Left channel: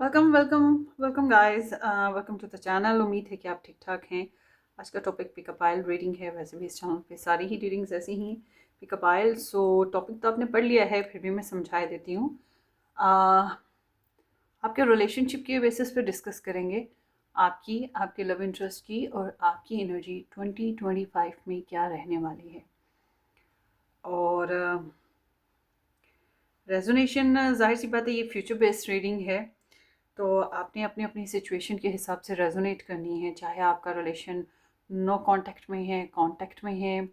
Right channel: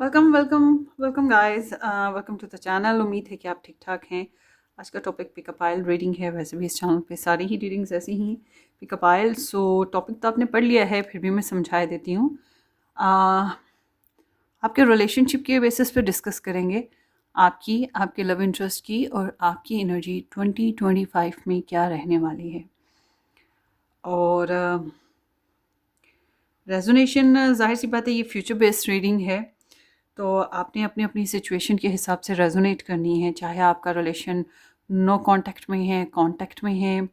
Welcome welcome welcome guys, welcome to the channel. उम्मीद है कि आप ठीक ठाक हैं। आज का टॉपिक पिकअप आइल रीडिंग है। वैसे भी इस चैनल पे सारी ही रीडिंग्स ऐसी ही पिकअप आइल। सो टॉपिक तो आपने पढ़ लिया है, फिर भी मैं समझा देती हूँ। uh, आपके रिलेशनशिप के बेसिस पे डिस्कस करेंगे। आपके लव इंटरेस्ट की और आपकी एनर्जी 2025 में क्या रहने वाली है। और रेजोनेशन, जाहिर सी बात है ये फ्यूचर बेस्ड रीडिंग है, तो आपने अपनी अपनी सिचुएशन के हिसाब से रेजोनेट करनी है। चाहे आपका रिलेशन नो कांटेक्ट में है, कांटेक्ट में है,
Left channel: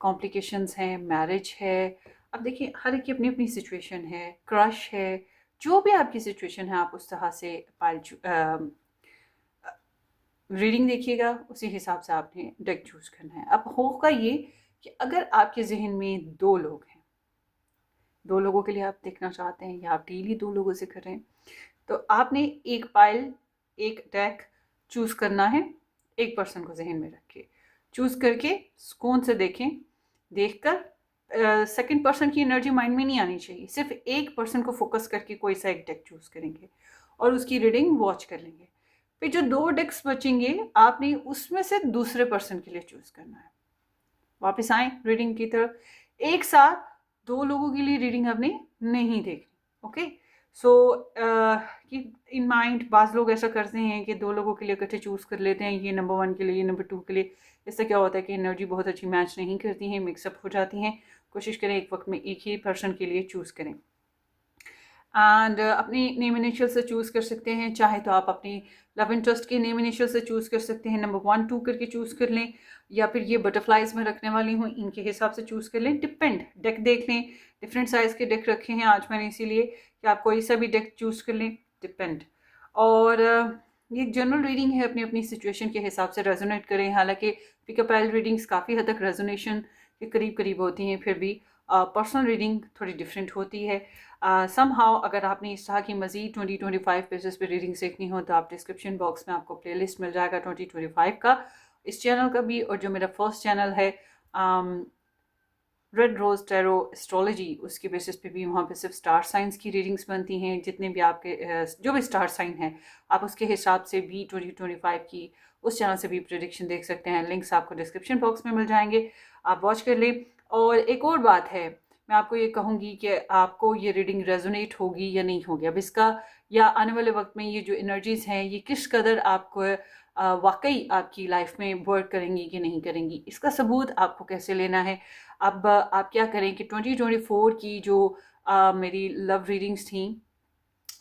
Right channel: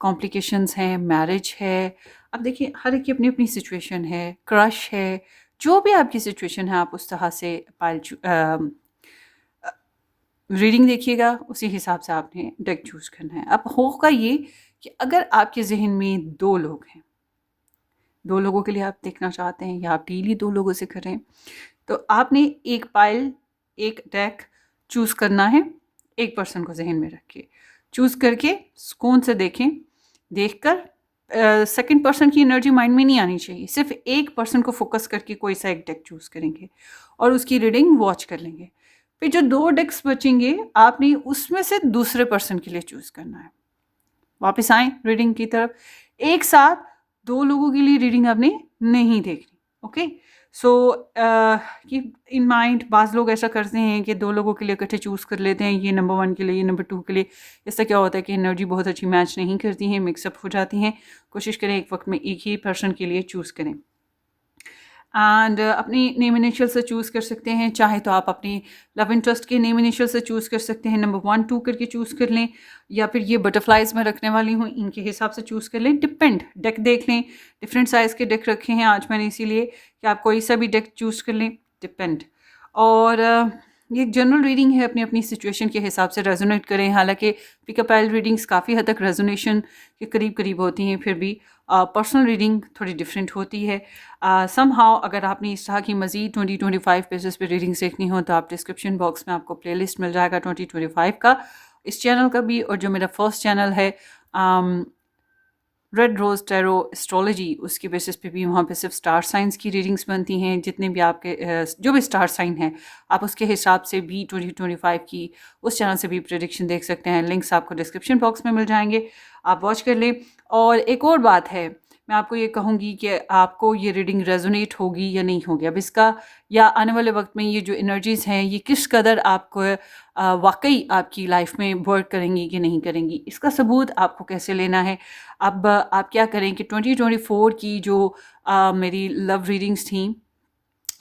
कॉम्प्लिकेशंस हैं, मैरिज है। अब देखिए, हर एक की अपनी अपनी सिचुएशन है, क्रश है। जो भी आपकी सिचुएशन है, आप उस तरह से रीडिंग देखिएगा, उसी हिसाब से आपने डेक चूज करना है। अब होगा ये कि अगर आपके जहन में दो लोग हैं, दो लोगों के लिए आप देखना चाहते हैं या आप डेली दो लोगों से करें, तो आपने एक पाइल, एक डेक चूज करना है। एक पर्सन को जहन में रख के चूज करके सुकून से देखें। देखकर सेकंड पर्सन की एनर्जी माइंड में नहीं आनी चाहिए। सिर्फ एक पर्सन को फोकस करके कोई सा एक डेक चूज करेंगे और उसकी रीडिंग वॉच कर लेंगे। फिर जो दो डेक्स बचेंगे, आपने उसमें से दूसरे पर्सन के लिए चूज करना है। वापस आए रीडिंग की तरफ। एक साथ दो लोगों के लिए रीडिंग आपने नहीं देखनी। Okay, so keep in mind. बाज़ लोग ऐसा करते हैं कि दो लोगों के लिए इकट्ठे चूज़ कर लेते हैं, ये नंबर 1 के लिए, ये नंबर 2 के लिए। इससे क्या होता है कि एनर्जी बहुत अच्छी मैच नहीं करती हैं, मिक्सअप हो जाती हैं। कोशिश करें एक वक्त में एक ही पर्सन के लिए चूज़ करें। एंड अपनी नेम इनिशियल से चूज़ कर सकते हैं। चाहे तो आप अपनी लव इंटरेस्ट के नेम इनिशियल से चूज़ कर सकते हैं, नंबर 1 2 करके चूज़ कर लें, या फिर ये बटरफ्लाइज में रखने वाली हूँ इनके हिसाब से चूज़ कर लें। डिपेंड, डेक देख लें, डिफरेंट साइज़ के डेक रखे हैं आज मैंने, इसीलिए कि आप कोई सा भी डेक चूज़ कर लें। डिपेंड। और ये जनरल रीडिंग है, अपनी अपनी सिचुएशन के हिसाब से रेजोनेट करें। हालांकि पिकअप आइल रीडिंग्स काफ़ी हद तक रेजोनेशन के करीब करीब होती हैं, फिर भी पर्सनल रीडिंग थोड़ी डिफरेंट होती है। समहाउ अगर आपने इस तरह की मज़ीद 2025 पेजेस पे रीडिंग्स देखनी हो, तो आप डिस्क्रिप्शन बॉक्स में आपको प्लेलिस्ट मिल जाएगा 2025 का, इस चैनल का भी, और जो मेरा फर्स्ट चैनल है रेड रोज़ टैरो एस्ट्रोलॉजी, उसकी बेसिस पे भी वहाँ पे सिर्फ स्टार साइंस की रीडिंग्स बनती हैं। जितने भी आपके जो भी स्टार साइन हैं, आप उसके हिसाब से भी 2025 की उस चैनल से भी प्रेडिक्शन देख सकते हैं। लिंक्स आपको डिस्क्रिप्शन बॉक्स में मिल जाएंगे, आप वॉच कर लें। और एक और बात है, मैं आपको ये कहूँगी कि आपको ये रीडिंग रेजोनेट होगी या नहीं होगी। अब इसका, या आने वाले वक्त में ये जो एनर्जीज़ हैं, ये किस कदर आपको वाकई आपकी लाइफ में वर्क करेंगी कि नहीं करेंगी, इसका सबूत आपको कैसे लेना है। अब आप क्या करें कि 2024 की जो मेरी लव रीडिंग्स थी,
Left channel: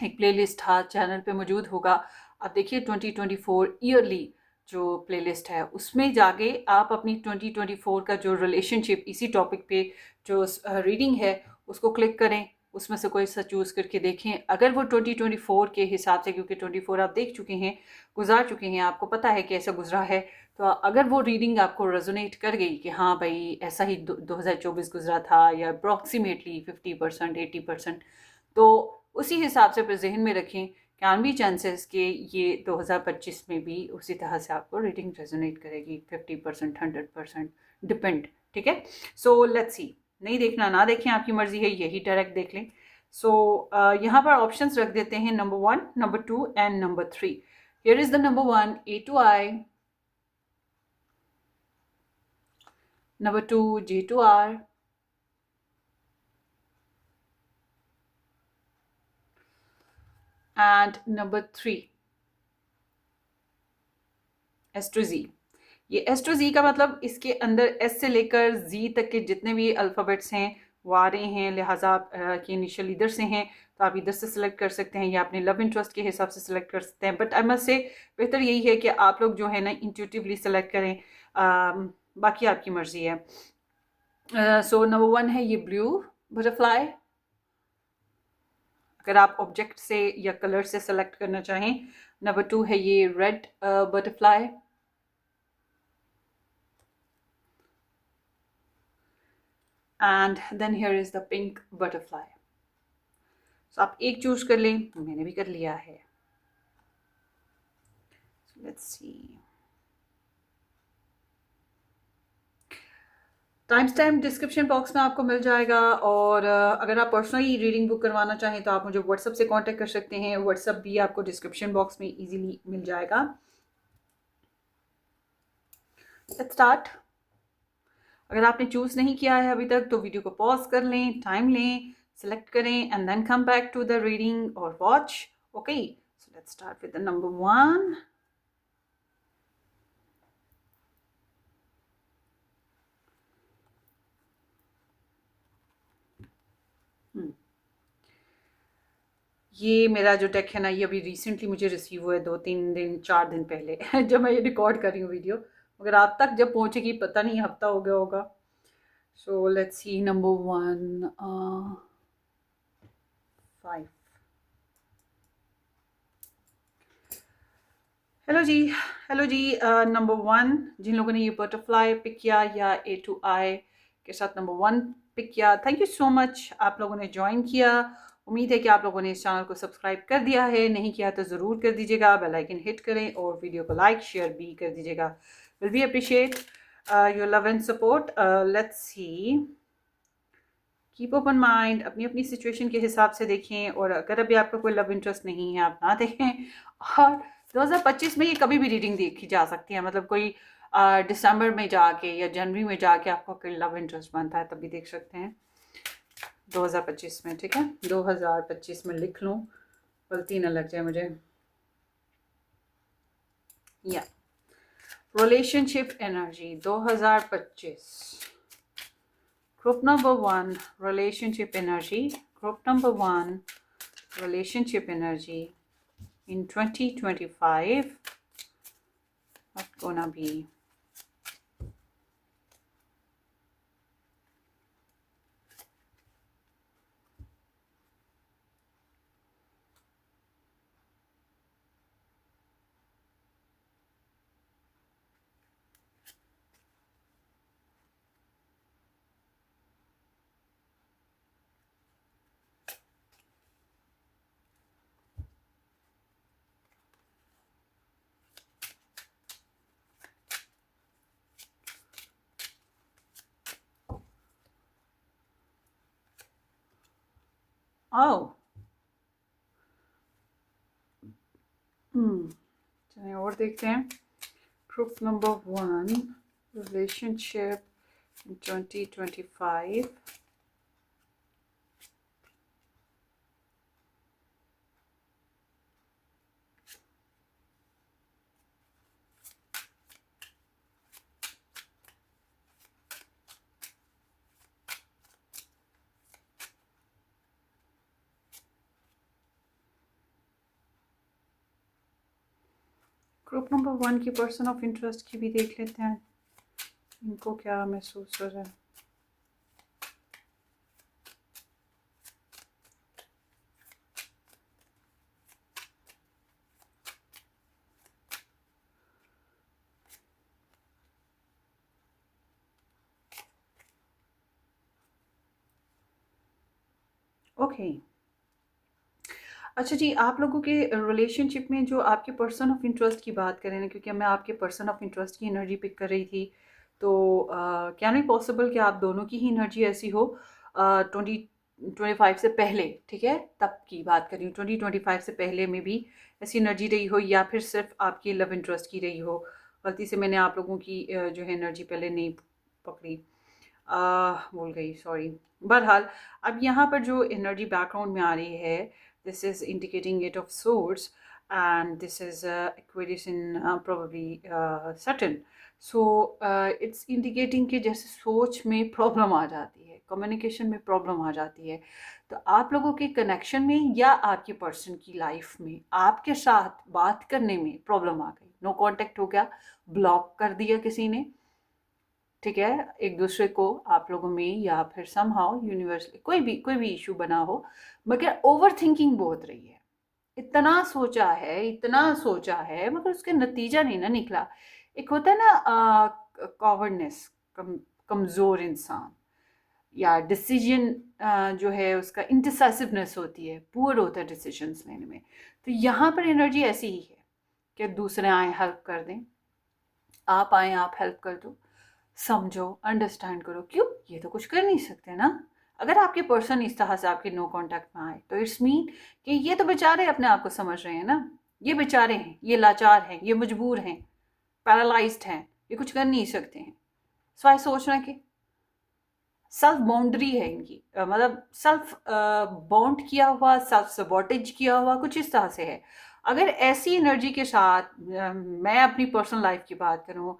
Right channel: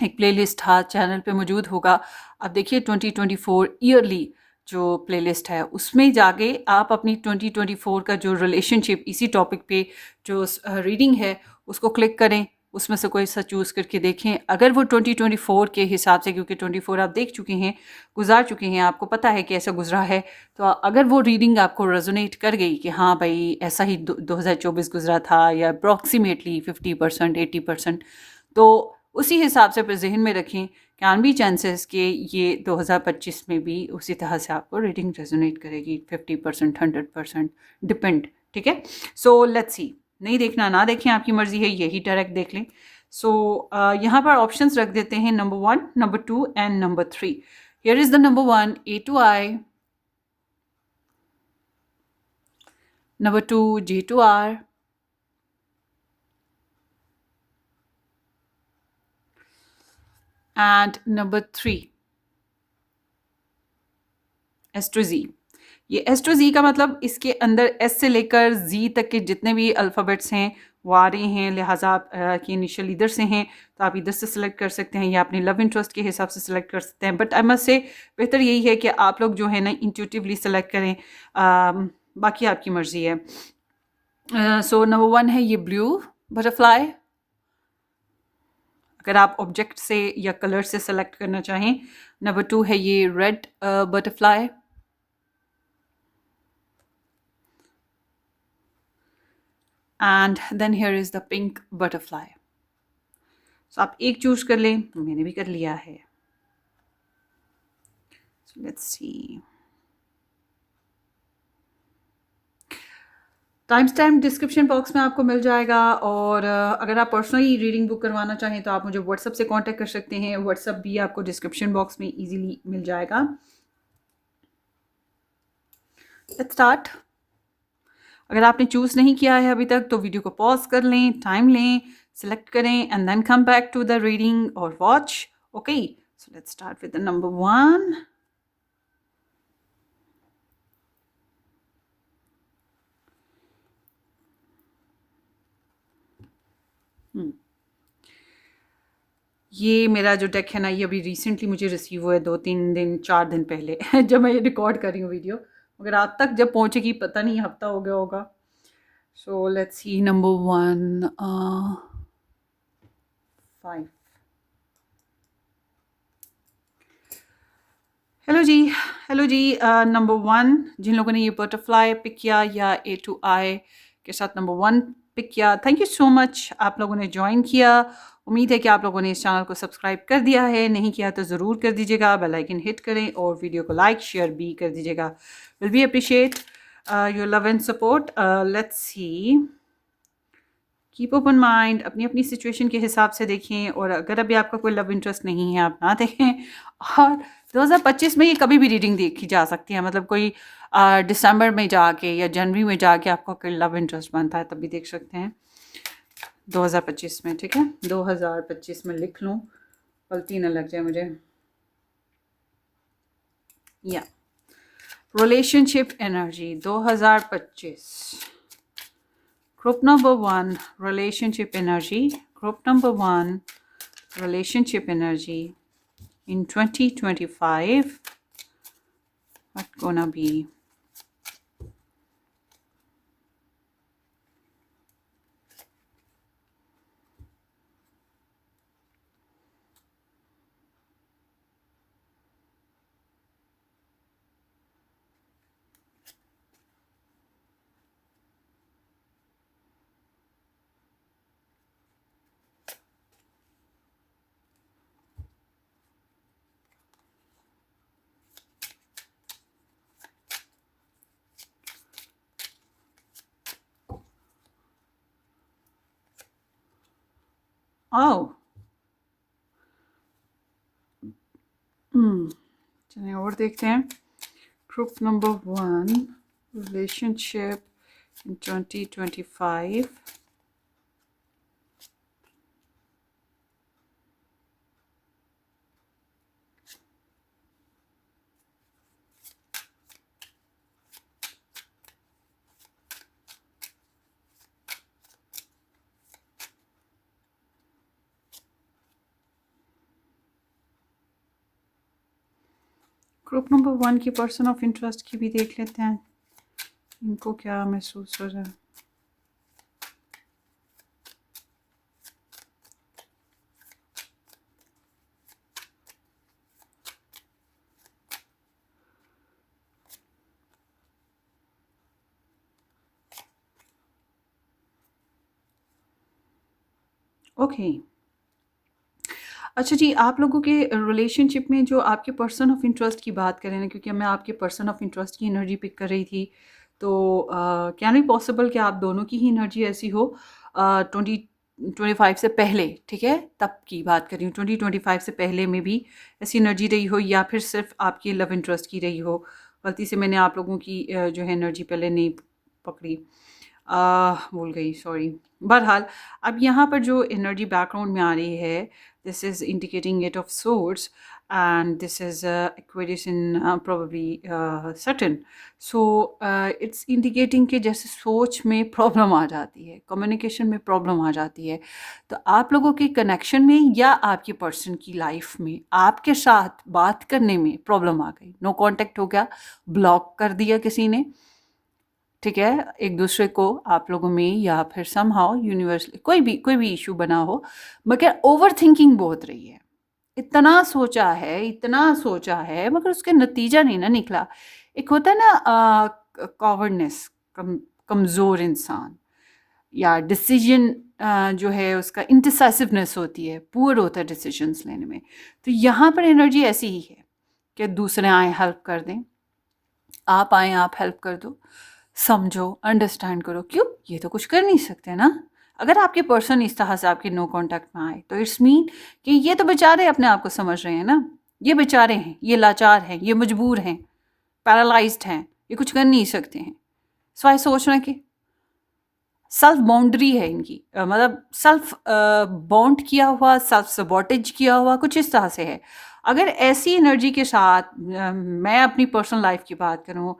एक प्लेलिस्ट था चैनल पे मौजूद होगा। अब देखिए 2024 ईयरली जो प्लेलिस्ट है, उसमें जाके आप अपनी 2024 का जो रिलेशनशिप, इसी टॉपिक पे जो रीडिंग है, उसको क्लिक करें। उसमें से कोई सा चूज़ करके देखें। अगर वो 2024 के हिसाब से, क्योंकि 24 आप देख चुके हैं, गुजार चुके हैं, आपको पता है कि ऐसा गुजरा है, तो अगर वो रीडिंग आपको रेजोनेट कर गई कि हाँ भाई ऐसा ही 2024 गुजरा था, या अप्रॉक्सीमेटली 50% 80%, तो उसी हिसाब से फिर जहन में रखें, कैन बी चांसेस कि ये 2025 में भी उसी तरह से आपको रीडिंग रेजोनेट करेगी, 50% 100%, डिपेंड। ठीक है, सो लेट्स सी। नहीं देखना ना देखें, आपकी मर्जी है, यही डायरेक्ट देख लें। सो यहाँ पर ऑप्शंस रख देते हैं, number 1, number 2 and number 3। Here is the number 1, A to I, number 2, J to R, and number 3, S to Z। ये एस टू जी का मतलब, इसके अंदर एस से लेकर जी तक के जितने भी अल्फ़ाबेट्स हैं वो आ रहे हैं, लिहाजा आप की इनिशियल इधर से हैं, तो आप इधर से सिलेक्ट कर सकते हैं, या अपने लव इंटरेस्ट के हिसाब से सिलेक्ट कर सकते हैं। बट आई मस्ट से, बेहतर यही है कि आप लोग जो है ना इंट्यूटिवली सेलेक्ट करें। बाकी आपकी मर्ज़ी है। सो नंबर 1 है ये ब्लू बटरफ्लाई। अगर आप ऑब्जेक्ट से या कलर से सेलेक्ट करना चाहें, नंबर 2 है ये red butterfly, and then here is the pink butterfly. So आप एक चूज कर लें, मैंने भी कर लिया है। सो let's C. Time stamp description box में आपको मिल जाएगा। और अगर आप पर्सनली रीडिंग बुक करवाना चाहें तो आप मुझे व्हाट्सअप से कांटेक्ट कर सकते हैं। व्हाट्सअप भी आपको डिस्क्रिप्शन बॉक्स में इजीली मिल जाएगा। Let's start. अगर आपने चूज़ नहीं किया है अभी तक तो वीडियो को पॉज कर लें, टाइम लें, सेलेक्ट करें and then come back to the reading और watch. Okay, so let's start with the number 1। ये मेरा जो डेक है ना, ये अभी रिसेंटली मुझे रिसीव हुआ है 2-3 दिन 4 दिन पहले जब मैं ये रिकॉर्ड कर रही हूँ वीडियो, मगर आप तक जब पहुँचेगी पता नहीं, हफ्ता हो गया होगा। So let's see number 1, 5। Hello ji, hello ji. Number 1, जिन लोगों ने ये बटरफ्लाई पिक किया या ए टू आई के साथ नंबर 1 पिक किया, थैंक यू सो मच। आप लोगों ने ज्वाइन किया। उम्मीद है कि आप लोगों ने इस चैनल को सब्सक्राइब कर दिया है। नहीं किया तो ज़रूर कर दीजिएगा, बेल आइकन हिट करें और वीडियो को लाइक शेयर भी कर दीजिएगा। Will be appreciate your love and support. Let's see, keep open mind, अपनी अपनी सिचुएशन के हिसाब से देखें। और अगर अभी आपका कोई लव इंटरेस्ट नहीं है आप ना देखें। और 2025 में ये कभी भी रीडिंग देखी जा सकती है, मतलब कोई दिसंबर में जाके या जनवरी में जाके आपका कोई लव इंटरेस्ट बनता है तभी देख सकते हैं 2025 में। ठीक है, 2025 में लिख लूँ, गलती ना लग जाए मुझे। या relationship energy 2025, group number 1 relationship energy, group number 1 relationship energy in 2025, what gonna be? Oh, चलिए और देखते हैं। Group number 1 relationship in 2025, group number 1 की पर्सन ऑफ इंटरेस्ट की भी देख लेते हैं, इनको क्या महसूस हो रहा है। ओके, अच्छा जी, आप लोगों के रिलेशनशिप में जो आपके पर्सन ऑफ इंटरेस्ट की बात करें ना, क्योंकि मैं आपके पर्सन ऑफ इंटरेस्ट की एनर्जी पिक कर रही थी, तो क्या नहीं पॉसिबल कि आप दोनों की ही एनर्जी ऐसी हो 2025 से पहले, ठीक है, तब की बात कर रही हूँ। 2025 से पहले में भी ऐसी एनर्जी रही हो या फिर सिर्फ आपकी लव इंटरेस्ट की रही हो। गलती से मैंने आप लोगों की जो है एनर्जी पहले नहीं पकड़ी, भूल गई, सॉरी। बहरहाल अब यहाँ पर जो एनर्जी बैकग्राउंड में आ रही है, this is indicating 8 of swords and this is Aquarius in probably Saturn. So it's indicating कि जैसे सोच में प्रॉब्लम आ जाती है, कम्युनिकेशन में प्रॉब्लम आ जाती है, तो आप लोगों के कनेक्शन में या आपके पर्सन की लाइफ में आपके साथ बात करने में प्रॉब्लम आ गई, नो कांटेक्ट हो गया, ब्लॉक कर दिया किसी ने, ठीक है, एक दूसरे को आप लोगों में या फिर समहाउ यूनिवर्सली कोई भी इशू बना हो, मगर ओवर थिंकिंग बहुत रही है। इतना सोचा है मगर उसके नतीजा नहीं ना निकला। एक होता है ना कॉवर्डनेस, कमज़ोर इंसान, या डिसीजन जो है उसका इंडिसाइसिवनेस होती है, पुअर होता है डिसीजंस लेने में। तो यहाँ पर एनर्जी ऐसी ही है कि दूसरे आए हेल्प कर दें, आप आए आप हेल्प कर दो, समझो, अंडरस्टैंड करो। क्यों? ये तो कुछ कर नहीं सकते ना। अगर आपके पर्सन इस तरह से आपके नो कॉन्टैक्ट में आए तो इट्स मीन कि ये तो बेचारे अपने आप को समझ रहे हैं ना। ये बेचारे हैं, ये लाचार हैं, ये मजबूर हैं, पैरालाइज्ड हैं, ये कुछ कर नहीं सकते हैं। सो सोच रहे हैं कि सेल्फ बाउंड्री है इनकी, मतलब सेल्फ बाउंड किया हुआ, सेल्फ सबॉटेज किया हुआ, कुछ इस तरह से है। अगर ऐसी एनर्जी के साथ मैं अपनी पर्सनल लाइफ की बात करूं,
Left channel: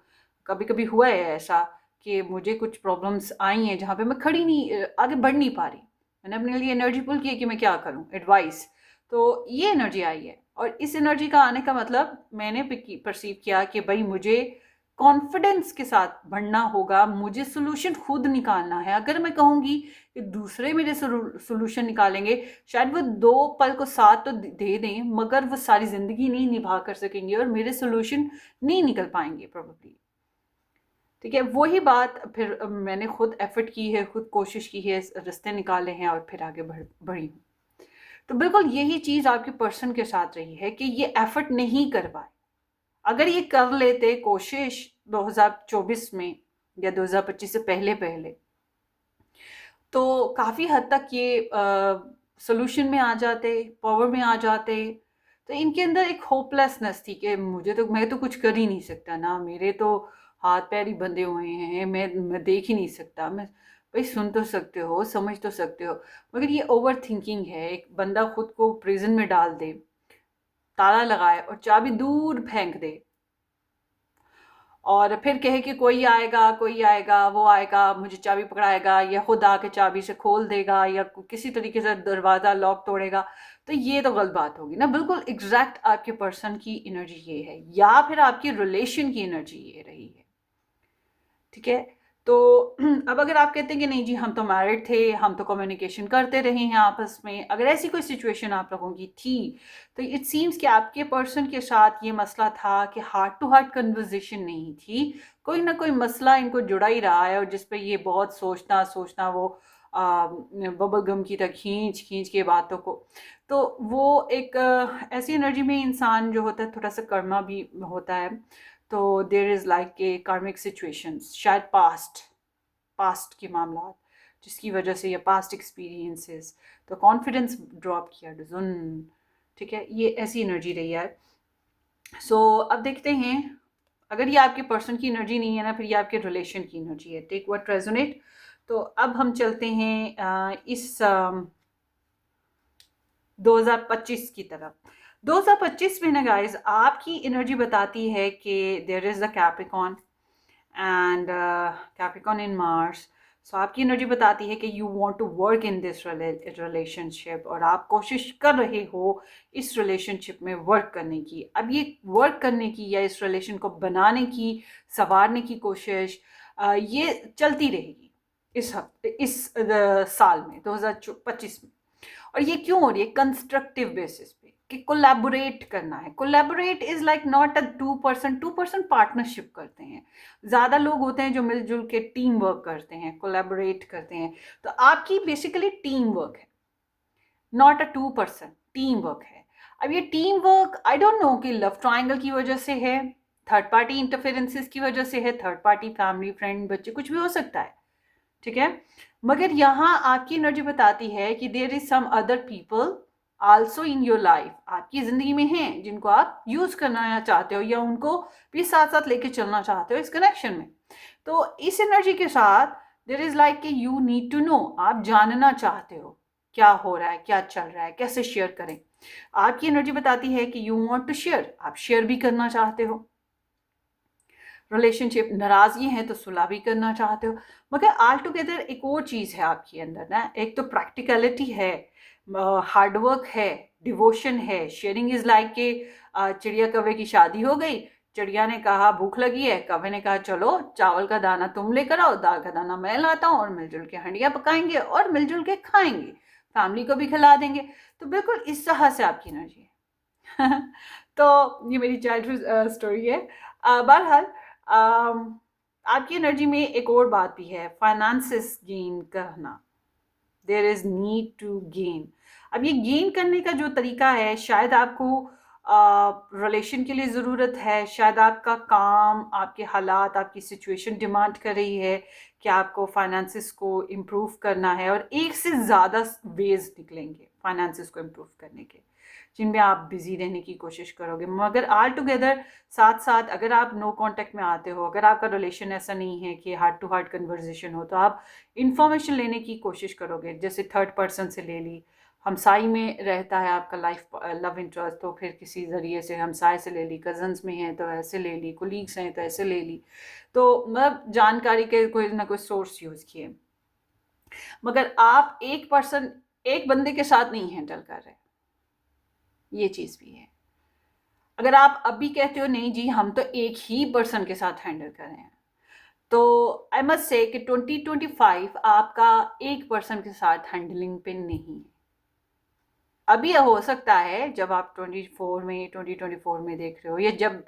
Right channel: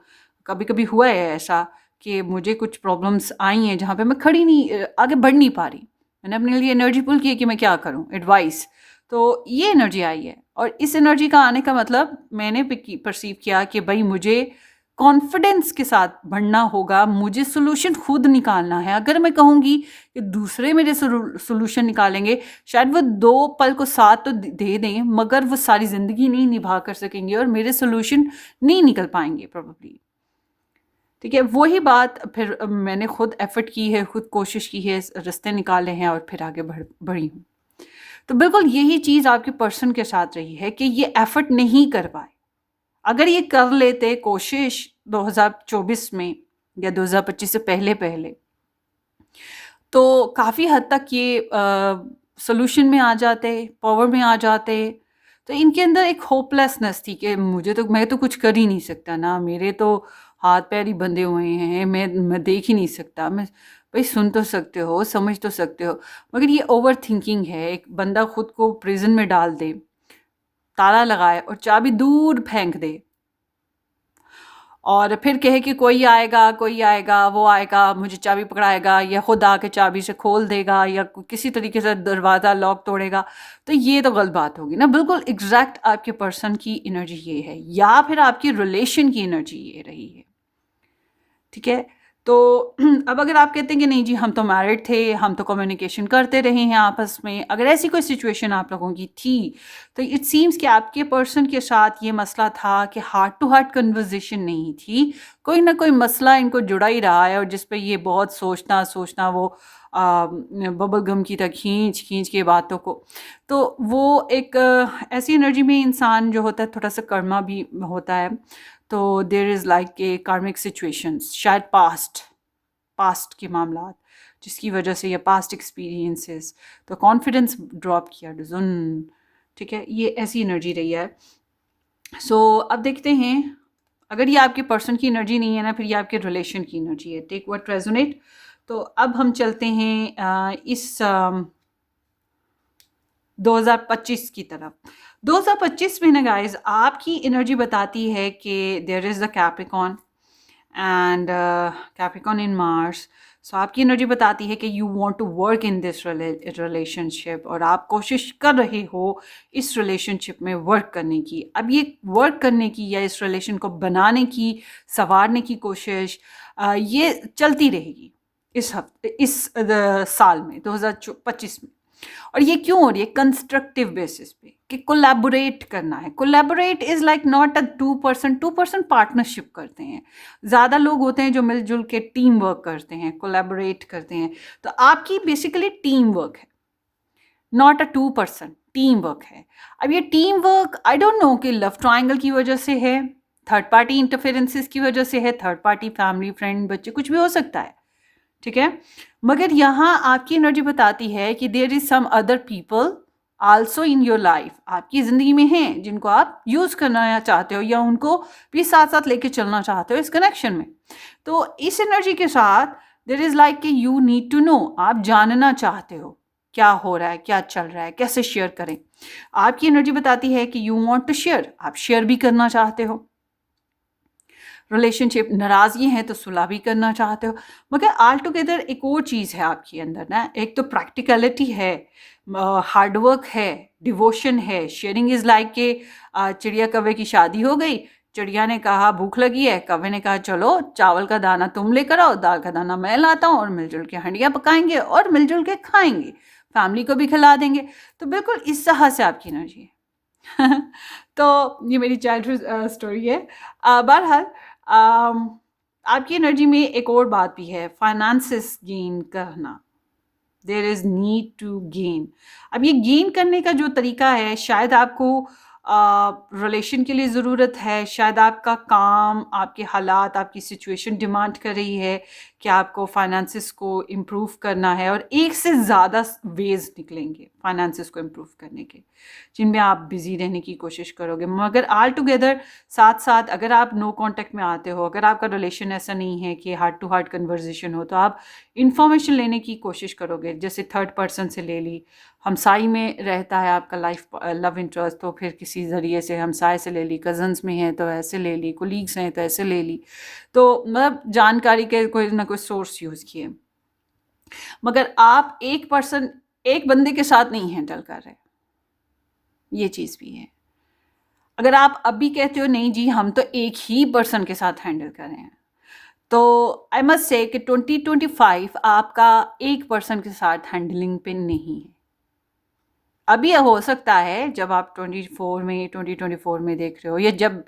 कभी कभी हुआ है ऐसा कि मुझे कुछ प्रॉब्लम्स आई हैं जहाँ पे मैं खड़ी नहीं, आगे बढ़ नहीं पा रही। मैंने अपने लिए एनर्जी पुल की कि मैं क्या करूं, एडवाइस। तो ये एनर्जी आई है, और इस एनर्जी का आने का मतलब मैंने परसीव किया कि भाई मुझे कॉन्फिडेंस के साथ बढ़ना होगा, मुझे सोल्यूशन खुद निकालना है। अगर मैं कहूँगी कि दूसरे मेरे सोल्यूशन निकालेंगे, शायद वो 2 पल को साथ तो दे दें, मगर वो सारी ज़िंदगी नहीं निभा कर सकेंगे और मेरे सोल्यूशन नहीं निकल पाएंगे प्रोबेबली। ठीक है, वही बात फिर मैंने खुद एफर्ट की है, खुद कोशिश की है, रास्ते निकाले हैं और फिर आगे बढ़ी हूँ। तो बिल्कुल यही चीज़ आपके पर्सन के साथ रही है कि ये एफर्ट नहीं कर पाए। अगर ये कर लेते कोशिश 2024 में या 2025 से पहले पहले, तो काफ़ी हद तक ये सोल्यूशन में आ जाते, पावर में आ जाते। तो इनके अंदर एक होपलेसनेस थी कि मैं तो कुछ कर ही नहीं सकता ना, मेरे तो हाथ पैर ही बंधे हुए हैं, मैं देख ही नहीं सकता। मैं भाई सुन तो सकते हो, समझ तो सकते हो, मगर ये ओवर थिंकिंग है। एक बंदा खुद को प्रिजन में डाल दे, ताला लगाए और चाबी दूर फेंक दे, और फिर कहे कि कोई आएगा, वो आएगा, मुझे चाबी पकड़ाएगा, या खुद आके चाबी से खोल देगा, या किसी तरीके से दरवाज़ा लॉक तोड़ेगा। तो ये तो गलत बात होगी ना। बिल्कुल एग्जैक्ट आपके पर्सन की एनर्जी ये है, या फिर आपकी रिलेशन की एनर्जी ये रही है। ठीक है, तो अब अगर आप कहते हैं कि नहीं जी हम तो मैरिड थे, हम तो कम्युनिकेशन करते रहे हैं आपस में, अगर ऐसी कोई सिचुएशन आप लोगों की थी, तो इट सीम्स कि आपके पर्सन के साथ ये मसला था कि हार्ट टू हार्ट कन्वर्जेशन नहीं थी, कोई ना कोई मसला इनको जुड़ा ही रहा है, और जिस पे ये बहुत सोचना सोचना वो बबल गम की तरह खींच खींच के बातों को। तो वो एक ऐसी एनर्जी में इंसान जो होता है, थोड़ा सा कर्मा भी होता है। तो देर इज़ लाइक ए कार्मिक सिचुएशंस, शायद पास्ट के मामला जिसकी वजह से, या पास्ट एक्सपीरियंसेस, तो कॉन्फिडेंस ड्रॉप किया डजन। ठीक है, ये ऐसी एनर्जी रही है। सो अब देखते हैं, अगर ये आपके पर्सन की एनर्जी नहीं है ना, फिर ये आपके रिलेशन की एनर्जी है। Take what resonate. तो अब हम चलते हैं इस 2025 की तरफ। 2025 में ना गाइज आपकी एनर्जी बताती है कि there is the Capricorn and Capricorn in Mars. So आपकी एनर्जी बताती है कि you want to work in this relationship, और आप कोशिश कर रहे हो इस रिलेशनशिप में वर्क करने की। अब ये वर्क करने की या इस रिलेशन को बनाने की, संवारने की कोशिश ये चलती रहेगी इस साल में 2025 में। और ये क्यों हो रही है? कंस्ट्रक्टिव बेसिस पे, कि कोलैबोरेट करना है। Collaborate is like not a 2% partnership करते हैं। ज़्यादा लोग होते हैं जो मिलजुल के टीम वर्क करते हैं, कोलैबोरेट करते हैं। तो आपकी बेसिकली टीम वर्क है, नॉट अ 2%, टीम वर्क है। अब ये team work I don't know कि लव ट्राइंगल की वजह से है, थर्ड पार्टी इंटरफेरेंसेस की वजह से है, थर्ड पार्टी फैमिली फ्रेंड बच्चे कुछ भी हो सकता है। ठीक है, मगर यहाँ आपकी एनर्जी बताती है कि there is some other people also in your life, आपकी ज़िंदगी में हैं जिनको आप यूज़ करना चाहते हो, या उनको भी साथ साथ लेके चलना चाहते हो इस कनेक्शन में। तो इस एनर्जी के साथ देयर इज़ लाइक कि यू नीड टू नो, आप जानना चाहते हो क्या हो रहा है, क्या चल रहा है, कैसे शेयर करें। आपकी एनर्जी बताती है कि यू वांट टू शेयर, आप शेयर भी करना चाहते हो। रिलेशनशिप नाराज़गी है तो सुलह भी करना चाहते हो। मगर ऑल टुगेदर एक और चीज़ है आपके अंदर ना, एक तो प्रैक्टिकलिटी है, हार्डवर्क है, डिवोशन है। शेयरिंग इज़ लाइक के चिड़िया कौवे की शादी हो गई, चिड़िया ने कहा भूख लगी है, कौवे ने कहा चलो चावल का दाना तुम लेकर आओ, दाल का दाना मैं लाता हूँ, और मिलजुल के हंडिया पकाएंगे और मिलजुल के खाएंगे, फैमिली को भी खिला देंगे। तो बिल्कुल इस तरह से आपकी एनर्जी है। तो ये मेरी चाइल्डहुड स्टोरी है। बहरहाल आपकी एनर्जी में एक और बात भी है, फाइनेंसेस गेन करना। There is need to gain. अब ये गेन करने का जो तरीका है, शायद आपको रिलेशन के लिए ज़रूरत है, शायद आपका काम, आपके हालात, आपकी सिचुएशन डिमांड कर रही है कि आपको फाइनेंसिस को इम्प्रूव करना है, और एक से ज़्यादा वेज़ निकलेंगे फाइनेंसिस को इम्प्रूव करने के, जिनमें आप बिज़ी रहने की कोशिश करोगे। मगर ऑल टुगेदर साथ साथ अगर आप नो कांटेक्ट में आते हो, अगर आपका रिलेशन ऐसा नहीं है कि हार्ट टू हार्ट कन्वर्जेशन हो, तो आप इंफॉर्मेशन लेने की कोशिश करोगे। जैसे थर्ड पर्सन से ले ली, हमसाई में रहता है आपका लाइफ लव इंटरेस्ट, तो फिर किसी ज़रिए से हमसाय से ले ली, कज़न्स में हैं तो ऐसे ले ली, कोलीग्स हैं तो ऐसे ले ली। तो मतलब जानकारी के कोई ना कोई सोर्स यूज़ किए। मगर आप एक बंदे के साथ नहीं हैंडल कर रहे, ये चीज़ भी है। अगर आप अभी कहते हो नहीं जी हम तो एक ही पर्सन के साथ हैंडल कर रहे हैं, तो आई मस्ट से कि 2025 आपका एक पर्सन के साथ हैंडलिंग पे नहीं है। अभी हो सकता है जब आप 2024 में देख रहे हो, या जब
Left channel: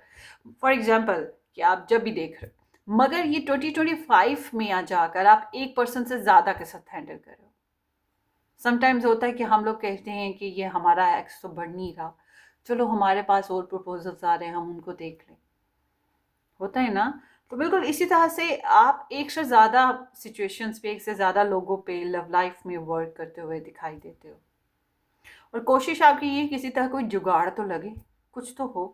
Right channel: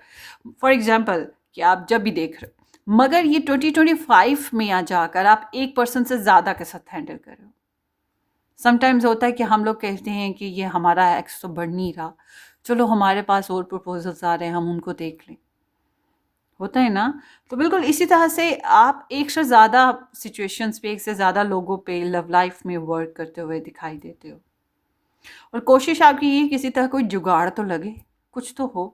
फॉर एग्जांपल कि आप जब भी देख रहे हो, मगर ये 2025 में आ जाकर आप एक पर्सन से ज़्यादा के साथ हैंडल कर रहे हो। समटाइम्स होता है कि हम लोग कहते हैं कि ये हमारा एक्स तो बढ़ नहीं रहा, चलो हमारे पास और प्रपोजल्स आ रहे हैं, हम उनको देख लें। होता है ना? तो बिल्कुल इसी तरह से आप एक से ज़्यादा सिचुएशंस पे, एक से ज़्यादा लोगों पे लव लाइफ में वर्क करते हुए दिखाई देते हो, और कोशिश आपकी ये किसी तरह कोई जुगाड़ तो लगे, कुछ तो हो।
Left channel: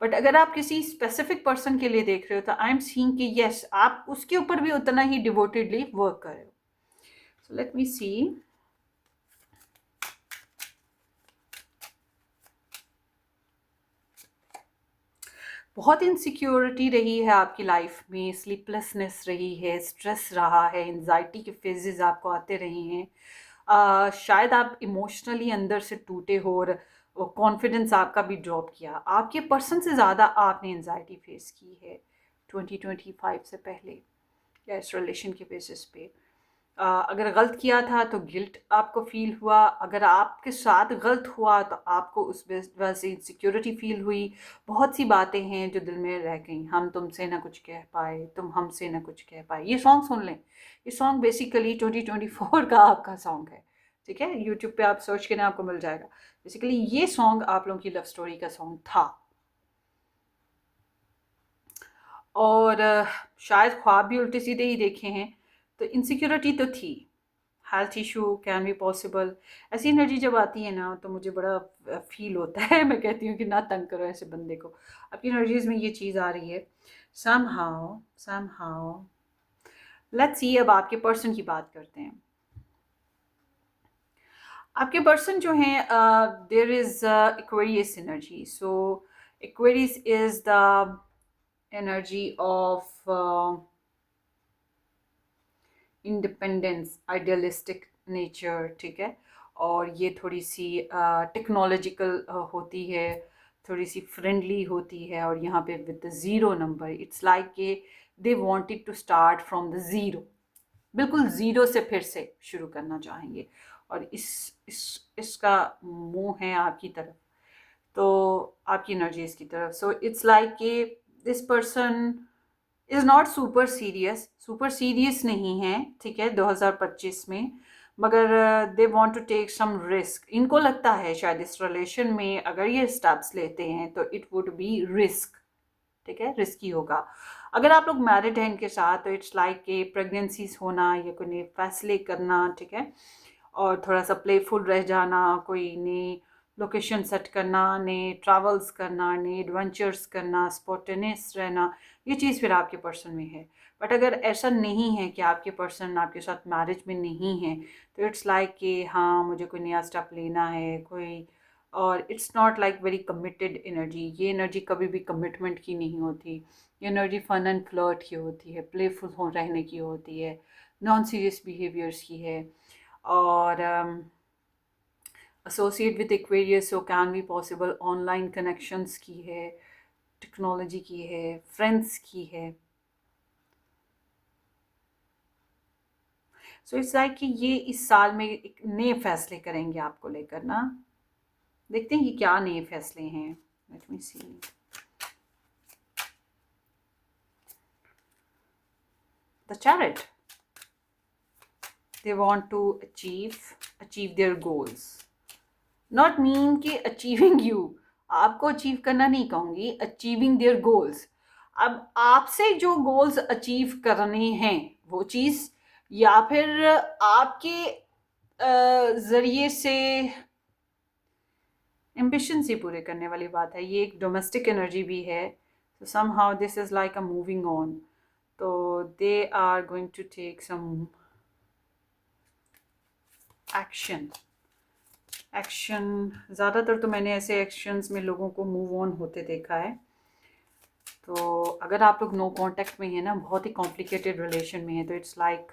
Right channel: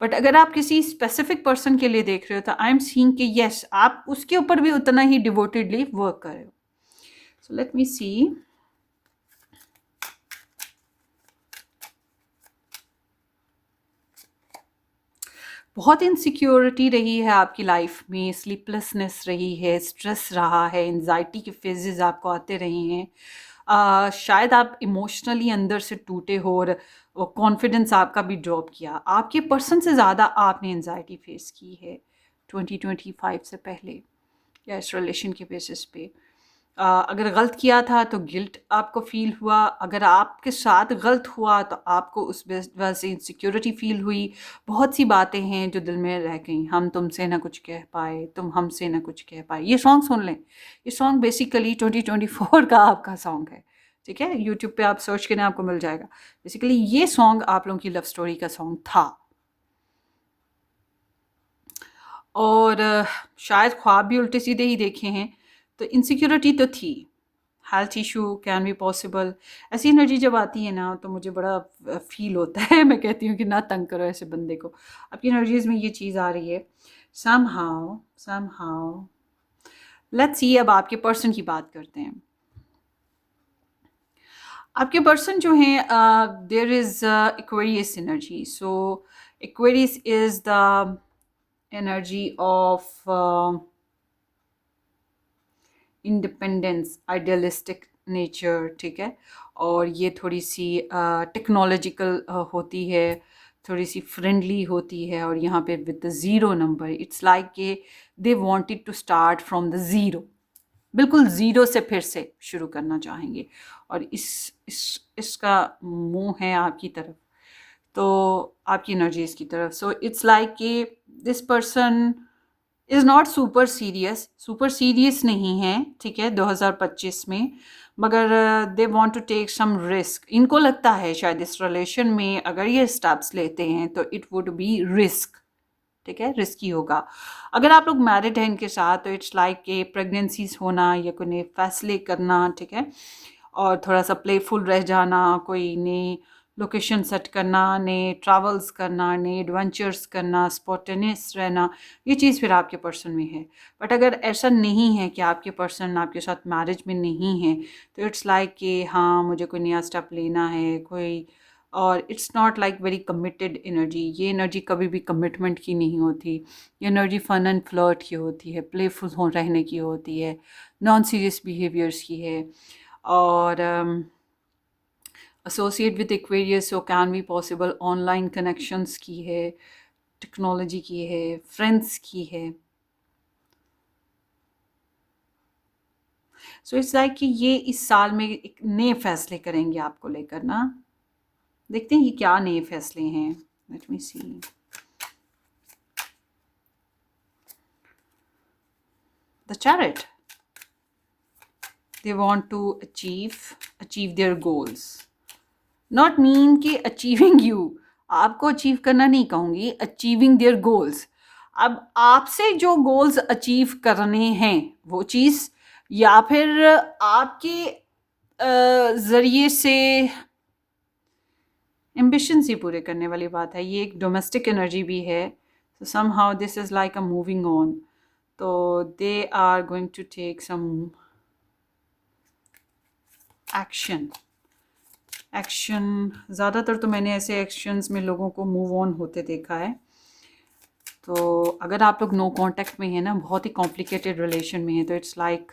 बट अगर आप किसी स्पेसिफिक पर्सन के लिए देख रहे हो, तो आई एम सीइंग कि यस आप उसके ऊपर भी उतना ही डिवोटेडली वर्क कर रहे हो। सो लेट मी सी। बहुत इनसिक्योरिटी रही है आपकी लाइफ में, स्लीपलेसनेस रही है, स्ट्रेस रहा है, एंजाइटी के फेजेस आपको आते रहे हैं। शायद आप इमोशनली अंदर से टूटे हो, और कॉन्फिडेंस आपका भी ड्रॉप किया। आपके पर्सन से ज़्यादा आपने एंजाइटी फेस की है 2025 से पहले, या इस रिलेशन के बेसिस पे। अगर गलत किया था तो गिल्ट आपको फील हुआ, अगर आपके साथ गलत हुआ तो आपको उस वजह से इनसिक्योरिटी फील हुई। बहुत सी बातें हैं जो दिल में रह गई, हम तुमसे ना कुछ कह पाए, तुम हमसे ना कुछ कह पाए। ये सॉन्ग सुन लें, ये सॉन्ग बेसिकली 2024 का आपका सॉन्ग है, ठीक है? यूट्यूब पे आप सर्च करें आपको मिल जाएगा। बेसिकली ये सॉन्ग आप लोगों की लव स्टोरी का सॉन्ग था, और शायद ख्वाब भी उल्टे सीधे ही देखे हैं, तो इनसिक्योरिटी तो थी। Health issue can be possible. ऐसी एनर्जी जब आती है ना तो मुझे बड़ा फील होता है। मैं कहती हूँ कि ना तंग करो ऐसे बंदे को, आपकी एनर्जीज में ये चीज़ आ रही है समहाउ। लेट्स सी, अब आपके पर्सन की बात करते हैं। आपके पर्सन जो हैं, there is Aquarius energy. So Aquarius is the energy of independence, idealistic nature, ठीक है? और ये थोड़ी सी टेक्नोलॉजिकल होती है, थोड़ी सी फ्रेंडली होती है, और यहाँ पे with the zero number, it's like के they wanted to start from the zero, बिल्कुल ज़ीरो से फिर से शुरू करना चाहेंगे, और इसका मुंह है आपकी तरफ, तो आपकी एनर्जी इसकी तरफ। सो इट्स लाइक कि this person is not super serious नहीं है, ठीक है, 2025 में, मगर they want to take some risk. इनको लगता है शायद इस रिलेशन में अगर ये स्टेप्स लेते हैं तो इट वुड बी रिस्क, ठीक है, रिस्की होगा। अगर आप लोग मैरिड हैं इनके साथ, तो इट्स लाइक के प्रेगनेंसीज होना या कोई नए फैसले करना, ठीक है, और थोड़ा सा प्लेफुल रह जाना, कोई नई लोकेशन सेट करना, नए ट्रैवल्स करना, नए एडवेंचर्स करना, स्पॉटेनियस रहना, ये चीज़ फिर आपके पर्सन में है। बट अगर ऐसा नहीं है कि आपके पर्सन आपके साथ मैरिज में नहीं है, तो इट्स लाइक कि हाँ मुझे कोई नया स्टेप लेना है कोई, और it's not like very committed energy. ये एनर्जी कभी भी कमिटमेंट की नहीं होती, ये एनर्जी फन एंड फ्लर्ट की होती है, प्लेफुल हो रहने की होती है, नॉन सीरियस बिहेवियर्स की है, और associate with Aquarius so can be possible online connections की है, टेक्नोलॉजी की है, फ्रेंड्स की है। सो इट्स लाइक कि ये इस साल में एक नए फैसले करेंगे आपको लेकर ना। देखते हैं ये क्या नए फैसले हैं। Let me see. The chariot, they want to achieve their goals, not mean कि achieving you, आपको अचीव करना नहीं कहूँगी, अचीविंग देयर गोल्स। अब आपसे जो गोल्स अचीव करने हैं वो चीज़, या फिर आपके ज़रिए से एम्बिशन ही पूरे करने वाली बात है। ये एक डोमेस्टिक एनर्जी भी है। So somehow this is like a moving on. तो they are going to take some action. Action, ज़्यादातर तो मैंने ऐसे एक्शंस में लोगों को मूव ऑन होते देखा है। तो अगर आप लोग नो कांटेक्ट में हैं ना, बहुत ही कॉम्प्लिकेटेड रिलेशन में है, तो इट्स लाइक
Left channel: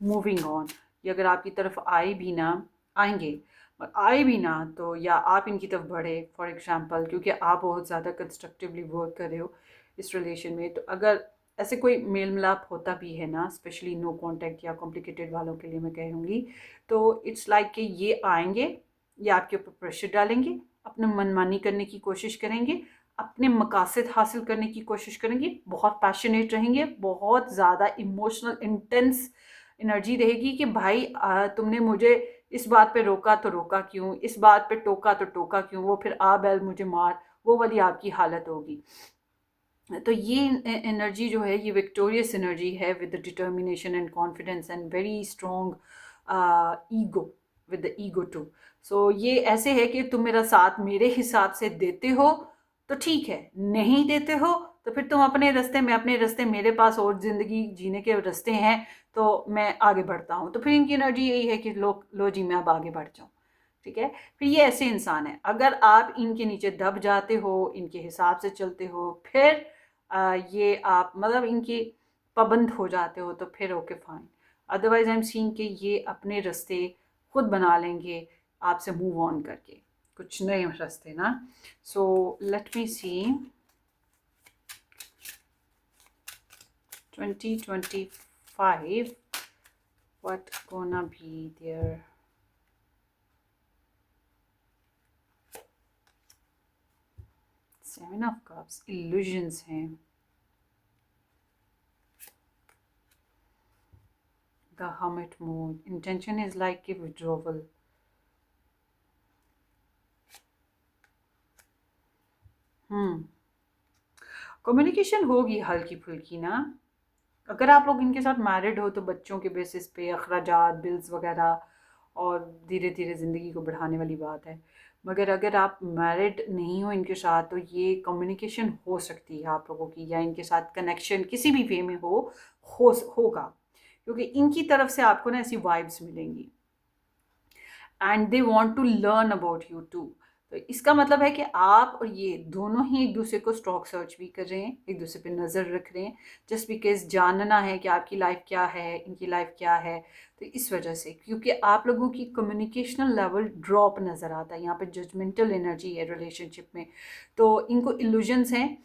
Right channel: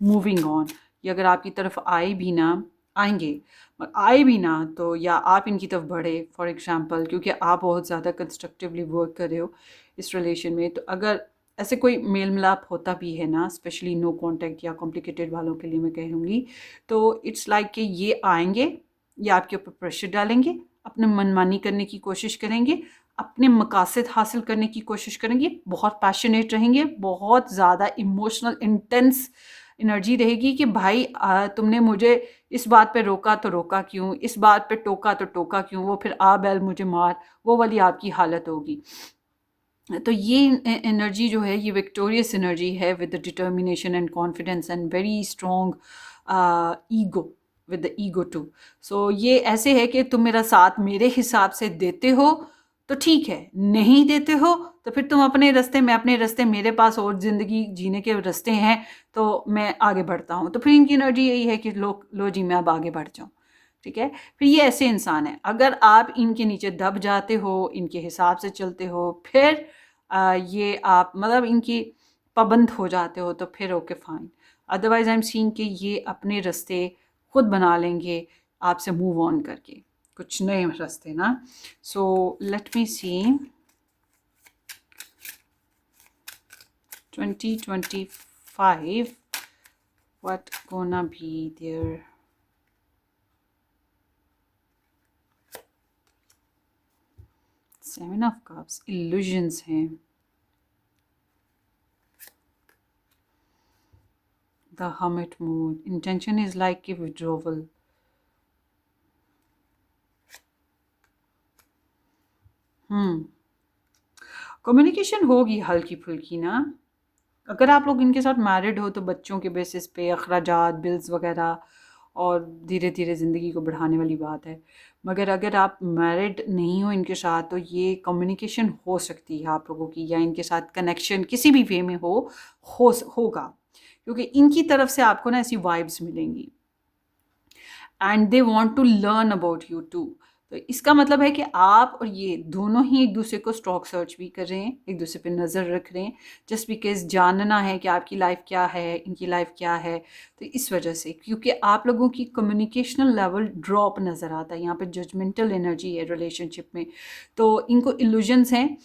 मूविंग ऑन। ये अगर आपकी तरफ आए भी ना, आएंगे, और आए भी ना तो या आप इनकी तरफ बढ़े फॉर एग्जांपल, क्योंकि आप बहुत ज़्यादा कंस्ट्रक्टिवली वर्क कर रहे हो इस रिलेशन में। तो अगर ऐसे कोई मेल मिलाप होता भी है ना, स्पेशली नो कांटेक्ट या कॉम्प्लिकेटेड वालों के लिए मैं कहूँगी, तो इट्स लाइक कि ये आएंगे, ये आपके ऊपर प्रेशर डालेंगे, अपने मनमानी करने की कोशिश करेंगे, अपने मकासद हासिल करने की कोशिश करेंगे, बहुत पैशनेट रहेंगे, बहुत ज़्यादा इमोशनल इंटेंस एनर्जी रहेगी कि भाई तुमने मुझे इस बात पे रोका तो रोका क्यों, इस बात पे टोका तो टोका क्यों, वो फिर आ बैल मुझे मार, वो वाली आपकी हालत होगी। तो ये एनर्जी जो है ये विक्टोरियस एनर्जी है, with the determination and confidence and very strong ego, with the ego too. So ये ऐसे है कि तुम मेरा साथ मेरे हिसाब से देते हो तो ठीक है, नहीं देते हो तो फिर तुम अपने रास्ते, मैं अपने रास्ते, मेरे पास और ज़िंदगी जीने के रास्ते हैं, तो मैं आगे बढ़ता हूँ। तो फिर इनकी एनर्जी यही है कि लो जी मैं अब आगे बढ़ जाऊँ। ठीक है, फिर ये ऐसे इंसान है, अगर आप इनके नीचे दब जाते हो, इनके हिसाब से चलते हो, फिर ये आप मतलब इनकी पाबंद हो जाते हो, तो फिर okay fine. Otherwise I am seeing कि ये अपने रास्ते खुद बना लेंगे आपसे मूव ऑन करके, कुछ नए रास्ते ना। So let me see 2025 what gonna be their Seven of Cups, illusions हैं, the hermit mood, intention is like a withdrawal. Communication होगी हल्की फुल्की ना। अगर आप लोग इनके साथ मैरिड हो तो बच्चों के बेसिस पे अखराजात, बिल्स वगैरह, और धीरे धीरे ज़िंदगी को बढ़ाने वाली बात है। मगर अगर आप मैरिड नहीं हो इनके साथ, तो ये कम्युनिकेशन हो सकती है आप लोगों की, या इनके साथ कनेक्शन किसी भी वे में होगा, क्योंकि इनकी तरफ से आपको ना ऐसी वाइब्स मिलेंगी and they want to learn about you too. तो इसका मतलब है कि आप और ये दोनों ही एक दूसरे को स्टॉक सर्च भी कर रहे हैं, एक दूसरे पे नज़र रख रहे हैं, जस्ट बिकॉज जानना है कि आपकी लाइफ क्या है, इनकी लाइफ क्या है। तो इस वजह से, क्योंकि आप लोगों की कम्युनिकेशनल लेवल ड्रॉप नज़र आता है, यहाँ पे जजमेंटल एनर्जी है रिलेशनशिप में। तो इनको इल्यूजन्स हैं,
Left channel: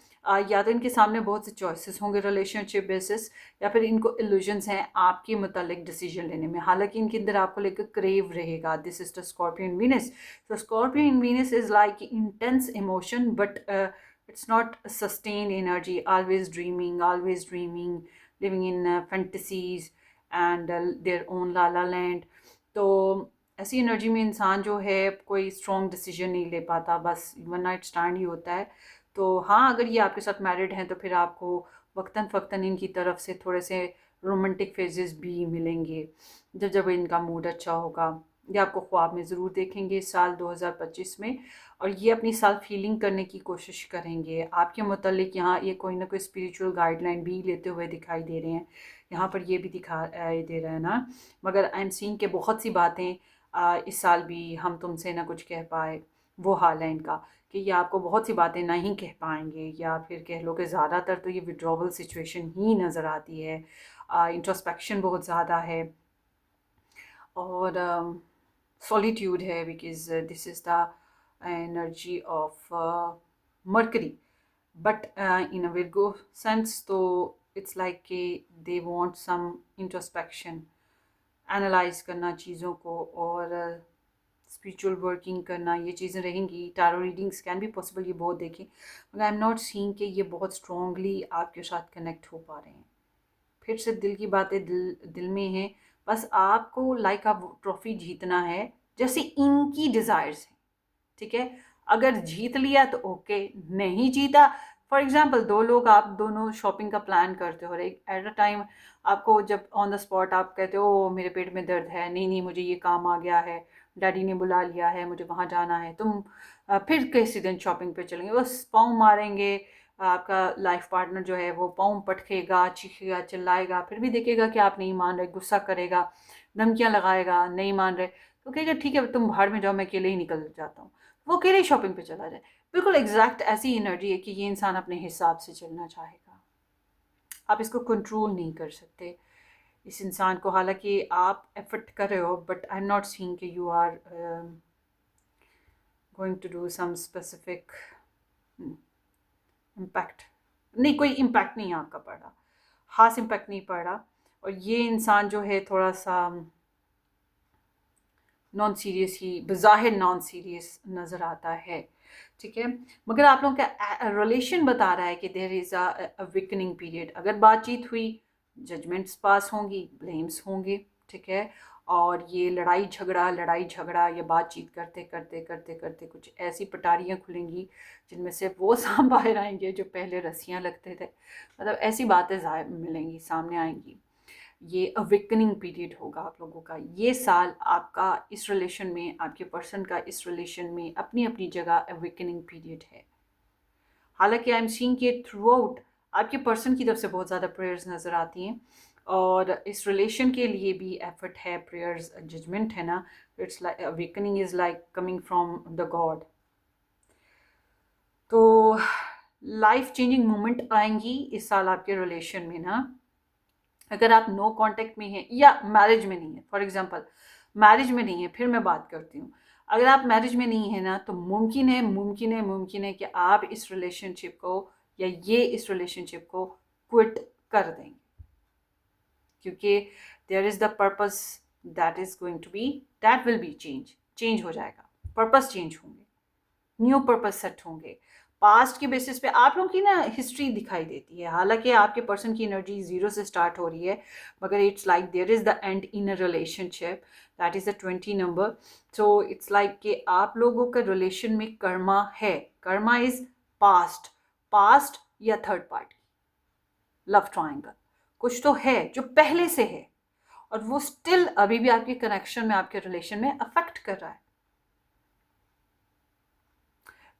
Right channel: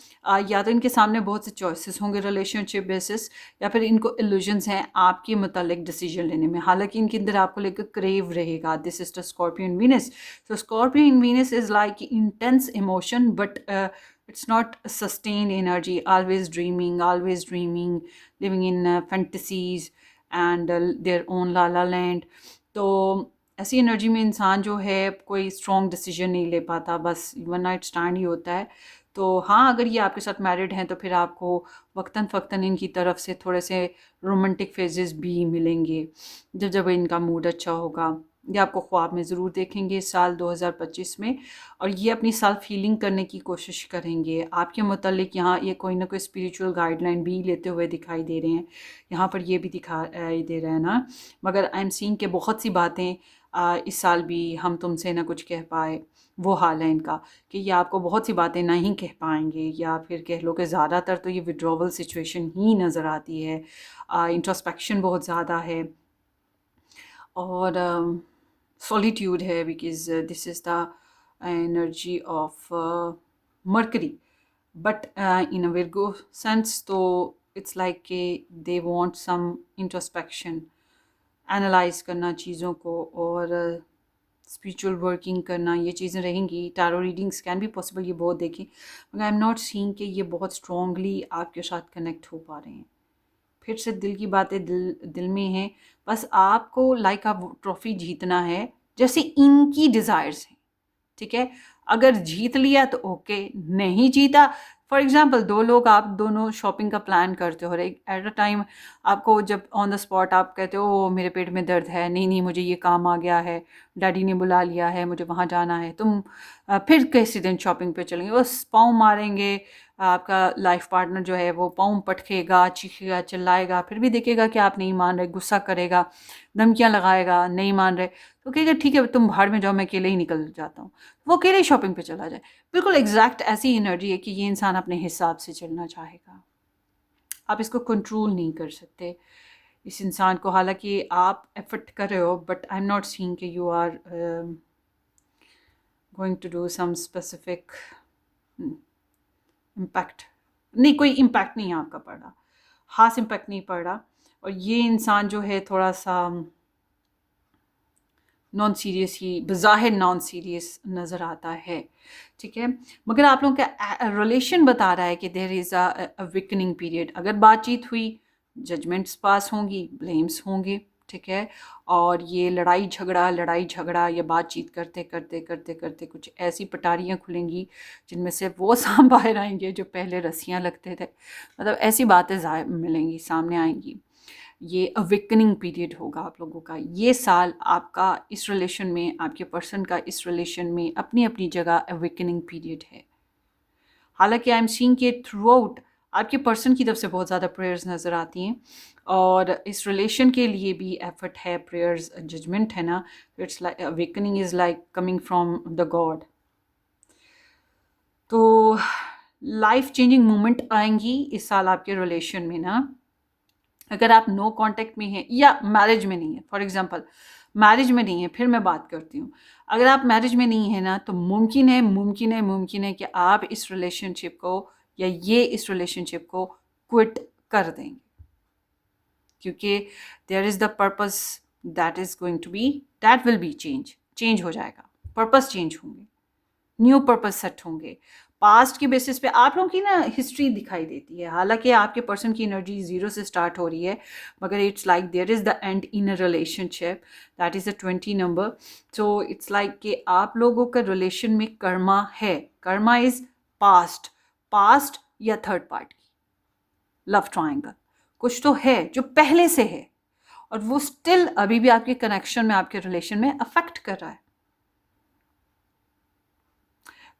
या तो इनके सामने बहुत से चॉइसेस होंगे रिलेशनशिप बेसिस, या फिर इनको इल्यूजन्स हैं आपके मुतालिक डिसीजन लेने में। हालांकि इनके अंदर आपको लेकर क्रेव रहेगा। This is the scorpion Venus. So Scorpion Venus is like intense emotion, but it's not sustained energy. Always dreaming, living in fantasies and their own la la land. तो ऐसी एनर्जी में इंसान जो है कोई स्ट्रॉन्ग डिसीजन नहीं ले पाता, बस वन नाइट स्टैंड ही होता है। तो हाँ, अगर ये आपके साथ मैरिड हैं तो फिर आपको वक्तन फ़क्तन इनकी तरफ से थोड़े से रोमांटिक फेजेस भी मिलेंगे, जब जब इनका मूड अच्छा होगा। ये आपको ख्वाब में ज़रूर देखेंगे इस साल 2025 में, और ये अपनी सेल्फ हीलिंग करने की कोशिश करेंगे आपके मुतालिक। यहाँ ये कोई ना कोई स्पिरिचुअल गाइडलाइन भी लेते हुए दिखाई दे रहे हैं, यहाँ पर ये भी दे रहा है ना। मगर आई एम सीइंग के बहुत सी बातें इस साल भी हम तुमसे ना कुछ कह पाए, वो हाल है इनका, कि ये आपको बहुत सी बातें नहीं कह पाएंगे, या फिर कह लो कि ज़्यादातर तो ये विड्रॉवल सिचुएशन ही नज़र आती है। इंट्रोस्पेक्शन बहुत ज़्यादा है, और सॉलिट्यूड है, because this is the energy of Mercury, but in a Virgo sense. तो इट्स लाइक के they want some introspection, analyse करना चीज़ों को, और स्पिरिचुअल वर्किंग करना, ये चीज़ें रहेंगी। टैरो रीडिंग्स कैन भी पॉसिबल, ये बहुत देखें, मगर आई एम नॉट सीइंग कि ये बहुत स्ट्रॉन्गली आपके साथ कनेक्ट हो पा रहे हैं। फिर से दिल की बातें दिल दिल में हैं, बस आपको लाइक आप ट्रॉफी जीतना है जैसे इनकी डिज़ायर्स हैं। ठीक है, अगर जीत लिया तो ओके, नहीं जीता, फॉर एग्जाम्पल दो लोग, आप दोनों शॉपिंग का प्लान करते हो, एट अ टाइम आपको जब ऑन द स्पॉट आप कहते हो "ओ, मेरे पेट में दर्द है, नहीं नहीं मुझे ये काम आ गया है, डैडी ने बुला लिया है, मुझे वहाँ जाना है", तुम फिर किसी दिन शॉपिंग पे चलेंगे, बस पाँव मारेंगे, आपका लाइफ पार्टनर जो है वो पाँव पटकेगा, चीखेगा, चिल्लाएगा, फिर भी देखेगा कि आप नहीं मान रहे, गुस्सा करेगा, धमकियाँ लगाएगा, नहीं मान रहे, तो कहेगा ठीक है तुम भाड़ में जाओ, मैं अकेले ही निकल जाता हूँ, वो अकेले ही शॉपिंग पे चला जाए। बिल्कुल एग्जैक्ट ऐसी एनर्जी है कि ये इंसान अपने हिसाब से चलना चाहेगा, आप इसको कंट्रोल नहीं कर सकते इस इंसान को, हालांकि आप एफर्ट कर रहे हो, but I am not seeing कि you are going to do some specific impact, नहीं कोई इम्पैक्ट नहीं है आपका पड़ रहा, खास इम्पैक्ट नहीं पड़ रहा, और ये इंसान जो है थोड़ा सा नॉन सीरियस ही, बज़ाहिर नॉन सीरियस नज़र आता है, ठीक है, मगर आप लोगों का रिलेशन बता रहा है कि there is a weakening period, अगर बातचीत हुई, जजमेंट्स पास होंगी, ब्लेम्स होंगे, ठीक है, और ये लड़ाई झगड़ा या बातचीत करते करते करते करते कुछ ऐसी पटारियाँ खुलेंगी जिनमें से वो सांप बाहर आएंगे जो पहले रस्सियाँ लगते थे, मतलब ऐसी बातें मिलेंगी, सामने आएंगी, ये अवेकनिंग पीरियड होगा आप लोगों का, ये साल आपका इस रिलेशन में, आपके पर्सन का इस रिलेशन में अपनी अपनी जगह अवेकनिंग पीरियड है। हालांकि आई एम सीइंग कि थ्रू आउट आपके पर्सन की तरफ से बहुत ज़्यादा प्रेयर्स नज़र आती हैं, और इस रिलेशन के लिए भी एफर्ट है, प्रेयर्स, जजमेंट है ना, it's like awakening is like coming from the God. तो लाइफ चेंजिंग मोमेंट आएंगी इस साल आपके रिलेशन में ना, अगर आप नो कांटेक्ट में हैं या मैरिज में नहीं है, फॉर एग्जांपल मैरिज में नहीं है, फिर मैं बात करती हूँ, अगर आप मैरिज में नहीं है ना, तो मुमकिन है कि आप इस रिलेशनशिप को या ये इस रिलेशनशिप को क्विट कर देंगे, क्योंकि there is the purpose that is going to be, that will be change हो जाएगा, पर्पस चेंज होंगे, न्यू पर्पस सेट होंगे, पास्ट के बेसिस पे आप लोगों की ना हिस्ट्री दिखाई देती है, हालांकि आपके पर्सन की एनर्जी जीरो से स्टार्ट हो रही है, मगर it's like there is the end in a relationship, that is the 20 number, so it's like कि आप लोगों का रिलेशन में कर्मा है, कर्मा इज़ पास्ट या थर्ड पार्टी, लव ट्राइंगल, कुछ तो है जो पहले से है, और वो स्टिल अभी भी आपके कनेक्शन में, आपके रिलेशन में अफेक्ट कर रहा है।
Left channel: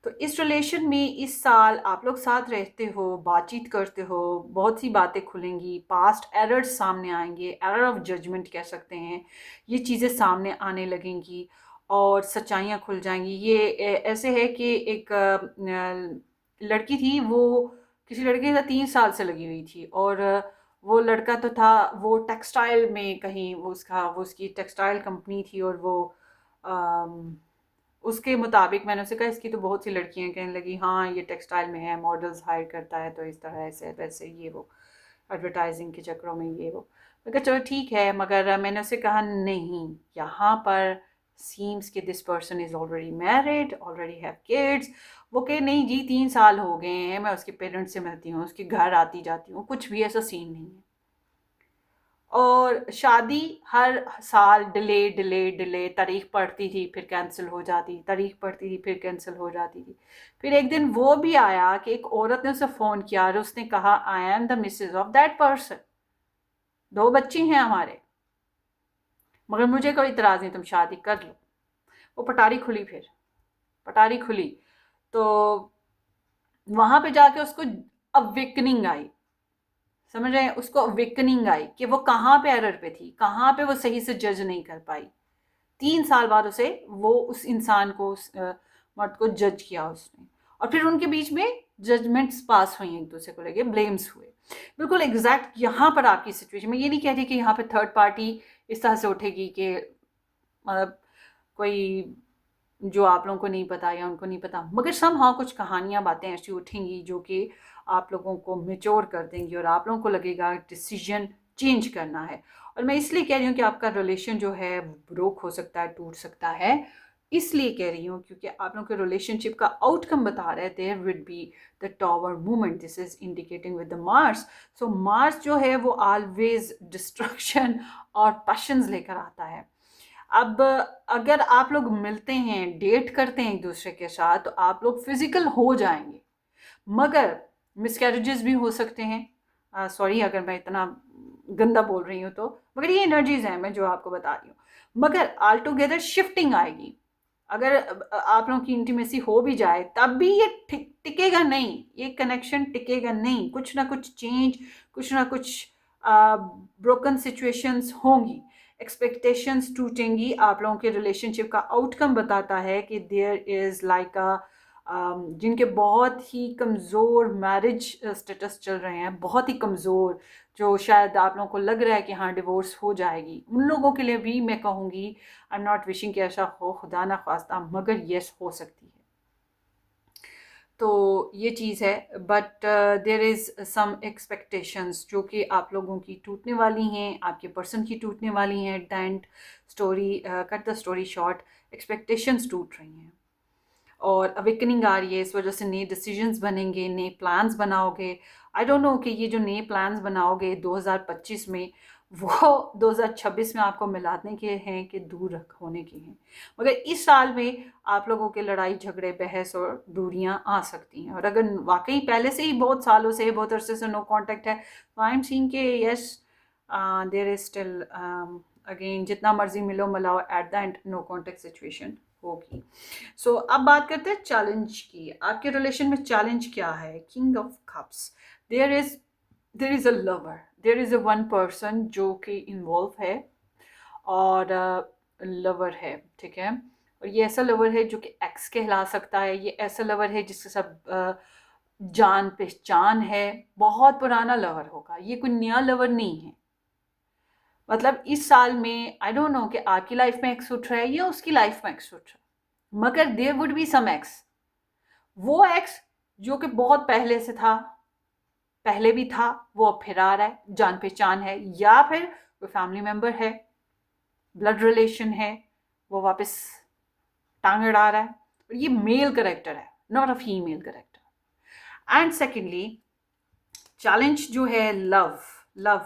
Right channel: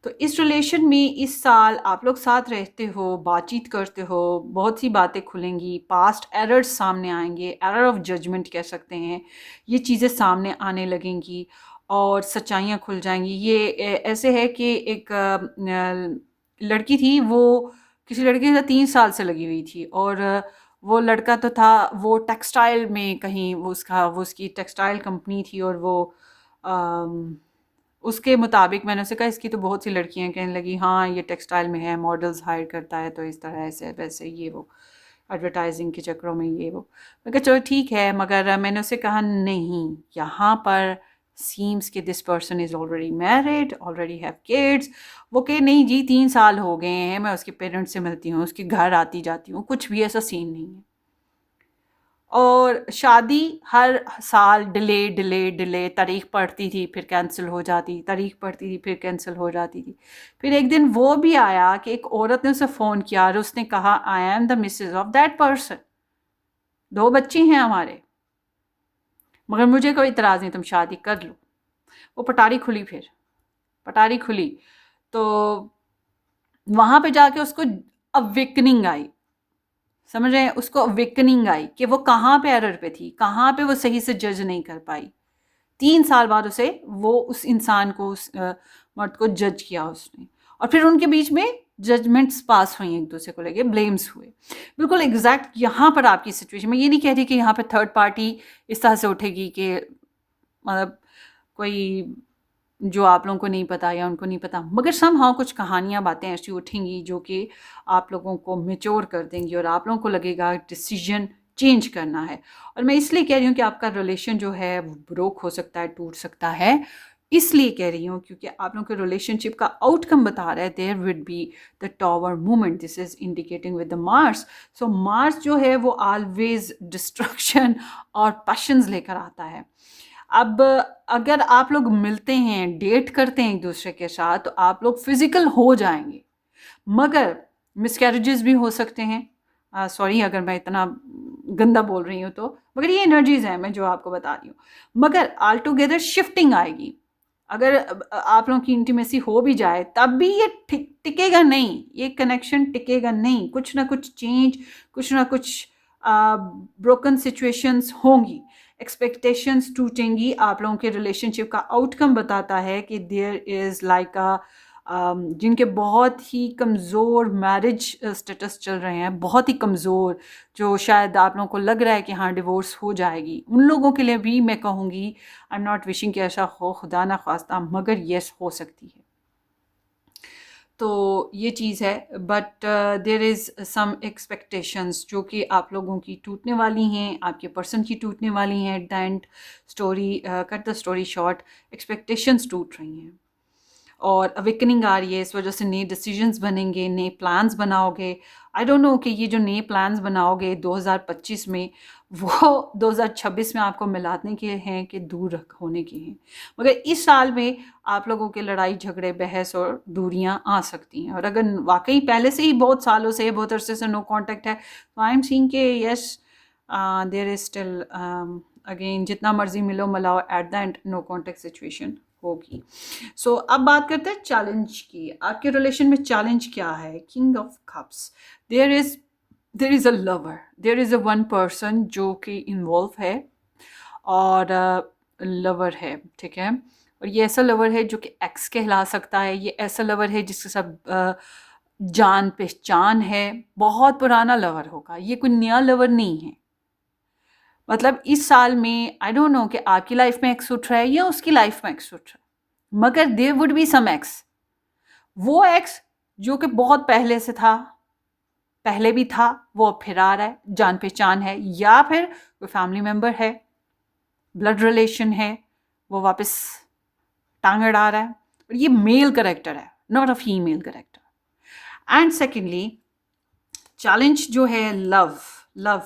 तो इस रिलेशन में इस साल आप लोग साथ रहते हो, बातचीत करते हो, बहुत सी बातें खुलेंगी, पास्ट एरर्स सामने आएंगे, एरर ऑफ जजमेंट कह सकते हैं, ये चीज़ें सामने आने लगेंगी और सच्चाइयाँ खुल जाएंगी। ये ऐसे है कि एक लड़की थी, वो किसी लड़के के साथ 3 साल से लगी हुई थी, और वो लड़का तो था, वो टेक्सटाइल में कहीं, वो उसकी टेक्सटाइल कंपनी थी, और वो उसके मुताबिक मैंने उसे कहा इसकी तो बहुत सी लड़कियां कहने लगी हाँ ये टेक्सटाइल में है, मॉडल्स हायर करता है, तो इस तरह ऐसे वैसे ये वो एडवर्टाइजिंग के चक्करों में ये वो, मैं कहा चलो ठीक है, मगर मैंने उसे कहा नहीं, यहाँ पर सीम्स कि this person is already married, already have kids, वो कहे नहीं जी 3 साल हो गए हैं, मैं उसके पेरेंट्स से मिलती हूँ, उसके घर आती जाती हूँ, कुछ भी ऐसा सीन नहीं है, और शादी हर साल डिले डिले डिले, तारीख पड़ती थी फिर कैंसिल हो जाती, तारीख पड़ती थी फिर कैंसिल हो जाती थी, फिर एक दिन वो भी आया कि एक औरत ने उसे फ़ोन किया और उसने कहा I am the Mrs of that person, 2 बच्चे हैं हमारे, मगर मुझे कोई इतराज़ नहीं, तुम शादी कर लो। वो पटारी खुली, फिर पटारी खुली, तो वहाँ पे जाके उसको अवेकनिंग आई, समझ रहे हैं, उसको अवेकनिंग आई कि वो कहाँ पे एरर पे थी, कहाँ पे वो सही से जज नहीं कर पाई, 3 साल बाद उसे वो उस इंसान को, उस मर्द को जज किया उसने, और फिर उनके बीच में जजमेंट्स पास हुई, एक दूसरे को लेके ब्लेम्स हुए, बिल्कुल एग्जैक्ट यहाँ पर आपकी सिचुएशन, मैं ये नहीं कह रही कि यहाँ पर थर्ड पार्टी इस तरह से उठेगी कि मतलब कोई जो आप लोगों को नहीं पता या उनको नहीं पता, मगर समहाउ कुछ कहानियाँ, बातें ऐसी उठेंगी जो कि आप लोगों को मैच्योर कर देंगी, और आप लोगों को लगेगा डिसीजन चेंज करना है, और मैं इसलिए कह रही हूँ कि आपका रिलेशन जो है ब्रोक हो सकता है, टूट सकता है, इसलिए कह रही हूँ क्योंकि आप लोगों के रिलेशनशिप का आउटकम बता रहा है, there would be the tower movement, this is indicating with the Mars, so Mars जो है वो ऑलवेज डिस्ट्रक्शन और पैशंस लेकर आता है। अब अगर आप लोग मिलते हैं, डेट करते हैं एक दूसरे के साथ, तो आप लोग फिजिकल हो जाएंगे, मगर मिसकैरेजेस भी हो सकते हैं। सॉरी अगर मैं इतना गंदा बोल रही हूँ तो, मगर ये एनर्जीज हैं मैं जो आपको बता रही हूँ। मगर ऑल टुगेदर शिफ्टिंग आएगी। अगर आप लोगों की इंटीमेसी हो भी जाए तब भी ये टिकेगा नहीं, ये कनेक्शन टिकेगा नहीं। कुछ ना कुछ चेंज, कुछ ना कुछ ब्रोकन सिचुएशंस होंगी, एक्सपेक्टेशंस टूटेंगी। आप लोगों के रिलेशनशिप का आउटकम बताता है कि देयर इज़ लाइक अ जिनके बहुत ही कमज़ोर मैरिज स्टेटस चल रहे हैं, बहुत ही कमज़ोर, जो शायद आप लोगों को लग रहा है कि हाँ डिवोर्स हो जाएगी, उन लोगों के लिए भी मैं कहूँगी आई एम नॉट विशिंग कि ऐसा हो, खुदा ना खास्ता, मगर येस हो सकती है। तो ये चीज़ है। But there is some expectations जो कि आप लोगों की टूटने वाली हैं, आपके पर्सन की टूटने वाली हैं। Eight the and story, cut the story short, expectations टूट रही हैं और अवेकनिंग आ रही है। इस वजह से नए डिसीजंस बनेंगे, नए प्लान्स बनाओगे। आई डोंट नो कि ये जो नए प्लान्स बनाओगे 2025 में, वो 2026 में आपको मिलाने के हैं कि दूर होने के हैं। मगर इस साल में आप लोगों के लड़ाई झगड़े, बहस और दूरियां आ सकती हैं। और अगर वाकई पहले से ही बहुत सालों से, बहुत अरसे से नो कांटेक्ट है, तो आई एम सीइंग के yes there is still, again जितना मर्जी मिलो मिलाओ, at the end no contact situation होगी। सो अब बात करते हैं चैलेंज की। आपके रिलेशन में चैलेंज क्या है? King of cups. There is a lover, there is a one person जो कि इन्वॉल्व है और लवर है, ठीक है। और ये ऐसा लवर है जो कि एक्स कहला सकता है। ये ऐसा लवर है जिसके साथ जान पहचान है, बहुत पुराना लवर होगा, ये कोई नया लवर नहीं है। मतलब इस साल में आई डोंट नो कि आपकी लाइफ में एक्स उठ रहा है या उसकी लाइफ में एक्स उठ रहा है, मगर there would be some ex. वो एक्स जो कि बहुत पहले से था, पहले भी था, वो अब फिर आ रहा है, जान पहचान है, या फिर कोई फैमिली मेंबर है, ब्लड रिलेशन है, वो वापस टांग अड़ा रहा है। और ये मेल करेक्टर है, not a female character. And secondly challenge जो है लव। लव,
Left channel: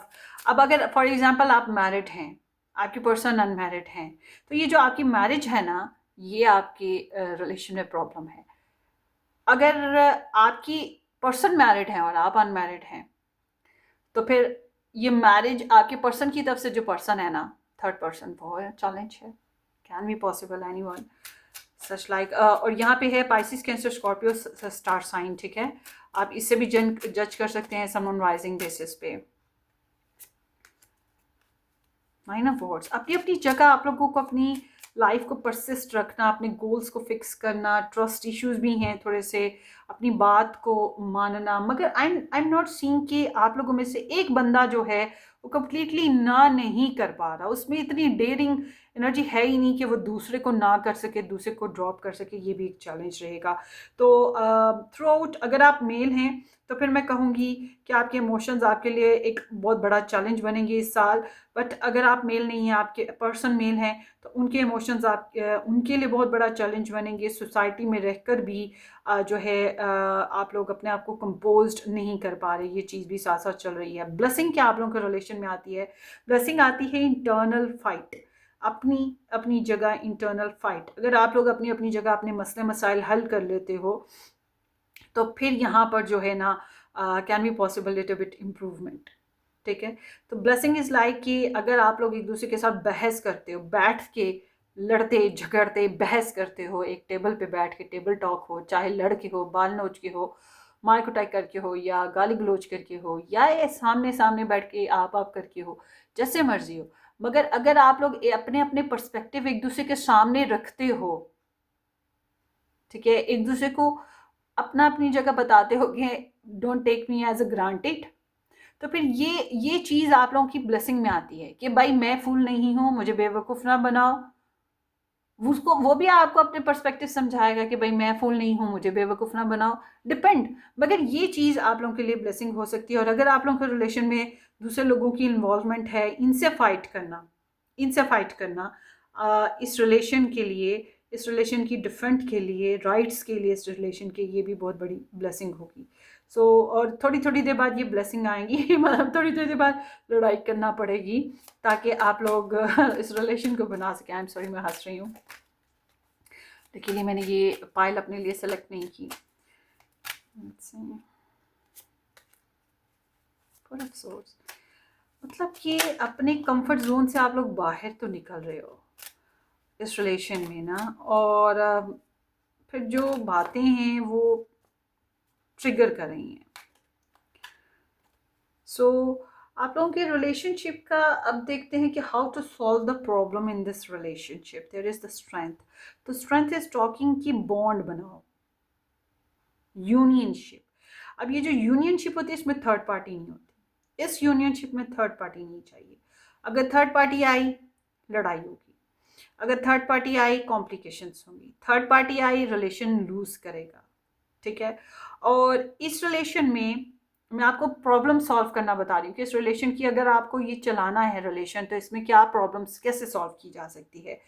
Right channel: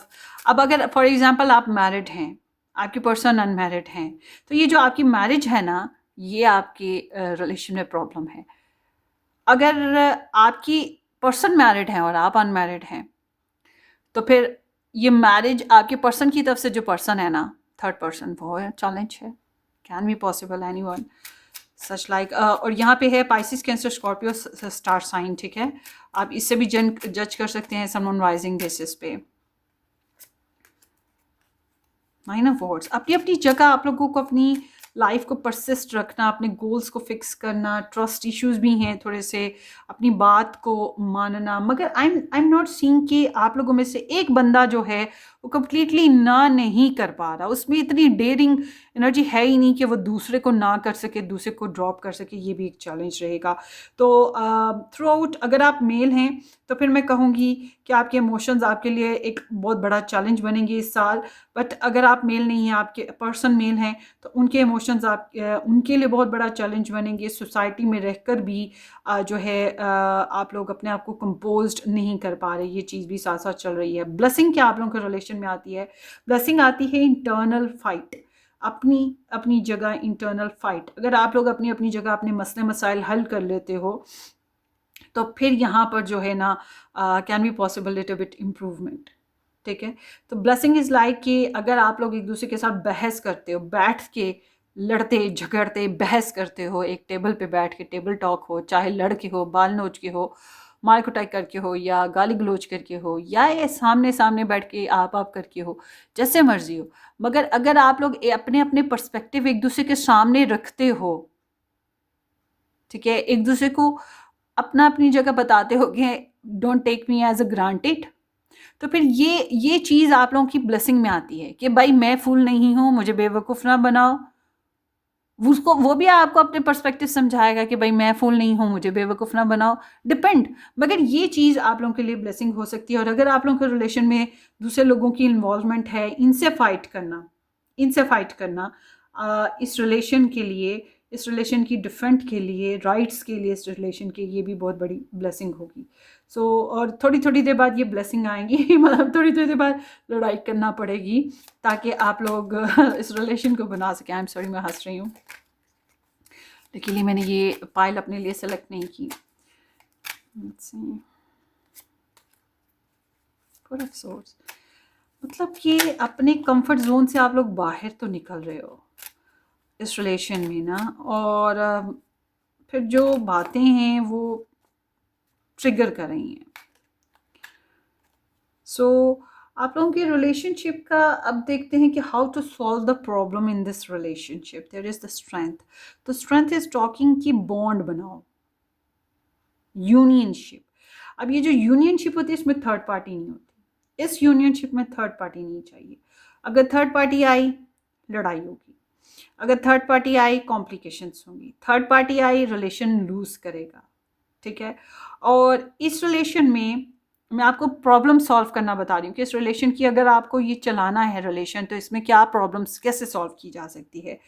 अब अगर फॉर एग्जांपल आप मैरिड हैं, आपकी पर्सन अनमैरिड हैं, तो ये जो आपकी मैरिज है ना, ये आपके रिलेशन में प्रॉब्लम है। अगर आपकी पर्सन मैरिड है और आप अनमैरिड हैं, तो फिर ये मैरिज आपके पर्सन की तरफ से जो पर्सन है ना, थर्ड पर्सन, वो चैलेंज है। Can be possible any one such like. और यहाँ पे है Pisces, Cancer, Scorpio star sign, ठीक है। आप इससे भी जज कर सकते हैं समवन राइजिंग बेसिस पे। नाइन ऑफ वॉर्ड्स, अपनी अपनी जगह आप लोगों को अपनी लाइफ को परसिस्ट रखना, अपने गोल्स को फिक्स करना, ट्रस्ट इश्यूज भी हैं थोड़े से, अपनी बात को मानना। मगर आई एम नॉट सीइंग कि आप लोगों में से एक बंदा जो है वो कम्प्लीटली ना नहीं कर पा रहा, उसमें इतनी डेयरिंग एनर्जी है ही नहीं कि वो दूसरे को ना कर सके, दूसरे को ड्रॉप कर सके। ये भी एक चैलेंज रहेगा। तो थ्रू आउट अगर आप मेल हैं तो फिर मैं कहूँगी कि आपके इमोशंस आपके लिए एक बहुत बड़ा चैलेंज बनेंगे इस साल। बट अगर आप मेल नहीं हैं, आपके पर्सन मेल हैं, तो उनके इमोशंस आप उनके लिए बहुत बड़ा चैलेंज बनेंगे। सोसाइटी में रहकर भी जो है आप लोग अपने आप को कंपोज्ड नहीं कर पा रहे, ये चीज़ भी साथ साथ चल रही है। ब्लेसिंग क्या आप लोगों के रिलेशन में आती है? ब्लेसिंग आती है इंटरनल फाइट, अपनी अपनी जगह इंटरनल फाइट। अगर आप लोग अपनी अपनी जगह अपने मसले मसाइल हल कर लेते हो, तो फिर यहाँ पर जो है ना can be possible little bit improvement, ठीक है। तो ब्लेसिंग इज़ लाइक कि अगर आप लोग एक दूसरे के साथ बहस करते हो, बैठ के लड़ते झगड़ते बहस करते हो, एक टेबल पे बैठ के टेबल टॉक हो, चाहे लड़ के हो, बाल नोच के हो, मार कुटाई करके हो, या गाली गलोच करके हो, या ये सामने सामने बैठ के आप करके हो, जैसे मर्जी हो, मगर अगर आप लोग अपने अपने पर्सपेक्टिव एक दूसरे के सामने रखते हो, ठीक है, एक दूसरे को अपना अपनी जगह बताते हो कि don't take me as a granted, तो फिर ये चीज़ आप लोगों की ब्लेसिंग में आती है कि भाई मैं फूल नहीं हूँ, मुझे बेवकूफ़ ना बनाओ। उसको वो भी आपको अपने पर्सपेक्टिव समझाएगा कि भाई मैं फूल नहीं हूँ, मुझे बेवकूफ़ ना बनाओ, डिपेंड। मगर ये चीज़ आप लोगों के लिए ब्लेसिंग हो सकती है। और अगर आप लोगों के रिलेशन में दूसरे लोगों की इन्वॉल्वमेंट है, इनसे फाइट करना, इस रिलेशन के लिए इस रिलेशन की डिफेंड के लिए, राइट्स के लिए, इस रिलेशन के, ये भी बहुत बड़ी ब्लेसिंग होगी। सो और थोड़ी थोड़ी देर बाद ये ब्लेसिंग आएंगी मतलब थोड़ी थोड़ी देर बाद लड़ाई करना पड़ेगी ताकि आप लोग इस रिलेशन को बना सकें। आई एम सॉरी, मैं हंस रही हूँ, लेकिन मैंने ये पाइल अपने लिए सेलेक्ट नहीं की। फॉर अफसोस, मतलब कि अपने कंफर्ट जोन से आप लोग बाहर तो निकल रहे हो इस रिलेशन में ना, और फिर जो बातें हैं वो ट्रिगर कर रही हैं। सो आप लोगों की रिलेशनशिप का अब देखते हैं कि how to solve the problem in this relationship. There is the strength. तो स्ट्रेंथ इज टॉकिंग की बॉन्ड बनाओ, यूनियनशिप। अब ये जो यूनियनशिप होती है इसमें थर्ड पार्टी नहीं होती, इस यूनियनशिप में थर्ड पार्टी नहीं चाहिए। अगर थर्ड पार्टी आई लड़ाई होगी, अगर थर्ड पार्टी आई कॉम्प्लिकेशंस होंगी, थर्ड पार्टी आई रिलेशन लूज करेगा, ठीक है। और इस रिलेशन में मैं आपको प्रॉब्लम सॉल्व करना बता रही हूँ कि इस रिलेशन की अगर आपको ये चलाना है रिलेशन, तो इसमें क्या प्रॉब्लम्स कैसे सॉल्व की जा सकती है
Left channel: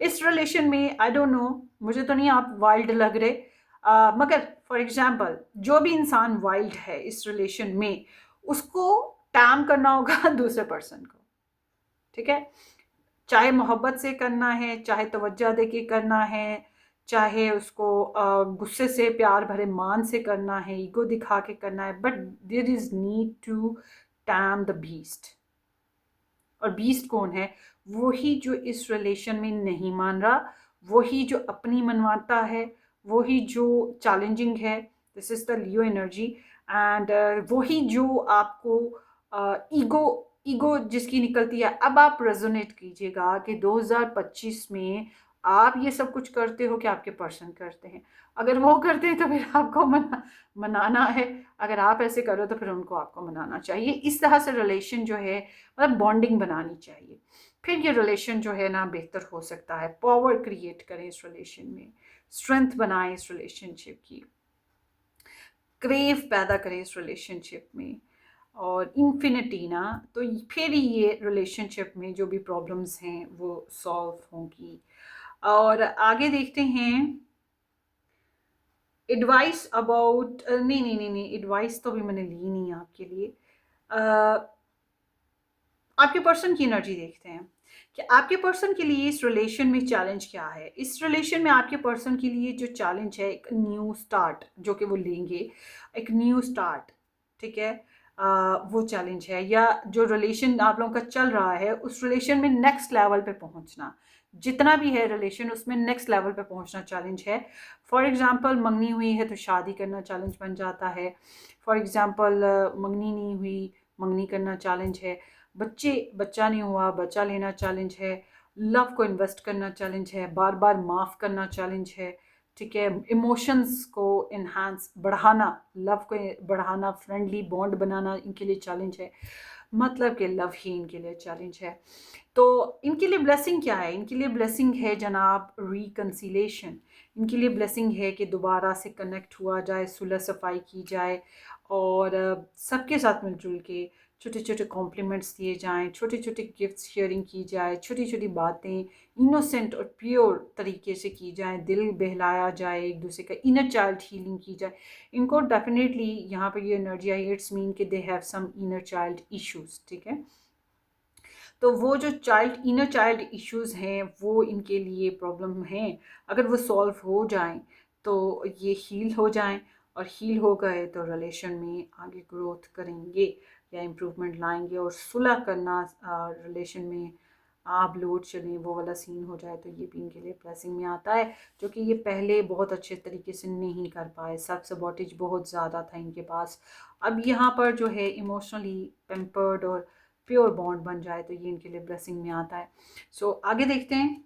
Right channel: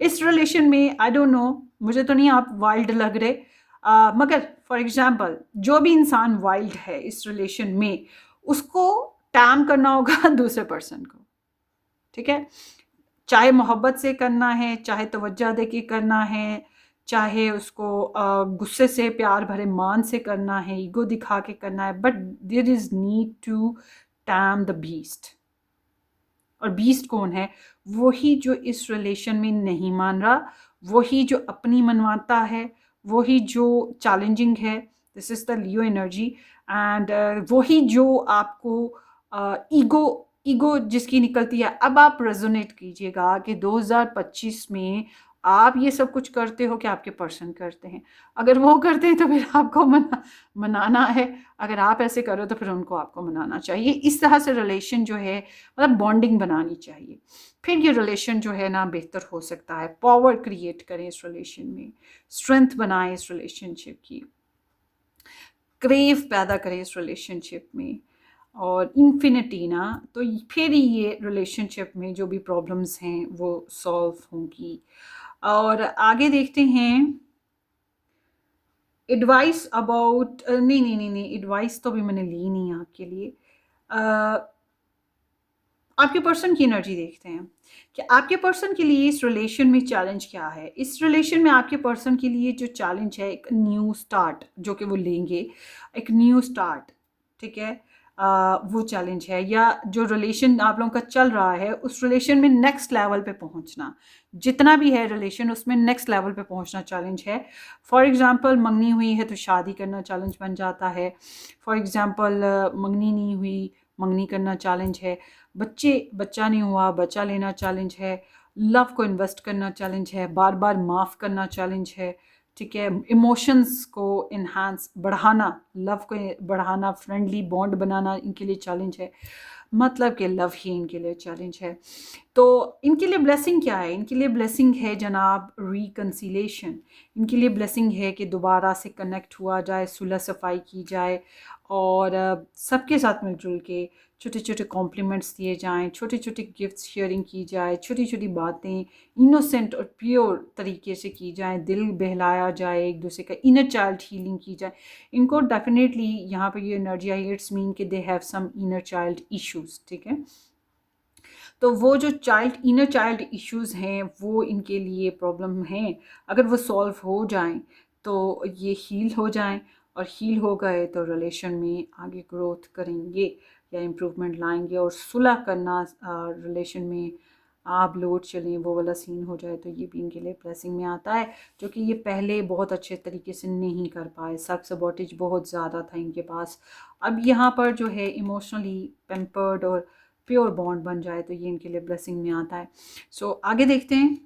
इस रिलेशन में। आई डोंट नो, मुझे तो नहीं आप वाइल्ड लग रहे, मगर फॉर एग्जांपल जो भी इंसान वाइल्ड है इस रिलेशन में, उसको टैम करना होगा दूसरे पर्सन को, ठीक है। चाहे मोहब्बत से करना है, चाहे तवज्जो दे के करना है, चाहे उसको गुस्से से, प्यार भरे मान से करना है, ईगो दिखा के करना है, but there is need to tame the beast. और बीस्ट कौन है? वही जो इस रिलेशन में नहीं मान रहा, वही जो अपनी मनवाता है, वही जो चैलेंजिंग है। This is the Leo energy. And वही जो आपको ईगो ईगो जिसकी निकलती है। अब आप रेजोनेट कीजिएगा कि 2025 में आप ये सब कुछ करते हो कि आपके पर्सन करते हैं। अगर वो करते हैं तो फिर आपको मनाना है, अगर आप ऐसे करो तो फिर उनको आपको मनाना चाहिए। इस तरह से रिलेशन जो है, मतलब बॉन्डिंग बनानी चाहिए, फिर ये रिलेशन जो है ना बेहतर हो सकता है। पावर क्रिएट करें इस रिलेशन में, स्ट्रेंथ बनाएं इस रिलेशनशिप की, क्रेव पैदा करें इस रिलेशनशिप में, और इन्फिनिटी ना, तो फिर ही ये रिलेशनशिप में जो भी प्रॉब्लम्स हैं वो सॉल्व होंगी। और आगे देखते हैं एडवाइस अबाउट, नहीं नहीं नहीं नहीं, एडवाइस तो भी मैंने ली नहीं आपके लिए। आपके पर्सन की एनर्जी देखते हैं कि आपके पर्सन के लिए इस रिलेशन में चैलेंज क्या है। इस रिलेशन में आपके पर्सन के लिए जो चैलेंज है, एक न्यू स्टार्ट जो कि वो लेंगे, एक न्यू स्टार्ट, ठीक है। वो चैलेंज है, या जो रिलेशन आप लोगों का चल रहा है उस रिलेशन में नेक्स्ट लेवल पे पहुंचना, जितना भी है रिलेशन उसमें नेक्स्ट लेवल पे पहुंचना चैलेंज है। फॉर एग्जांपल मंगनी हुई है तो शादी करना चैलेंज बन जाता है। फॉर एग्जांपल मंगनी नहीं हुई, मंगनी करना चैलेंज है। बच्चा नहीं हुआ, बच्चा लेना चैलेंज है। लव को इन्वेस्ट करना चैलेंज है, बार बार माफ़ करना चैलेंज है, ठीक है। इमोशंस को इन्हांस बढ़ाना, लव को बढ़ाना, फ्रेंडली बॉन्ड बनाना इनके लिए चैलेंज है। मतलब कि लव ही इनके लिए चैलेंज है। तो इनके लिए ब्लेसिंग क्या है? इनके लिए ब्लेसिंग है जनाब रिकन्सिलेशन। इनके लिए ब्लेसिंग है कि दोबारा से कनेक्ट हुआ जाए, सुलह सफाई की जाए, और सबके साथ मिलजुल के छोटे छोटे कॉम्प्लीमेंट्स दिए जाएं, छोटे छोटे गिफ्ट शेयरिंग की जाए, छोटी छोटी बातें इनोसेंट और प्योर तरीके से की जाए, दिल बहलाया जाए, एक दूसरे का इनर चाइल्ड हीलिंग की जाए। इनको डेफिनेटली यहाँ पर ये एनर्जी आई, इट्स मीन कि they have some inner child issues, ठीक है। तो वो जो इनर चाइल्ड इश्यूज हैं वो इनके लिए प्रॉब्लम हैं, अगर वो सॉल्व हो जाएं तो ये हील हो जाएं, और हील हो गए तो रिलेशन में आगे ग्रोथ करेंगे या इम्प्रूवमेंट लाएंगे, और सुलह करना रिलेशन में आप लोड चलें वो वाला सीन हो जाए तो ये भी इनके लिए ब्लेसिंग में आता है, जो कि ये पहले बहुत अच्छे तरीके से नहीं कर पाए। सेल्फ सबॉटेज बहुत ज़्यादा था इनके पास। अब यहाँ पर जो है इमोशनली पेम्पर्ड और प्योर बॉन्ड बन जाए तो ये इनके लिए ब्लेसिंग में आता है। सो आगे देखते हैं।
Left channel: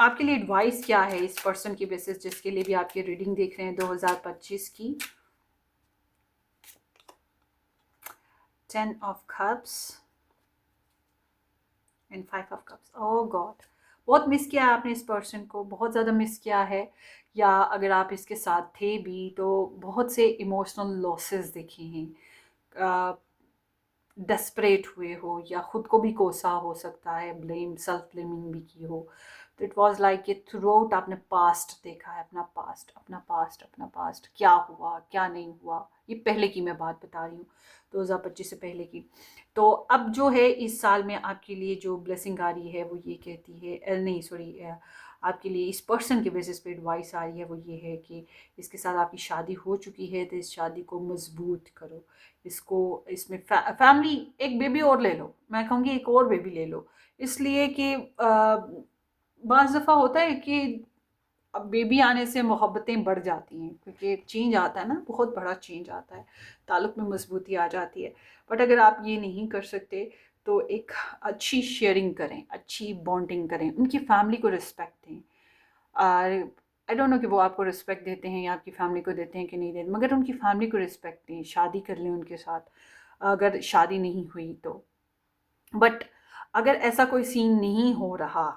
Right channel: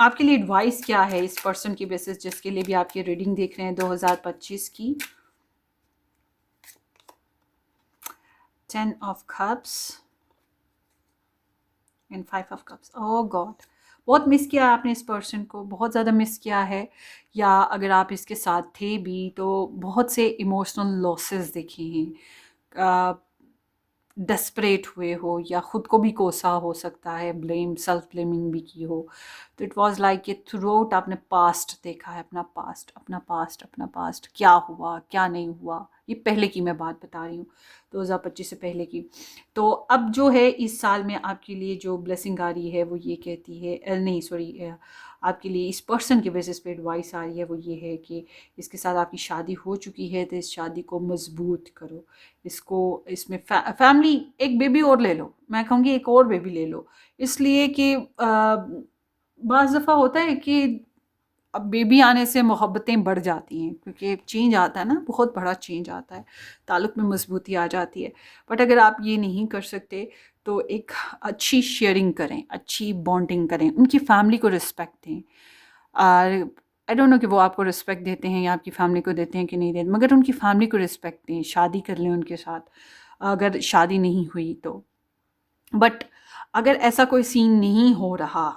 आपके लिए एडवाइस क्या है इस पर्सन की बेसिस जिसके लिए भी आपकी रीडिंग देख रहे हैं 2025 की। 10 of cups and 5 of cups. Oh God, बहुत मिस किया आपने इस पर्सन को, बहुत ज़्यादा मिस किया है, या अगर आप इसके साथ थे भी तो बहुत से इमोशनल लॉसेस देखे हैं, डेस्परेट हुए हो या ख़ुद को भी कोसा हो सकता है, ब्लेम सेल्फ ब्लेमिंग भी की हो। तो इट वाज लाइक कि थ्रू आउट आपने पास्ट देखा है, अपना पास्ट, अपना पास्ट, अपना पास्ट, क्या हुआ क्या नहीं हुआ। ये पहले की मैं बात बता रही हूँ, 2025 से पहले की। तो अब जो है इस साल में आपके लिए जो ब्लेसिंग आ रही है वो ये कहती है, नहीं सॉरी, आपके लिए इस पर्सन के बेसिस पे एडवाइस आ रही है वो ये है कि इसके साथ आपकी शादी हो चुकी है तो इस शादी को मजबूत करो। इसको इसमें फैमिली, एक बेबी और ले लो, मैं कहूँगी एक और बेबी ले लो, इसलिए कि बाज़ दफ़ा होता है कि अब बेबी आने से मोहब्बतें बढ़ जाती हैं, क्योंकि एक चेंज आता है ना, बहुत बड़ा चेंज आता है, ताल्लुक़ में मजबूती आ जाती है। बट अगर आप ये नहीं कर सकते तो एक अच्छी शेयरिंग करें, अच्छी बॉन्डिंग करें, उनकी फैमिली को रिस्पेक्ट दें। और आई डोंट नो कि वो आपको रिस्पेक्ट देते हैं या आपकी फैमिली को देते हैं कि नहीं देते, मगर उनकी फैमिली को रिस्पेक्ट दें, शादी कर लें उनके साथ अगर शादी नहीं हुई तो। बट अगर ऐसा कोई सीन नहीं हो रहा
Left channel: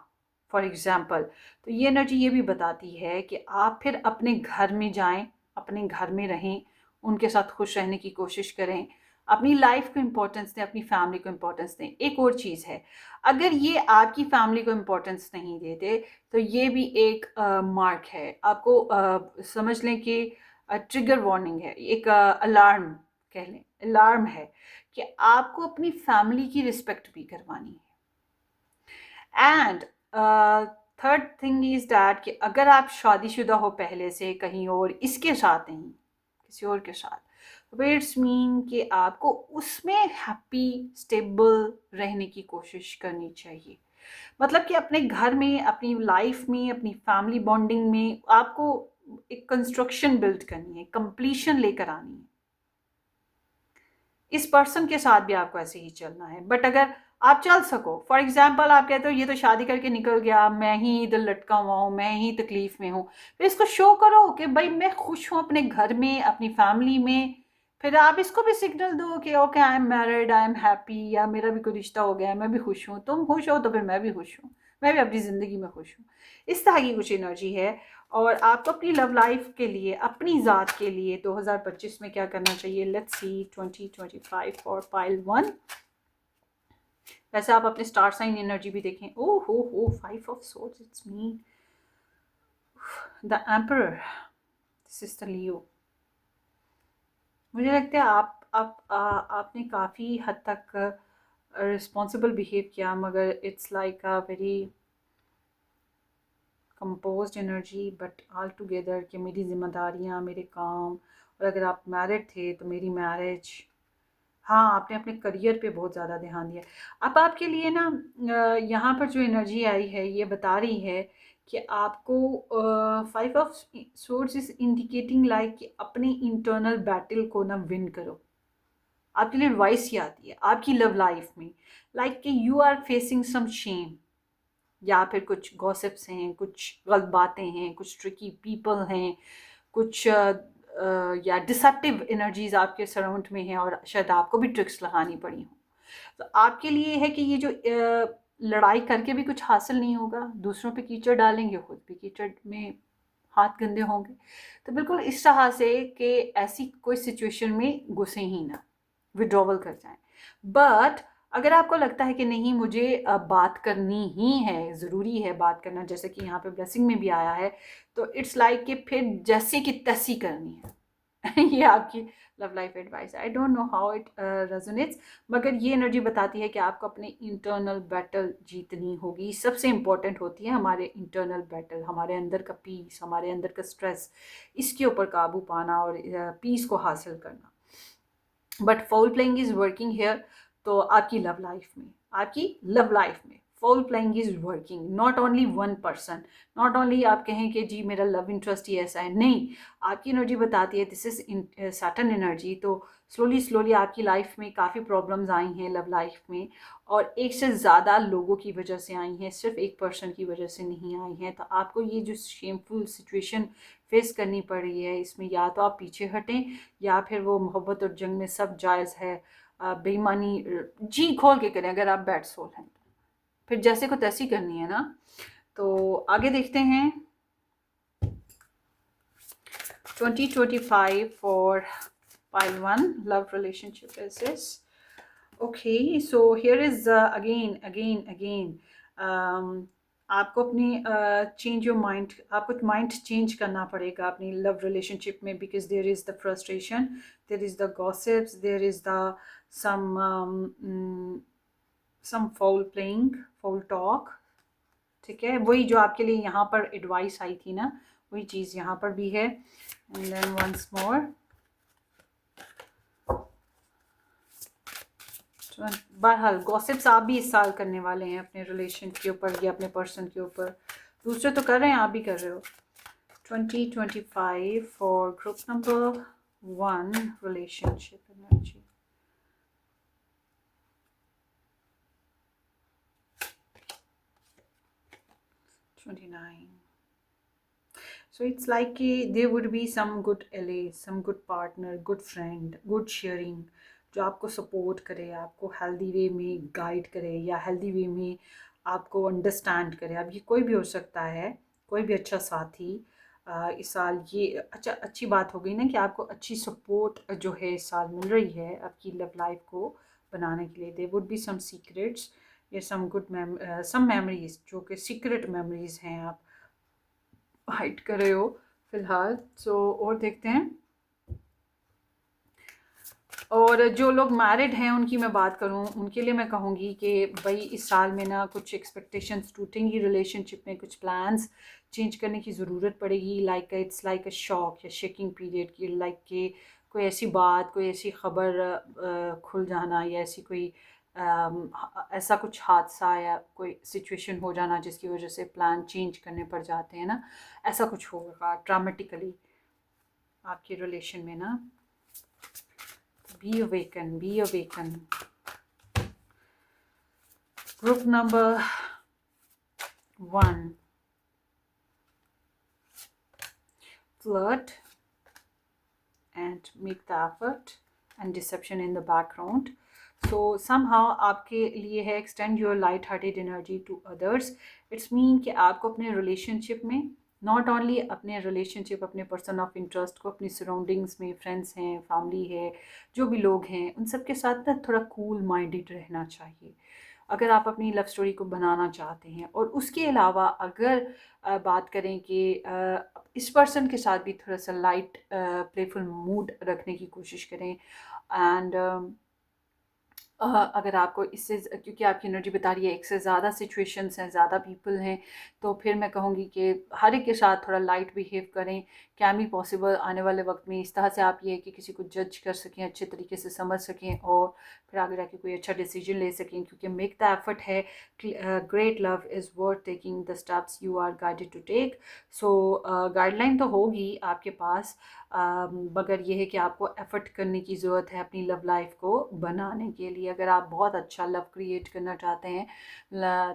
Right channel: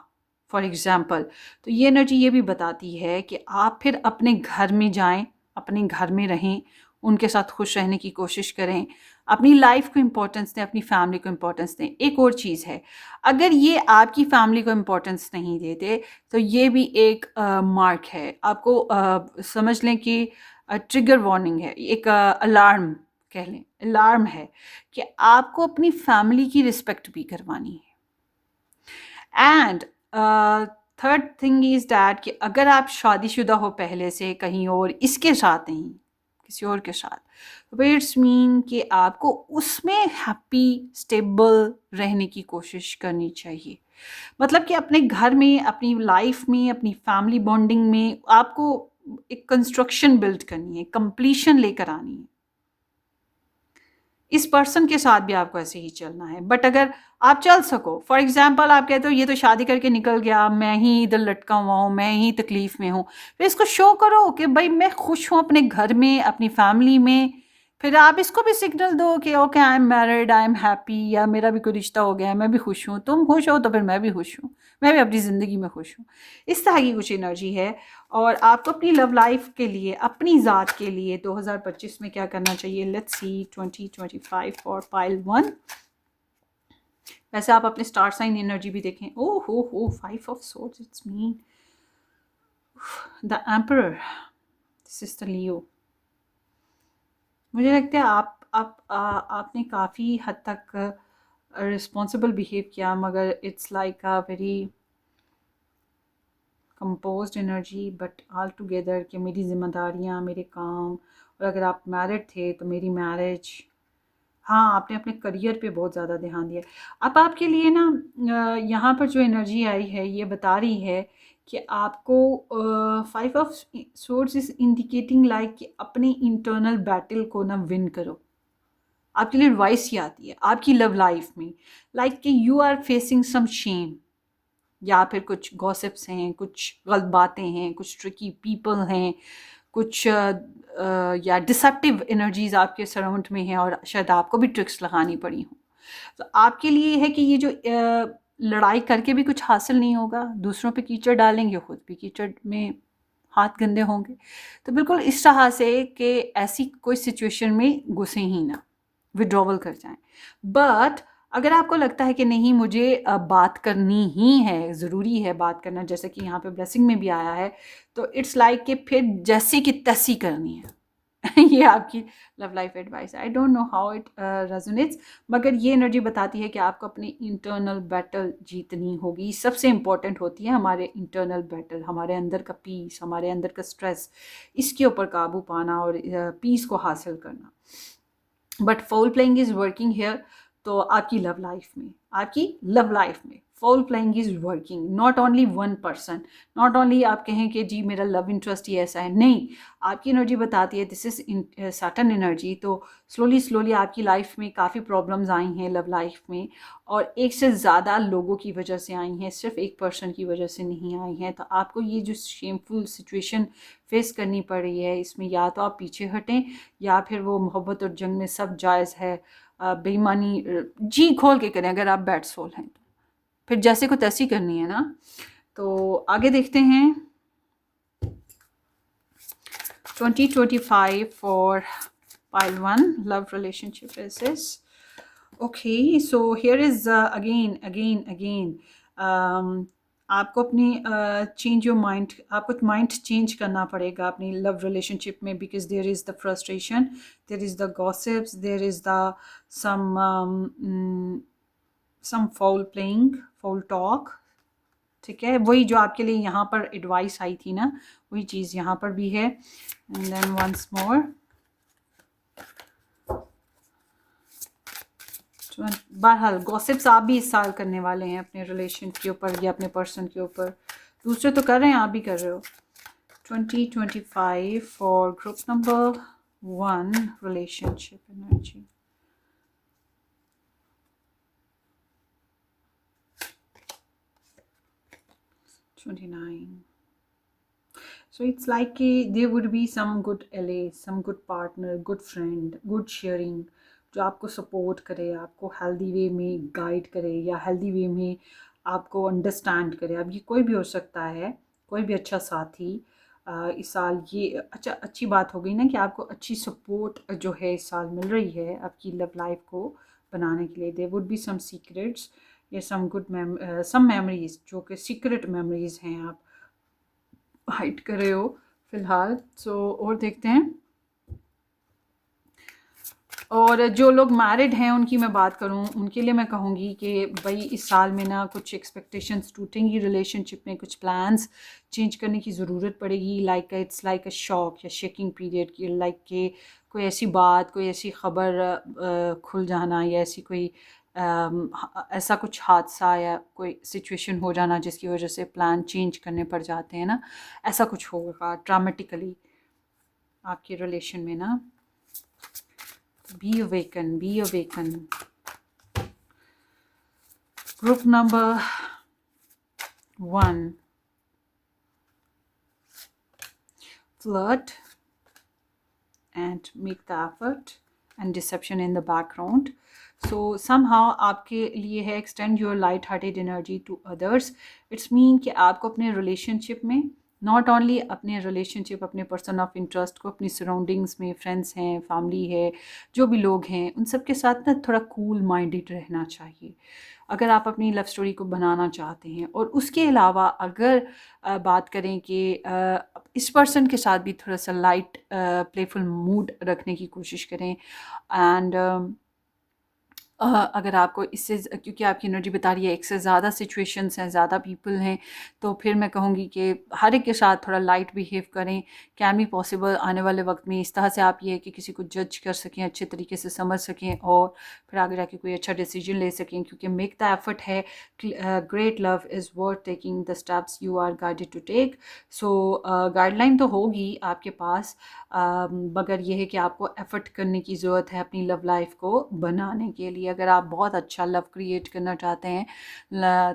फॉर एग्ज़ाम्पल, तो ये एनर्जी ये भी बताती है कि आप फिर अपने घर में जाएं, अपने घर में रहें, उनके साथ खुश रहने की कोशिश करें, अपनी लाइफ को इम्पोर्टेंस दें, अपनी फैमिली को इम्पोर्टेंस दें। एक और चीज़ है, अगर ये आपकी फैमिली को इम्पोर्टेंस नहीं देते तो ये भी एक मार्क है आपको, समझ लें कि ट्रिगर वार्निंग है, एक अलार्म कह लें, अलार्म है कि आपको अपनी फैमिली की रिस्पेक्ट भी करवानी है। And third thing is that कि अगर आप शादीशुदा हो पहले से कहीं और, इसके साथ नहीं, किसी और के साथ, तो इट्स मीन कि आपको उसमें हैप्पी स्टेबल रहने की कोशिश करनी चाहिए। मतलब कि अपने घर में, अपनी लाइफ में, अपनी फैमिली बॉन्डिंग में आपको एक कंस्ट्रक्शन बिल्ड करनी है, कंप्लीशन लेकर आनी है। इस पर्सन के साथ भी आपको ऐसे ही चलना है। बट अगर आप चल सको, फॉर एग्जाम्पल आप कहते हो ये तो शादी करके निकल गया, मैं ही इधर लटका हुआ हूँ, मैं ही तकलीफ़ में हूँ, फिर इसको शो करो कि भाई मैं खुश हूँ अपने घर में, अपनी फैमिली में। फिर आप इसको भी सिग्नल दो कि okay I am married, I am happy, या मेरा भी कोई रिश्ता हो गया, मैं भी खुश हूँ, तुम खुश हो तो फिर मैं भी खुश हूँ, मैं भी अपनी ज़िंदगी में खुश हूँ। इस तरह की कुछ एनर्जी है। और आपको अपनी लव लाइफ के लिए, अपनी ज़ात के लिए 2025 में क्या करना चाहिए? Let's see 2025 for pile 1। वैसे आप अपने स्टार साइन एनर्जी भी देखें। ओह हो 5 of swords, it's mean the emperor, this is the Leo. मुझे लगता है आपने काफ़ी हद तक रिस्पॉन्सिबल बिहेव किया, मगर it's like a very composed energy, but all together कि मेरी जिम्मेदारियाँ, मेरे काम, और अगर आप मैरिड थे तो मेरी मैरिज। हाँ, आपने अपने करियर पे बहुत ज़्यादा ध्यान दिया। अब आपके लिए ना यहाँ पर जो एनर्जी आई है ये बता रही है कि आपको 5 of swords is indicating like कि अपनी इंटरनल बैटल को ना विन करो। आपके लिए एडवाइस ये आती है आपकी लव लाइफ में, लाइक कि you are facing some shame, या फिर कुछ गॉसिप्स हैं, कुछ गलत बातें हैं, कुछ ट्रिकी पीपल हैं, कुछ या डिसेप्टिव एनर्जीज आपके सराउंड में हैं और शायद आपको भी ट्रिक्स लगानी पड़ी हों। तो आपके लिए है कि ये जो लड़ाई करके भी कुछ हासिल नहीं होगा, दूसरों पे कीचड़ डालेंगे, खुद भी कीचड़ में हाथ गंदे होंगे। तो बिल्कुल इस तरह से कि ऐसी कोई सिचुएशन में घुसे ही ना, विड्रॉवल कर जाएं। बट अगर आपको लगता है कि नहीं मुझे बात करनी ही है, ज़रूरी है बात करना, जैसे कि यहाँ पे ब्लेसिंग में भी आया है, तो इट्स लाइक कि फिर जैसे कि तैसी करनी है। ये आपकी love life advice. I don't know how it resonates, मगर ये एनर्जी बताती है कि आपको अपनी इंटरनल बैटल जीतनी होगी। सबसे इम्पोर्टेंट होती है हमारे इंटरनल बैटल, हमारे अंदर का पीस, हमारे अंदर का स्ट्रेस, इसके ऊपर काबू पाना और पीस को हासिल करना। But foul playing is working here. तो आपकी लव लाइफ में, आपकी लव लाइफ में foul playing is working, not only one person, not only आप कहें कि जी मेरा लव इंटरेस्ट ही ऐसा है, नहीं। आपकी एनर्जी बताती है दिस इज़ सैटर्न एनर्जी। तो स्लोली स्लोली आपकी लाइफ में काफ़ी प्रॉब्लम्स आई हैं लव लाइफ में, और एक से ज़्यादा लोगों की वजह से आई हैं, सिर्फ एक पर्सन की वजह से नहीं आई हैं। तो आपको ये जो शेमफुल सिचुएशन फेस करनी पड़ रही है, इसमें या तो आप पीछे हटें, या फिर वो मोहब्बत और जंग में सब जायज़ है, बेईमानी जी खोल के करें अगर आप बैड सोल हैं तो, फिर जैसे को तैसी करनी है ना। तो आगे देखते हैं 2025 for pile 1 love relationship aces. Okay, so here is again. Um, आपको अपनी चेंज योर माइंड, आपको माइंड चेंज करना पड़ेगा अपनी लव रिलेशनशिप में, because there is the frustration, there is the gossips, there is the some some foul playing, foul talk. ठीक है, वही जो आपके लिए यहाँ पर एडवाइस आई थी ना, वही चीज़ यहाँ पर भी है। एंड देन वंस मोर, तो बहरहाल गॉसिप्स आप भी इस साल करने वाले हैं अपने रिलेशन के ऊपर या अपने पर्सन के ऊपर। दूसरे तो कर रहे हैं, आप भी कर रहे हो। 2025 for group number 1 relationship energy. So it's like there would be some good ally, some good partner, good friend, good sharing, जो आपको सपोर्ट करे, आपको हेल्दी वे में गाइड करे या हेल्दी वे में आपको अंडरस्टैंड करे। अब ये कोई भी हो सकता है, कोई भी अच्छा साथी। इस साल ये अच्छी बात हो गई ना कि आपको अच्छी सपोर्ट जो है इस साल मिल रही है आपकी लव लाइफ को बनाने के लिए। There would be some secrets या सम गुड सम मेमोरीज जो कि सीक्रेट मेमोरीज हैं, आप हाइड कर रहे हो फिलहाल। सो और देखते हैं। और जो लोग मैरिड हैं उनकी मैं बात करूं, उनके लिए मैं कहूँगी कि भाई इस साल में ना कुछ एक्सपेक्टेशंस टूटेंगी रिलेशनशिप में, कुछ प्लान्स चेंज करने की ज़रूरत पड़ेगी। Like it's like a shock या शेकिंग पीरियड की, लाइक के कोई ऐसी बात, कोई ऐसी ख़बर खुल जाना या ऐसी कोई ऐसा कुछ हादसा या कोई सिचुएशन हो जाना जिसकी वजह से प्लान चेंज करने पड़ जाते हैं ना, ऐसा कुछ होगा ड्रामेटिकली आपके रिलेशन में ना। Be awakened, be awakened. Group number 1, flirt and make the effort and deception in the background. So somehow आपके लिए है extend your light hearted energy to others. It's mean कि आपको अपने relationship में नॉट ओनली अपने रिलेशनशिप, अपने person of interest को अपनी सराउंडिंग्स में, फ्रेंड्स हैं, फैमिली है, जो भी लोग हैं उन सब के साथ ना थोड़ा कूल माइंडेड रहना चाहिए अगर आप अपनी लव स्टोरी को बनाना चाहते हैं। और उसके अलावा अगर बात करें कि इस पर्सन के साथ भी थोड़ा सा लाइट प्लेफुल मूड रखने की कोशिश करें। एंड अगर आपको इससे क्योंकि आपकी एनर्जी बता रही है एक से ज़्यादा सिचुएशंस हैं, ज़्यादा पीपल हैं, तो फिर मैं कहूँगी कि हर एक के साथ थोड़ा लाइट बिहेव करें। कैन बी पॉसिबल आने वाले वक्त में इस तरह से आप ये है कि किसी को जज कर सकें, अच्छे तरीके से समझ सकें और फिर आगे जाके कोई अच्छा डिसीजन ले सकें, क्योंकि मेक द एफर्ट है। Great love is worth taking the steps you are guided to take. So guideline तो होगी आपके पास, मगर यह है कि आपको एफ़र्ट करने की ज़रूरत है अपनी लव लाइफ को बनाने के लिए। अगर आप बहुत अच्छा लव क्रिएट करना चाहते हैं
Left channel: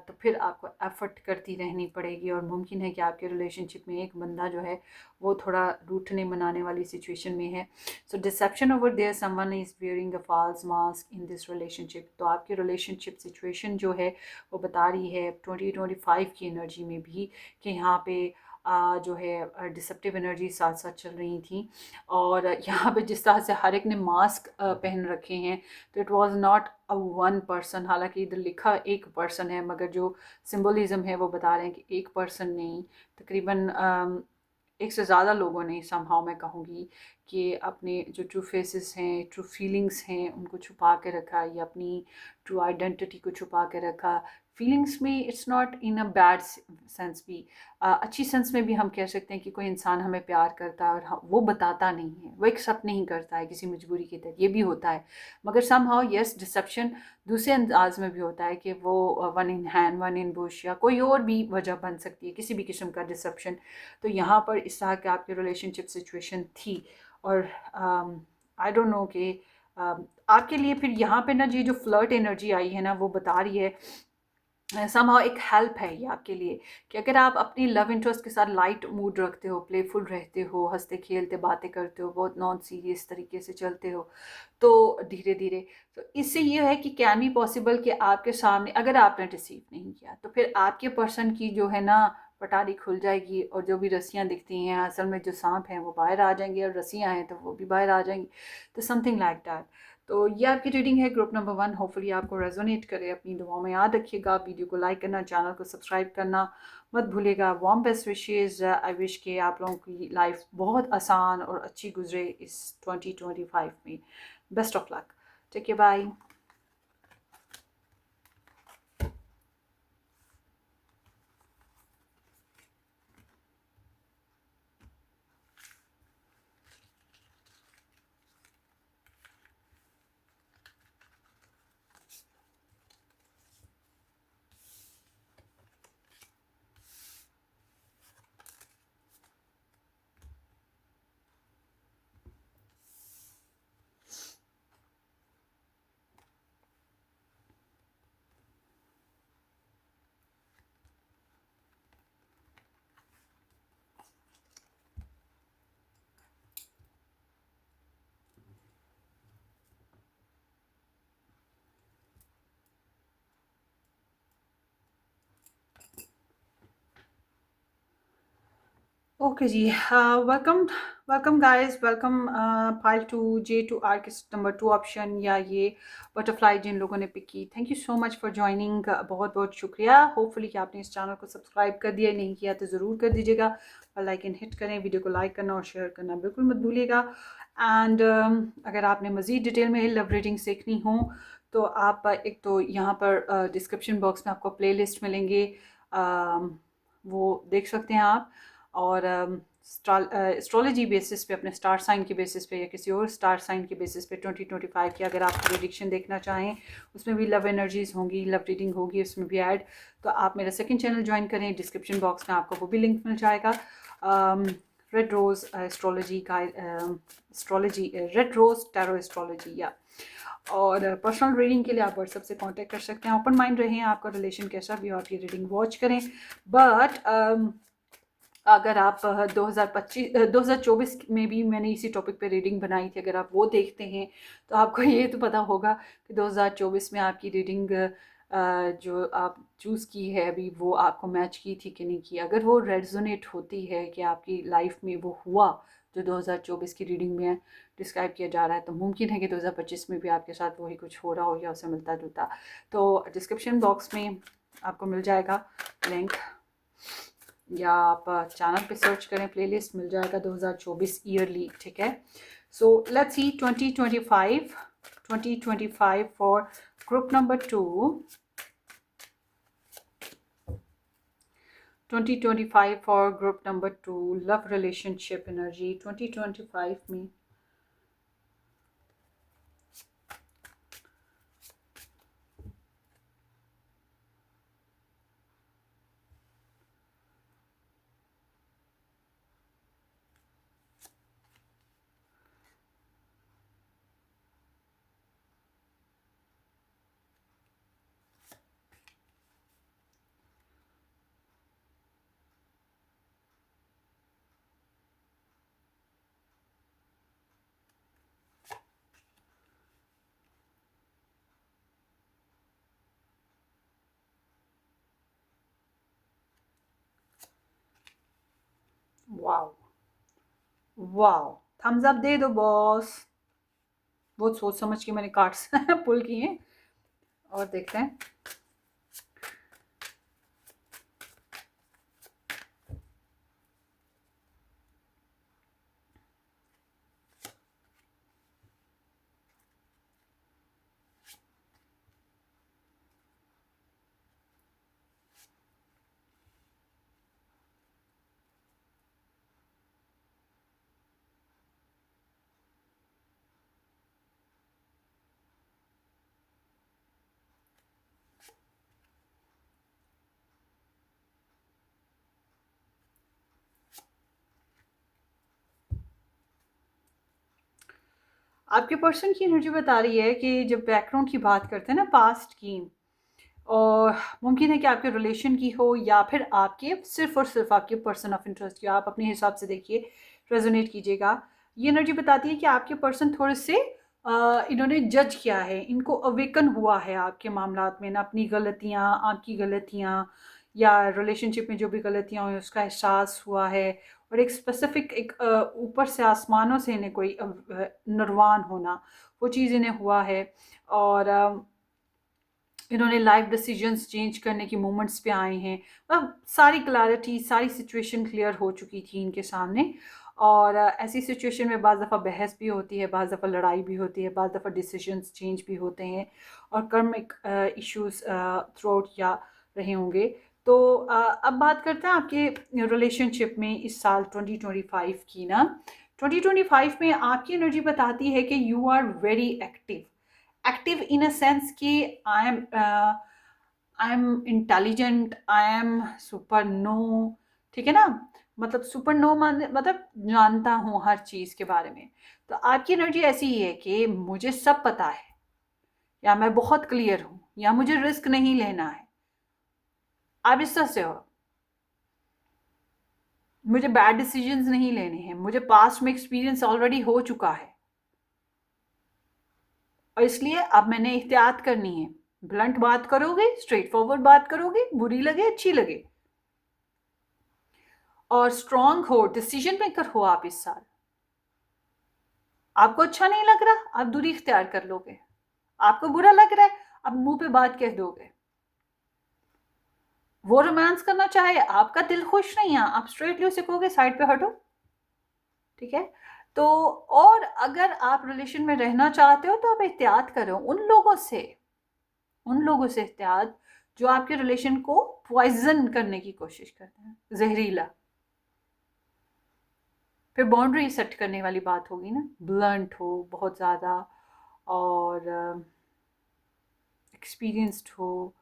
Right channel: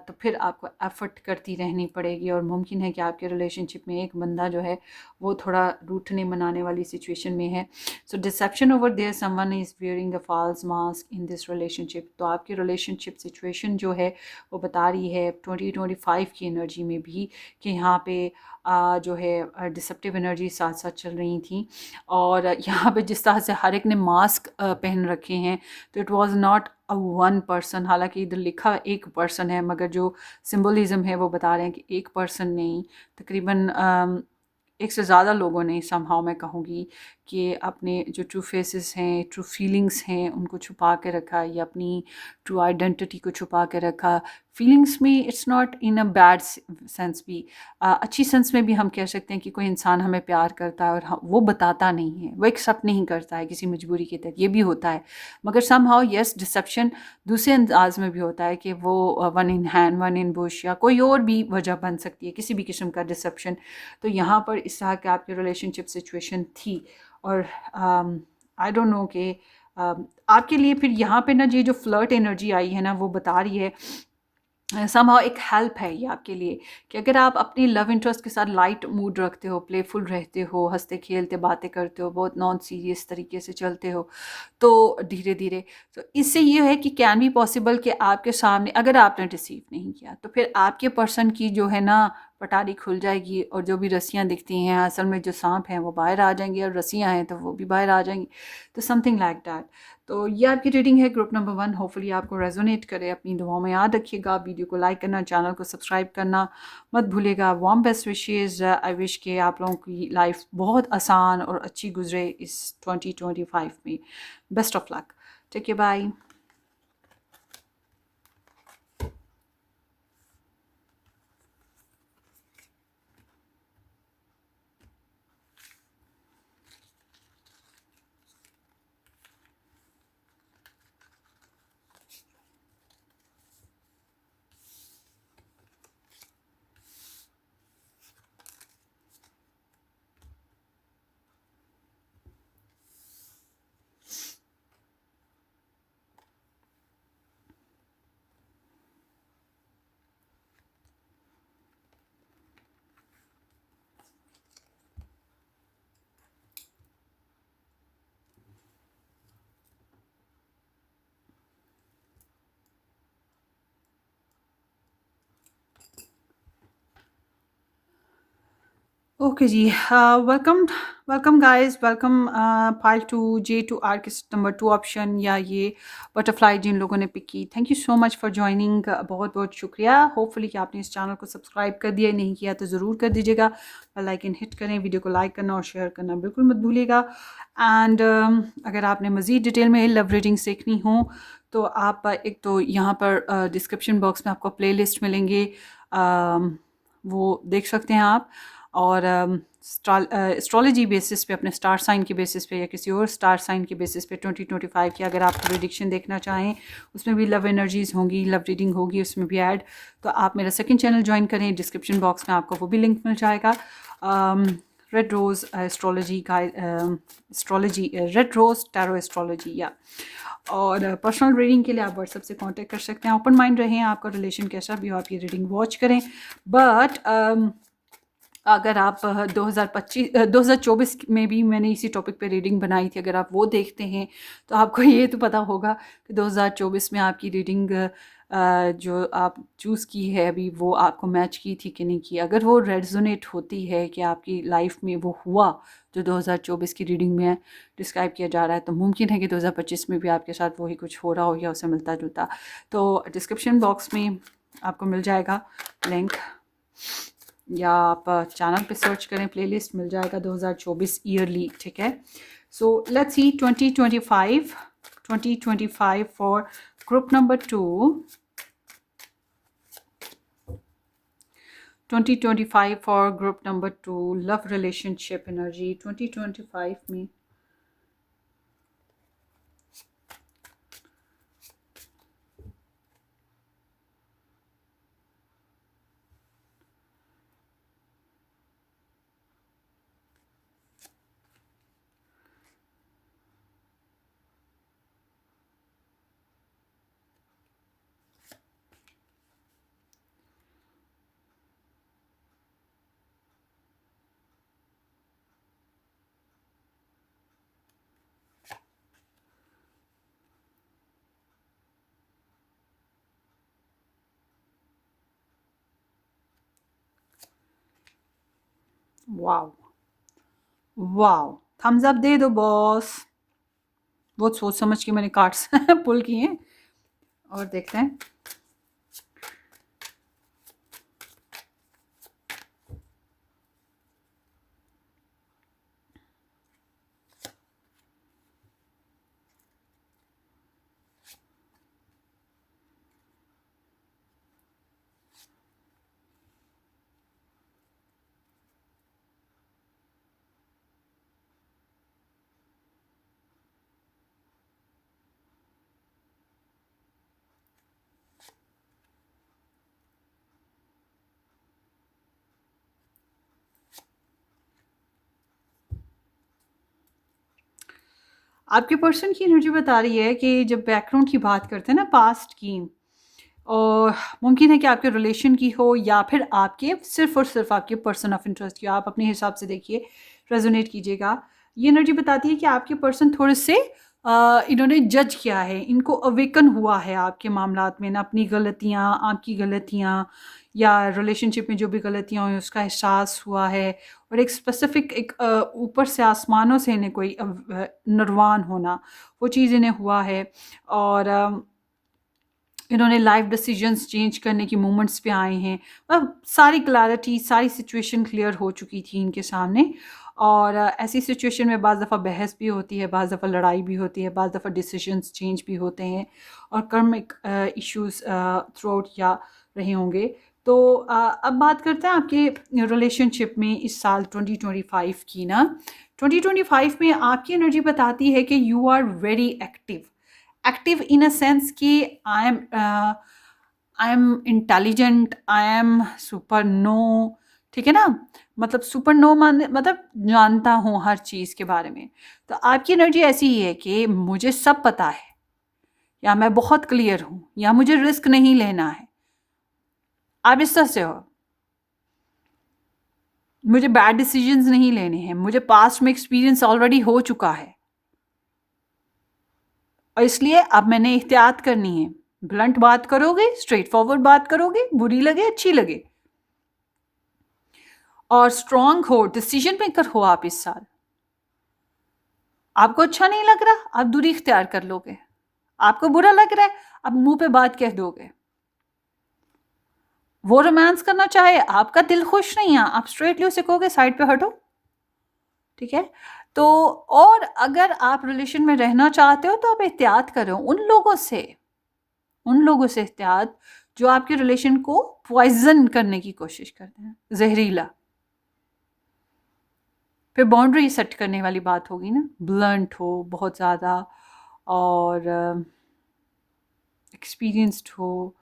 तो फिर आपको एफ़र्ट करती रहनी पड़ेगी। और मुमकिन है कि आपके रिलेशनशिप में एक बंदा जो है वो थोड़ा रूठने मनाने वाली सिचुएशन में है। So deception over there, someone is wearing a false mask in this relationship. तो आपकी रिलेशनशिप सिचुएशन जो है वो बता रही है 2025 की एनर्जी में भी कि यहाँ पे जो है डिसेप्टिव एनर्जी साथ साथ चल रही थी। और यहाँ पे जिस तरह से हर एक ने मास्क पहन रखे हैं, तो it was not a one person. हालांकि इधर लिखा एक पर्सन है, मगर जो सिंबलिज्म है वो बता रहे हैं कि एक पर्सन नहीं, तकरीबन एक से ज़्यादा लोगों ने समहाउ मैं कहूँगी कि अपने जो ट्रू फेसेस हैं, ट्रू फीलिंग्स हैं, उनको छुपा के रखा या अपनी ट्रू आइडेंटिटी को छुपा के रखा। फीलिंग्स में it's not in a bad sense भी, अच्छी सेंस में भी हम कह सकते हैं कि कोई इंसान हमें प्यार करता है और वो बताता नहीं है, वो एक्सेप्ट नहीं करता है किसी मजबूरी के तहत, ये भी होता है। मगर समहाउ यस, डिसेप्शन दूसरे अंदाज में भी होता है कि वो one in hand one in Bush या कोई और भी वजह बन सकती है, किसी भी किस्म का डिसेप्शन। तो यहाँ पर इस तरह के आपकी रिलेशनशिप सिचुएशन थी। और आई डोंट नो कि आपके लिए फिर यहाँ पे ना ये जो फ्लर्ट एनर्जी आई है ना, वो बता रही है समहाउ एक हेल्प है ये आपके लिए कि अगर आप अपनी लव इंटरेस्ट के साथ लाइट मूड रखते हो, प्लेफुल रहते हो, हंसते खेलते बातें करते हो, बहुत नॉन सीरियस तरीके से चलते हो, तो धीरे धीरे तो इससे ये है कि कैन बी पॉसिबल कि आपके सामने अगर आपने रिसीव नहीं किया तो फिर आपके पर्सन की जो है ना पटारी खुल जाएगी और जो भी रस्सियाँ दिखती हैं असल में जो सांप हैं वो बाहर आ जाएंगे और रस्सियाँ हैं तो वो भी बाहर आ जाएंगी। तो समथिंग लाइक दैट। तो ये आपकी रीडिंग है ग्रुप नंबर 1। होपफुली आपको रेजोनेट करे। अपनी दुआओं में याद रखिएगा। वीडियो को लाइक करना, चैनल को सब्सक्राइब करना मत भूलिएगा। Warm best wishes. I wish के आप लोगों की लाइफ बहुत आसान और अच्छी गुजरे इस 2025 में। Best of luck. Take care, bye. Okay ji, welcome welcome guys, welcome pile two जे टू आर किस नंबर 2 ऑप्शन या ये बटरफ्लाई जिन लोगों ने पिक की। Thank you so much for joining. बहुत बहुत शुक्रिया। होपफुली कि आपने इस चैनल को सब्सक्राइब कर दिया, नहीं किया तो ज़रूर कर दीजिएगा। बेल आइकन हिट करें, वीडियो को लाइक करना और शेयर करना बिल्कुल मत भूलिएगा। एंड अगर आपने मज़ीद डिटेल में लव रीडिंग्स देखनी हो तो आप एक तो यहाँ पर डिस्क्रिप्शन बॉक्स में आपको प्ले लिस्ट मिलेंगे, वो देख सकते हैं आप। और एस्ट्रोलॉजी बेसिस पे, अपने स्टार साइन के बेसिस पे या किसी और स्टार साइन के बेसिस पे 2025 की अगर आप प्रेडिक्शन देखना चाहें, उसमें भी लव एनर्जीज़ होंगी, लव रीडिंग होगी उसमें भी ऐड। तो आप मेरा सेकंड चैनल ज्वाइन करें, डिस्क्रिप्शन बॉक्स में आपको वो भी लिंक मिल जाएगा। रेड रोज़ एस्ट्रोलॉजी का, astrology red rose tarot astrology या। और पर्सनल रीडिंग के लिए आप व्हाट्सएप से कांटेक्ट कर सकते हैं। ओपन माइंड रहें, आपका रिलेशन कैसा भी हो आप ये रीडिंग वॉच करें। बट अगर आप 2024 में भी मैंने इसी टॉपिक पे रीडिंग बनाई थी, अगर आप वो देखते हैं तो आपको ये तो पता होगा कि 2024 में आपकी रीडिंग जो आप चूज़ की है अभी, वो आपको मैच की थी कि नहीं की। अगर वो रेजोनेट होती है कि आपकी लाइफ में वो हुआ जो 2024 की रीडिंग में डिस्क्राइब किया जा रहा है, तो मुमकिन है कि 2025 में भी आपके साथ वही कुछ हो रहा हो या उससे मिलता जुलता। तो डिस्क्रिप्शन बॉक्स में आपको मिल जाएगा लिंक, या आप चैनल पे सर्च करें, प्लेलिस्ट मिल जाएगा 2024 ईयरली। ठीक है। सो let's see 2025 for group number 2। 2025 for group number 2 love relationship energy 2025 में। वाओ वाओ, थम्स अप दे दो बॉस। बहुत सोच समझ के मैंने कार्ड्स पुल किए हैं और देखते हैं। आपके पर्सन की एनर्जी बता रही है कि जब बैकग्राउंड की बात करते हैं ना, पास्ट की, और मुमकिन है कि आपके रिलेशन की हो या फिर आपके सिर्फ और सिर्फ आपके पर्सन ऑफ इंटरेस्ट की हो। आप अपने हिसाब से देखिए, रेजोनेट कीजिएगा। ये एनर्जी बताती है कि आपके पर्सन थोड़े से इन्होंने जज किया है, इनको अवेकन हुआ है आपके मामलात में ना, अपनी गलतियाँ, आपकी गलतियाँ, या रिलेशनशिप में जो भी गलतियाँ हुई उसका एहसास हुआ है, और एक स्पेसिफिक एक ऊपर से आसमानों से इन्हें कोई निर्वाण होना, वो चीज़ इन्हें हुआ है। और इन्होंने लाइफ डिसीजंस चेंज करने की मोमेंट्स पे आए हैं। अब सारी क्लैरिटी, सारी सिचुएशन क्लियर हो चुकी थी इनके सामने। और ऐसी सिचुएशन में बाज़ दफ़ा बहस भी होती है, बाज़ दफ़ा लड़ाई भी होती है, बाज़ दफ़ा डिसीजंस चेंज भी होते हैं, और कर्मिक इश्यूज थ्रू आउट या रहे होंगे। तो अब बात करते हैं आपके रिलेशनशिप में इस साल 2025 की ना। 2025 में आपकी एनर्जी बताती है कि you are very active. Active in a sense कि I am intelligent, I am super no, ठीक है ना। मतलब सुपर नो मान मतलब जानता हूँ हर चीज़ के बारे में। तो आपकी एनर्जी ऐसी ही है कि मुझे सब पता है, या मैं बहुत क्लियर हूँ, या मुझे रिस्क नहीं लेना है। आप इस तरह से हो, मुझे बैड डिसीजंस नहीं लेने हैं, मुझे पास्ट में एक्सपीरियंस ऑलरेडी हो चुका है, और इसलिए अब मैंने एहतियात करनी है। ब्लंट बात करोगे, स्ट्रेट फॉरवर्ड बात करोगे, बुरी लगे अच्छी लगे, और स्ट्रांग हो, डिसीजन मेकर हो आप इस साल। आपको अच्छा नहीं लग रहा, आप दूरी इख्तियार कर लोगे। आपको बुरा लग रहा है, आप मुंह पे बात कह दोगे। वो रोमांस करना चाहे, आपका दिल खुश नहीं है, आप स्ट्रेटली उसे कहोगे साइड पे हटो, ठीक है। तो और अगर आप रिलेशन में रहना चाहते हो तो आप एहतियात करो उन लोगों से एहतियात जो आपके रिलेशन को पॉइजन करने की कोशिश करते हैं, जहरीला। फिर बाउंड्री सेट करने वाली बात होगी ना, ब्लंट हो बहुत ज़्यादा, और एक्सपीरियंस्ड हो,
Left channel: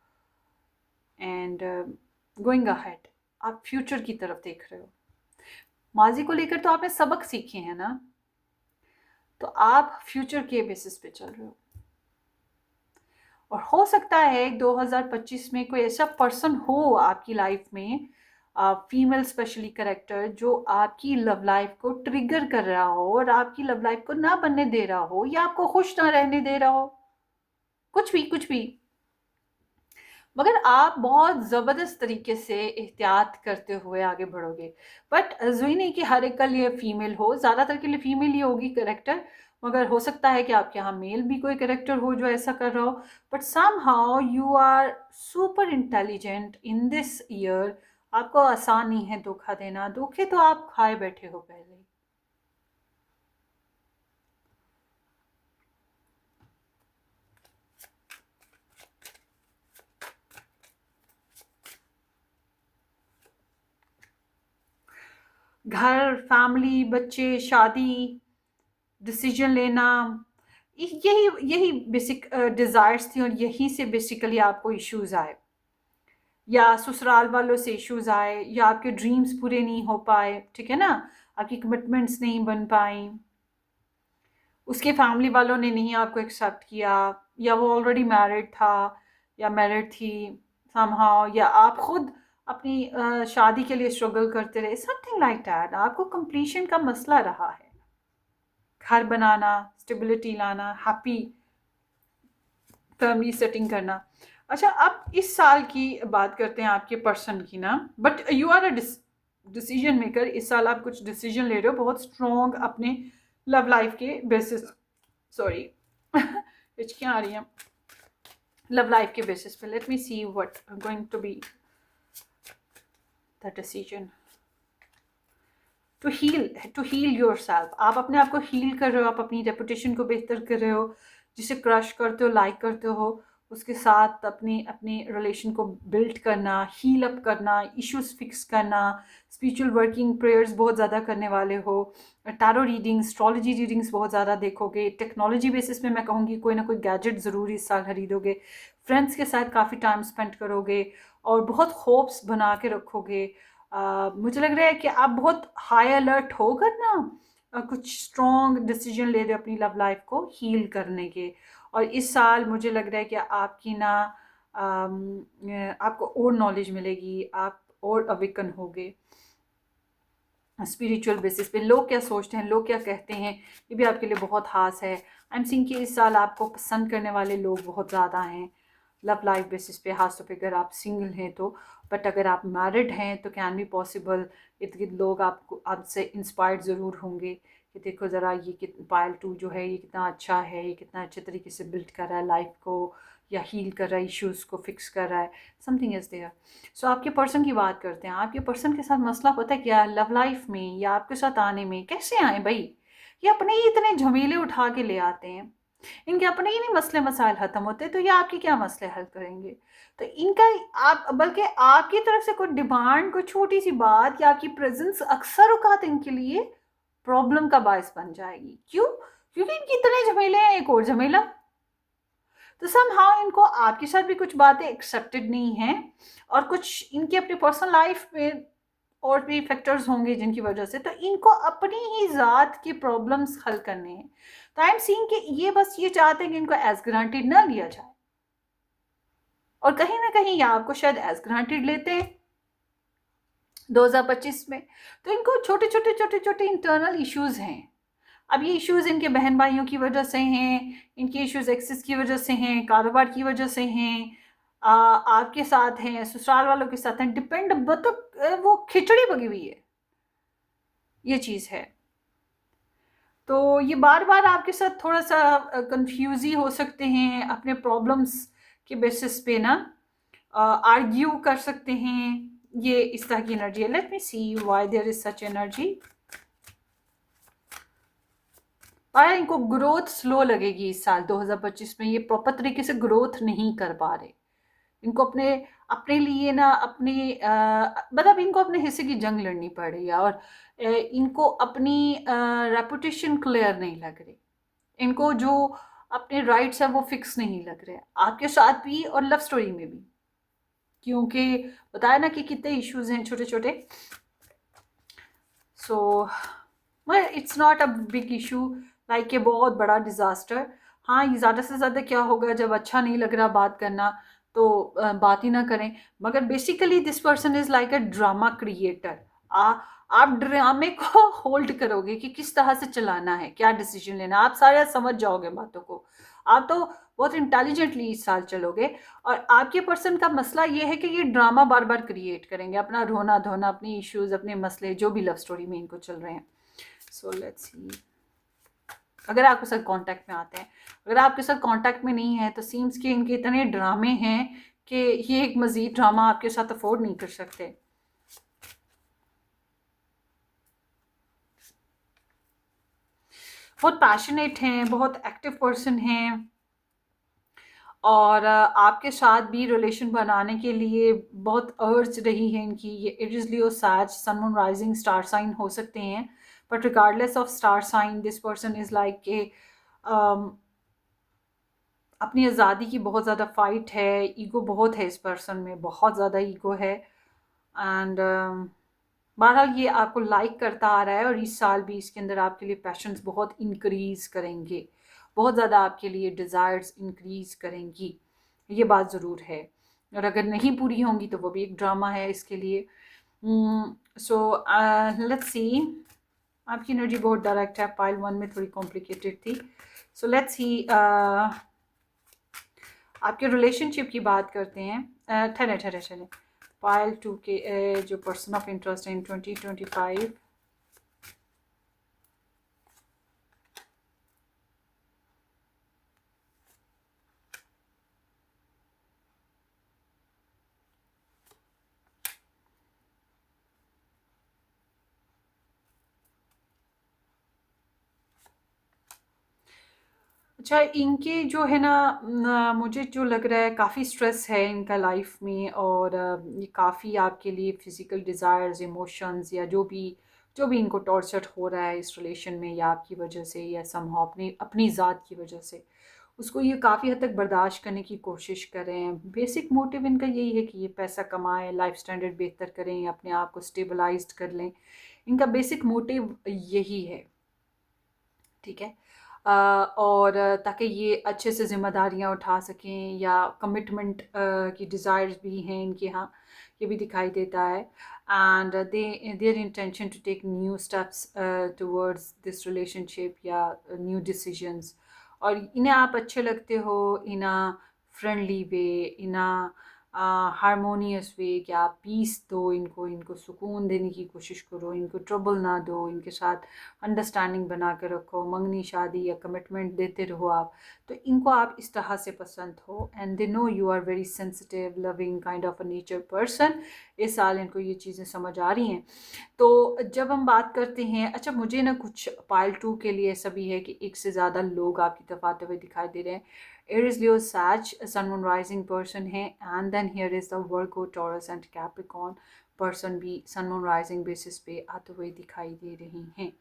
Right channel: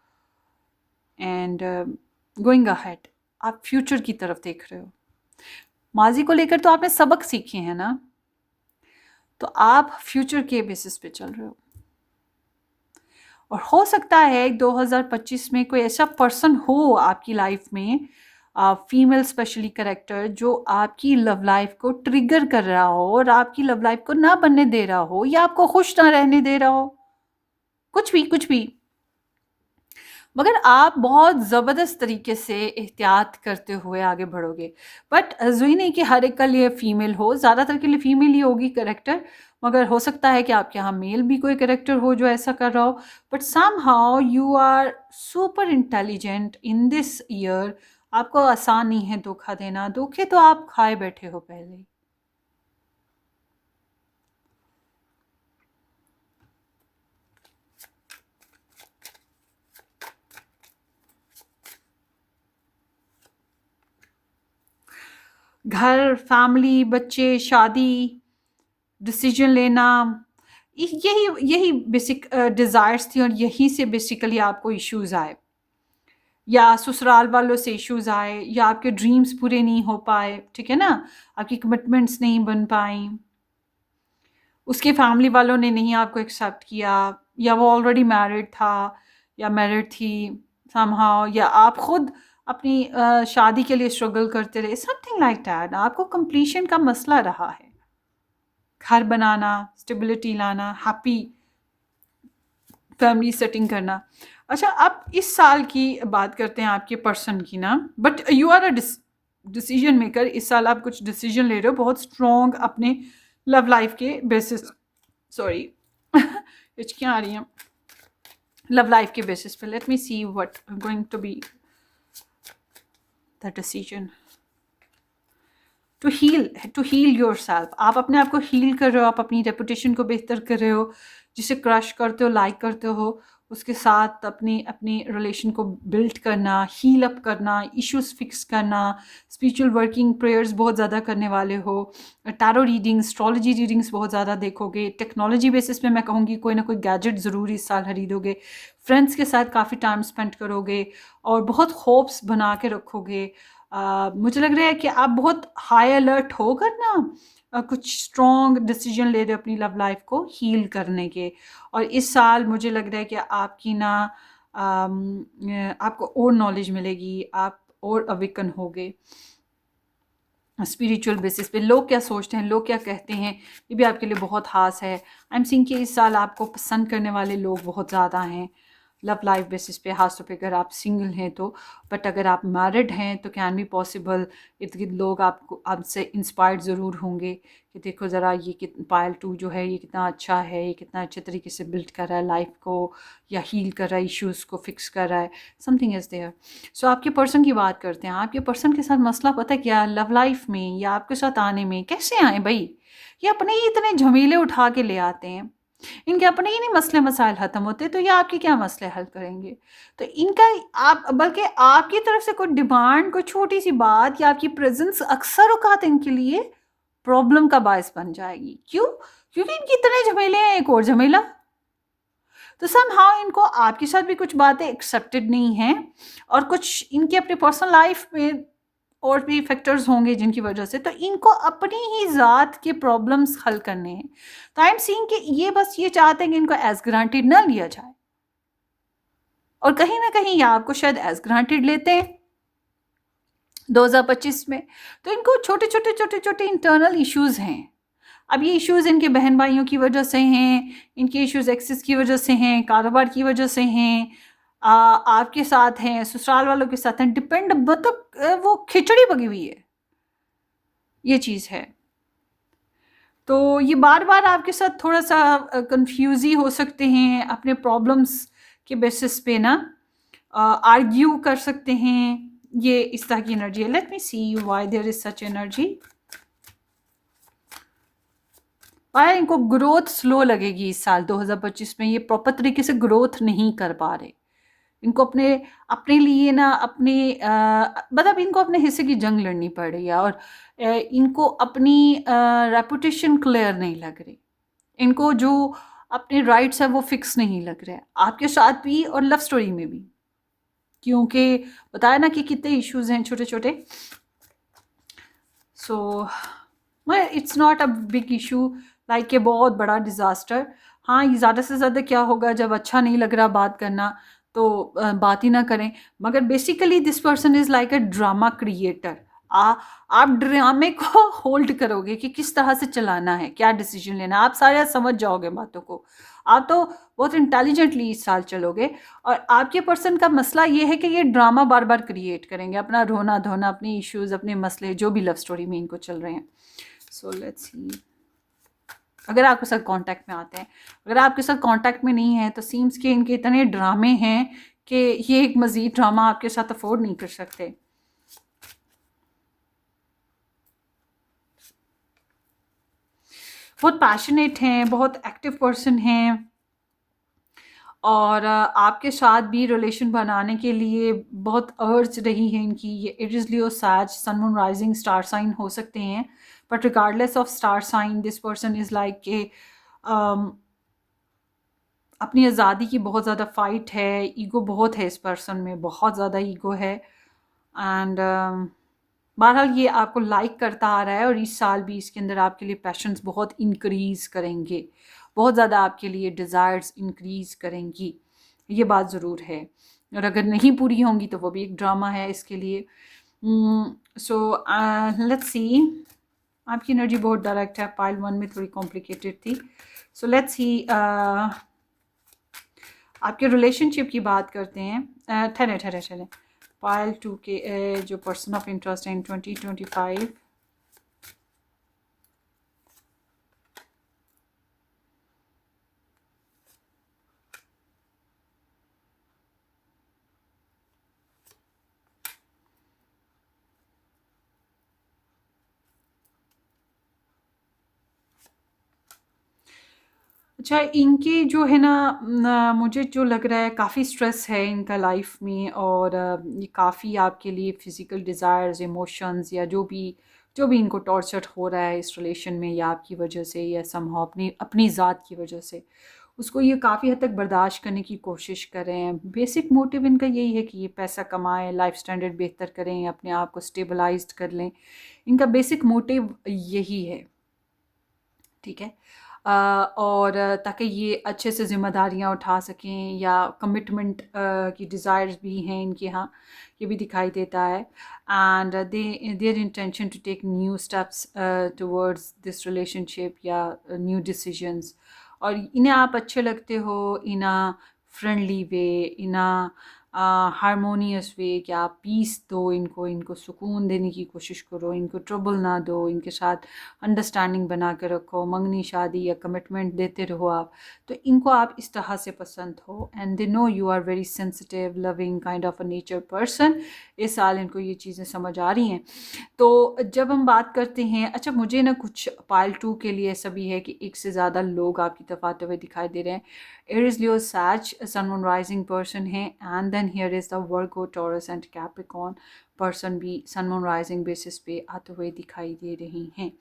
एंड गोइंग अहेड, आप फ्यूचर की तरफ देख रहे हो। माजी को लेकर तो आपने सबक सीखे हैं ना, तो आप फ्यूचर के बेसिस पे चल रहे हो। और हो सकता है 2025 में कोई ऐसा पर्सन हो आपकी लाइफ में, फीमेल स्पेशली कैरेक्टर, जो आपकी लव लाइफ को ट्रिगर कर रहा हो और आपकी लव लाइफ को ना बनने दे रहा हो, या आपको खुश ना रहने दे रहा हो, कुछ भी। मगर आप बहुत ज़बरदस्त तरीके से एहतियात करते हुए आगे बढ़ोगे। बट ज़रूरी नहीं कि हर एक के लिए फ़ीमेल हो, ज़्यादातर के लिए फ़ीमेल ही होगी कैरेक्टर, मगर हो सकता है कि आपके यहाँ मेल भी कोई कैरेक्टर हो जो ऐसा कर रहा हो। But somehow you are super intelligent in this year. आपको आसान नहीं है धोखा देना, धोखे तो आप खाए बैठे हो पहले ही। घर, फैमिली, बच्चे, शादी, डिसीजन लेना, यही बेसिक डिज़ायर्स थी, और यहीं से बेसिकली आपको इश्यूज़ आए, या ससुराल वालों से इश्यूज़ आए, या आपके ड्रीम्स पूरे नहीं हो पाए, ठीक है ना, आपकी कमिटमेंट्स नहीं बन पाई, उसके फैमिली वालों ने नहीं आपको एक्सेप्ट किया, या वो ऑलरेडी मैरिड था या मैरिड थी समहाउ, या आप खुद अपनी शादी के लिए स्ट्रगल करते रहे, समथिंग लाइक दैट। आपको कंप्लीशन का मसला रहा है, घर बनाना, स्टेबिलिटी लाना, हैप्पी फैमिली सेटिंग करना। अच्छा, अब इस साल की बात करते हैं आपके पर्सन की ना। But you are a decision maker. इस साल आप कुछ डिसीजन ले रहे हो बहुत स्ट्रॉन्ग अपने लव लाइफ के बेसिस, सॉरी हिचकियाँ आ रही हैं, लव लाइफ के बेसिस पे। Let me see what going to be the decision to heal yourself. आप अपने आप को हील कर रहे हो, आप अपनी रेपुटेशन को बेहतर कर रहे हो, जिसे क्रश करते हो, लाइक करते हो, उसके साथ अपनी अपनी रिलेशन को बिल्ड करना, हील अप करना, इश्यूज फिक्स करना, स्पिरिचुअल वर्किंग, प्रेयर्स बहुत ज़्यादा करने वाले हो, टैरो रीडिंग्स, एस्ट्रोलॉजी रीडिंग्स बहुत ज़्यादा देखोगे, टेक्नोलॉजी बेसिस पे मैं कहूँगी कोई ना कोई गैजेट ज़रूर इस साल खरीदोगे, फ्रेंड्स के साथ काफ़ी टाइम स्पेंड करोगे, और बहुत होप्स बना के रखोगे। मुझे लग रहा है कि आप बहुत हाई अलर्ट होकर ना कुछ स्ट्रॉन्ग डिसीजन ले रहे हो अपनी लव लाइफ को हील करने के। और इस साल मुझे लग रहा है कि आपकी ना आपको और नॉलेज मिलेगी, आप और अवेकन होगे स्पिरिचुअल बेसिस पे। लोग क्या सोचते हैं, लोग क्या कहते हैं, ये भी आपके लिए बहुत खास है। आई एम सीइंग कि इस साल आपको पसंद करने वाले लोग बहुत ज़्यादा हैं, लव लाइफ बेसिस पे, खासतौर पे अगर आप सिंगल हैं तो। बट अगर आप मैरिड हैं तो कैन बी पॉसिबल, इर्द गिर्द लोग आपको आपसे इंस्पायर्ड ज़रूर होंगे कि देखो ज़रा ये पायल 2 जो है ये कितना अच्छा है, ये कितना अच्छे तरीके से बिल्ड कर रहा है लाइफ को, या हील कर रहा है, इश्यूज़ को फिक्स कर रहा है, समथिंग इज़ देयर। सो आपके पर्सन की बात करते हैं। आपके पर्सन के साथ मसला पता है क्या, लव लाइफ में या आपके साथ आने में कैसे आए भाई? ये अपने ही इतने झमेले उठा के ले आते हैं, इनके अपने ही नहीं मसले मसाइल ख़त्म होते, तो ये आपके क्या मसले हल करेंगे? तो इनका आप बल्कि आपकी तरफ से कोई डिमांड, कोई छोटी सी बात या आपकी प्रेजेंस अक्सर औकात इनके लिए प्रॉब्लम का बायस बन जाएगी। क्यों? क्योंकि इनके इतने झमेले हैं, एक और झमेला। तो समहाउ इनको आपके साथ भी कुछ बातें एक्सेप्टेड नहीं हैं, और कुछ इनके अपने पर्सनल लाइफ में और भी फैक्टर्स होंगे जिनकी वजह से, तो इनको अपनी ही ज़ात के प्रॉब्लम्स हल करने हैं। तो आई एम सीइंग कि ये बस ये चाहते हैं कि इनको एज ग्रांटेड ना लिया जाए, और कहीं ना कहीं ये आपको शायद एज ग्रांटेड लेते हैं 2025 में। तो इनको छोटे छोटे छोटे छोटे इंटरनल इश्यूज हैं। अब ये इश्यूज इनके बहन भाइयों की वजह से हैं, इनके इश्यूज एक्सेस की वजह से हैं, कारोबार की वजह से हैं, आपके साथ हैं, ससुराल वालों के साथ हैं, डिपेंड, मतलब वो खिचड़ी पकी हुई है, ये चीज़ है। तो ये बार बार आपके साथ थोड़ा सा कंफ्यूज ही हो सकते हैं, अपने प्रॉब्लम्स के बेसिस पे ना आर्ग्यू कर सकते हैं। ये इस तरह की एनर्जी है। Let me see why there is such energy. पाया इनको ग्रोथ स्लो लगेगी इस साल 2025 में, ये प्रॉपर तरीके से ग्रोथ नहीं कर पा रहे। इनको अपने अपने लिए ना अपने मतलब इनको अपने हिस्से की जंग लड़नी पड़ रही है, और इनको अपनी रेपुटेशन क्लियर नहीं लग रही, इनको जो अपने राइट्स है वो फिक्स नहीं लग रहे, आपके साथ भी और लव स्टोरी में भी। क्योंकि बताया ना कि कितने इश्यूज हैं छोटे छोटे। So it's not a big issue like a बहुत बड़ा डिज़ास्टर। हाँ, ये ज़्यादा से ज़्यादा क्या होगा, जब अच्छा नहीं लग रहा बात करना तो बात ही ना करें। मगर basically this person is like a drama creator. आ आप ड्रामे को होल्ड करोगे कि किस तरह से चलाना है, क्या डिसीजन लेना है, आप सारा समझ जाओगे बातों को। आप तो बहुत इंटेलिजेंटली इस साल चलोगे, और आपके पर्सन का मसला ये है कि ये ड्रामा बार बार क्रिएट करेंगे, अपना रोना धोना, अपने इश्यूज, अपने मसले जो भी लव स्टोरी में इनको चल रहे हैं। सो लेट्स सी, अगर आपके साथ कांटेक्ट में आते हैं, अगर आपके साथ कांटेक्ट में नहीं है तो सीम्स के इनके इतने ड्रामे हैं कि ये एक मज़ीद ड्रामा आपके साथ अफोर्ड नहीं कर सकते। बहुत पैशनेट हैं, बहुत एक्टिव पर्सन हैं, और आपके साथ भी रिलेशन बनाने के लिए बहुत अर्ज रही है इनकी। ये Aries, Leo, Sag, sun, moon, rising star sign हो सकते हैं, but regardless of star sign this person is like के अपनी आज़ादी की बहुत ज़्यादा फ़ाइट है, ईगो बहुत है इस पर्सन में, बहुत ज़्यादा ईगो है। एंड बहरहाल ये आपको लाइक करता आ रहा है, और इस साल भी इसके अंदर आपके लिए पैशंस बहुत इंक्रीज़ करेंगे, बहुत ज़्यादा आपके लिए डिज़ायर्स इंक्रीज़ करेंगी, ये बात ज़रूर है। और अगर नहीं पूरी होंगी तो वो भी एक ड्रामा है इसके लिए। सो लेट्स सी, आपकी एनर्जी बहुत डायरेक्ट है, पाइल 1 में थोड़ी कॉम्प्लिकेटेड थी। सो लेट्स सी, आपके रिलेशनशिप की बात करते हैं। ठहरे ठहरे ठहरे, पायल 2 के जो पर्सन ऑफ इंटरेस्ट है इन 2025। अच्छा, इनके जो है ना, मुझे जो लग रहा है काफ़ी स्ट्रेस है इनका लाइफ में, और ये काफ़ी आपके लिए फ़िज़िकल डिज़ायर्स, इमोशंस, या जो भी इनको टॉर्चर हो रहा है इस रिलेशन में, या आपकी वजह से, या समहाउ अपनी अपनी ज़ात की वजह से, उसको ये काफ़ी हद तक बर्दाश्त करने की कोशिश कर रहे हैं। बेसिक मोटिव इनका यही है कि ये पैसा कमाएं, लाइफ स्टैंडर्ड बेहतर करें, अपने आप को स्टेबलाइज्ड कर लें। इनका बेसिक मोटिव यही है, ठीक है। और ताकि ये अच्छे से ज़िम्मेदारियाँ उठा सकें, या कमिटमेंट की डिज़ायर्स भी हैं इनके यहाँ, ये भी दिखाई देता है। And their intention to take new steps towards this relationship, या न्यू डिसीजंस। और इन्हें आप अच्छे लगते हो, इन्हें फ्रेंडली वे, इन अ हारमोनियस वे, कि आप पीस दो इनको, इनको सुकून देने की कोशिश करो, इनको ट्रबल ना दो, इनके साथ अंडरस्टैंडिंग बना के रखो, मंगनी शादी या कमिटमेंट देते रहो आप। तो इनको आप इस तरह से पसंद हो, and they know you are very sensitive loving kind of a nature person. इस साल इनको ये चीज़ें समझ आ रही हैं। तो जब हम बात करते हैं, अच्छा मुझे ना कुछ पाइल 2 के लिए ऐसा भी है कि एक से ज़्यादा लोग आपकी तरफ आते हुए दिखाई दे रहे हैं। Aries, Leo, Sag sun moon rising person है, and then here is the Virgo, Taurus and Capricorn person भी सन मून राइजिंग बेसिस पे आते हुए दिखाई दे रही हैं।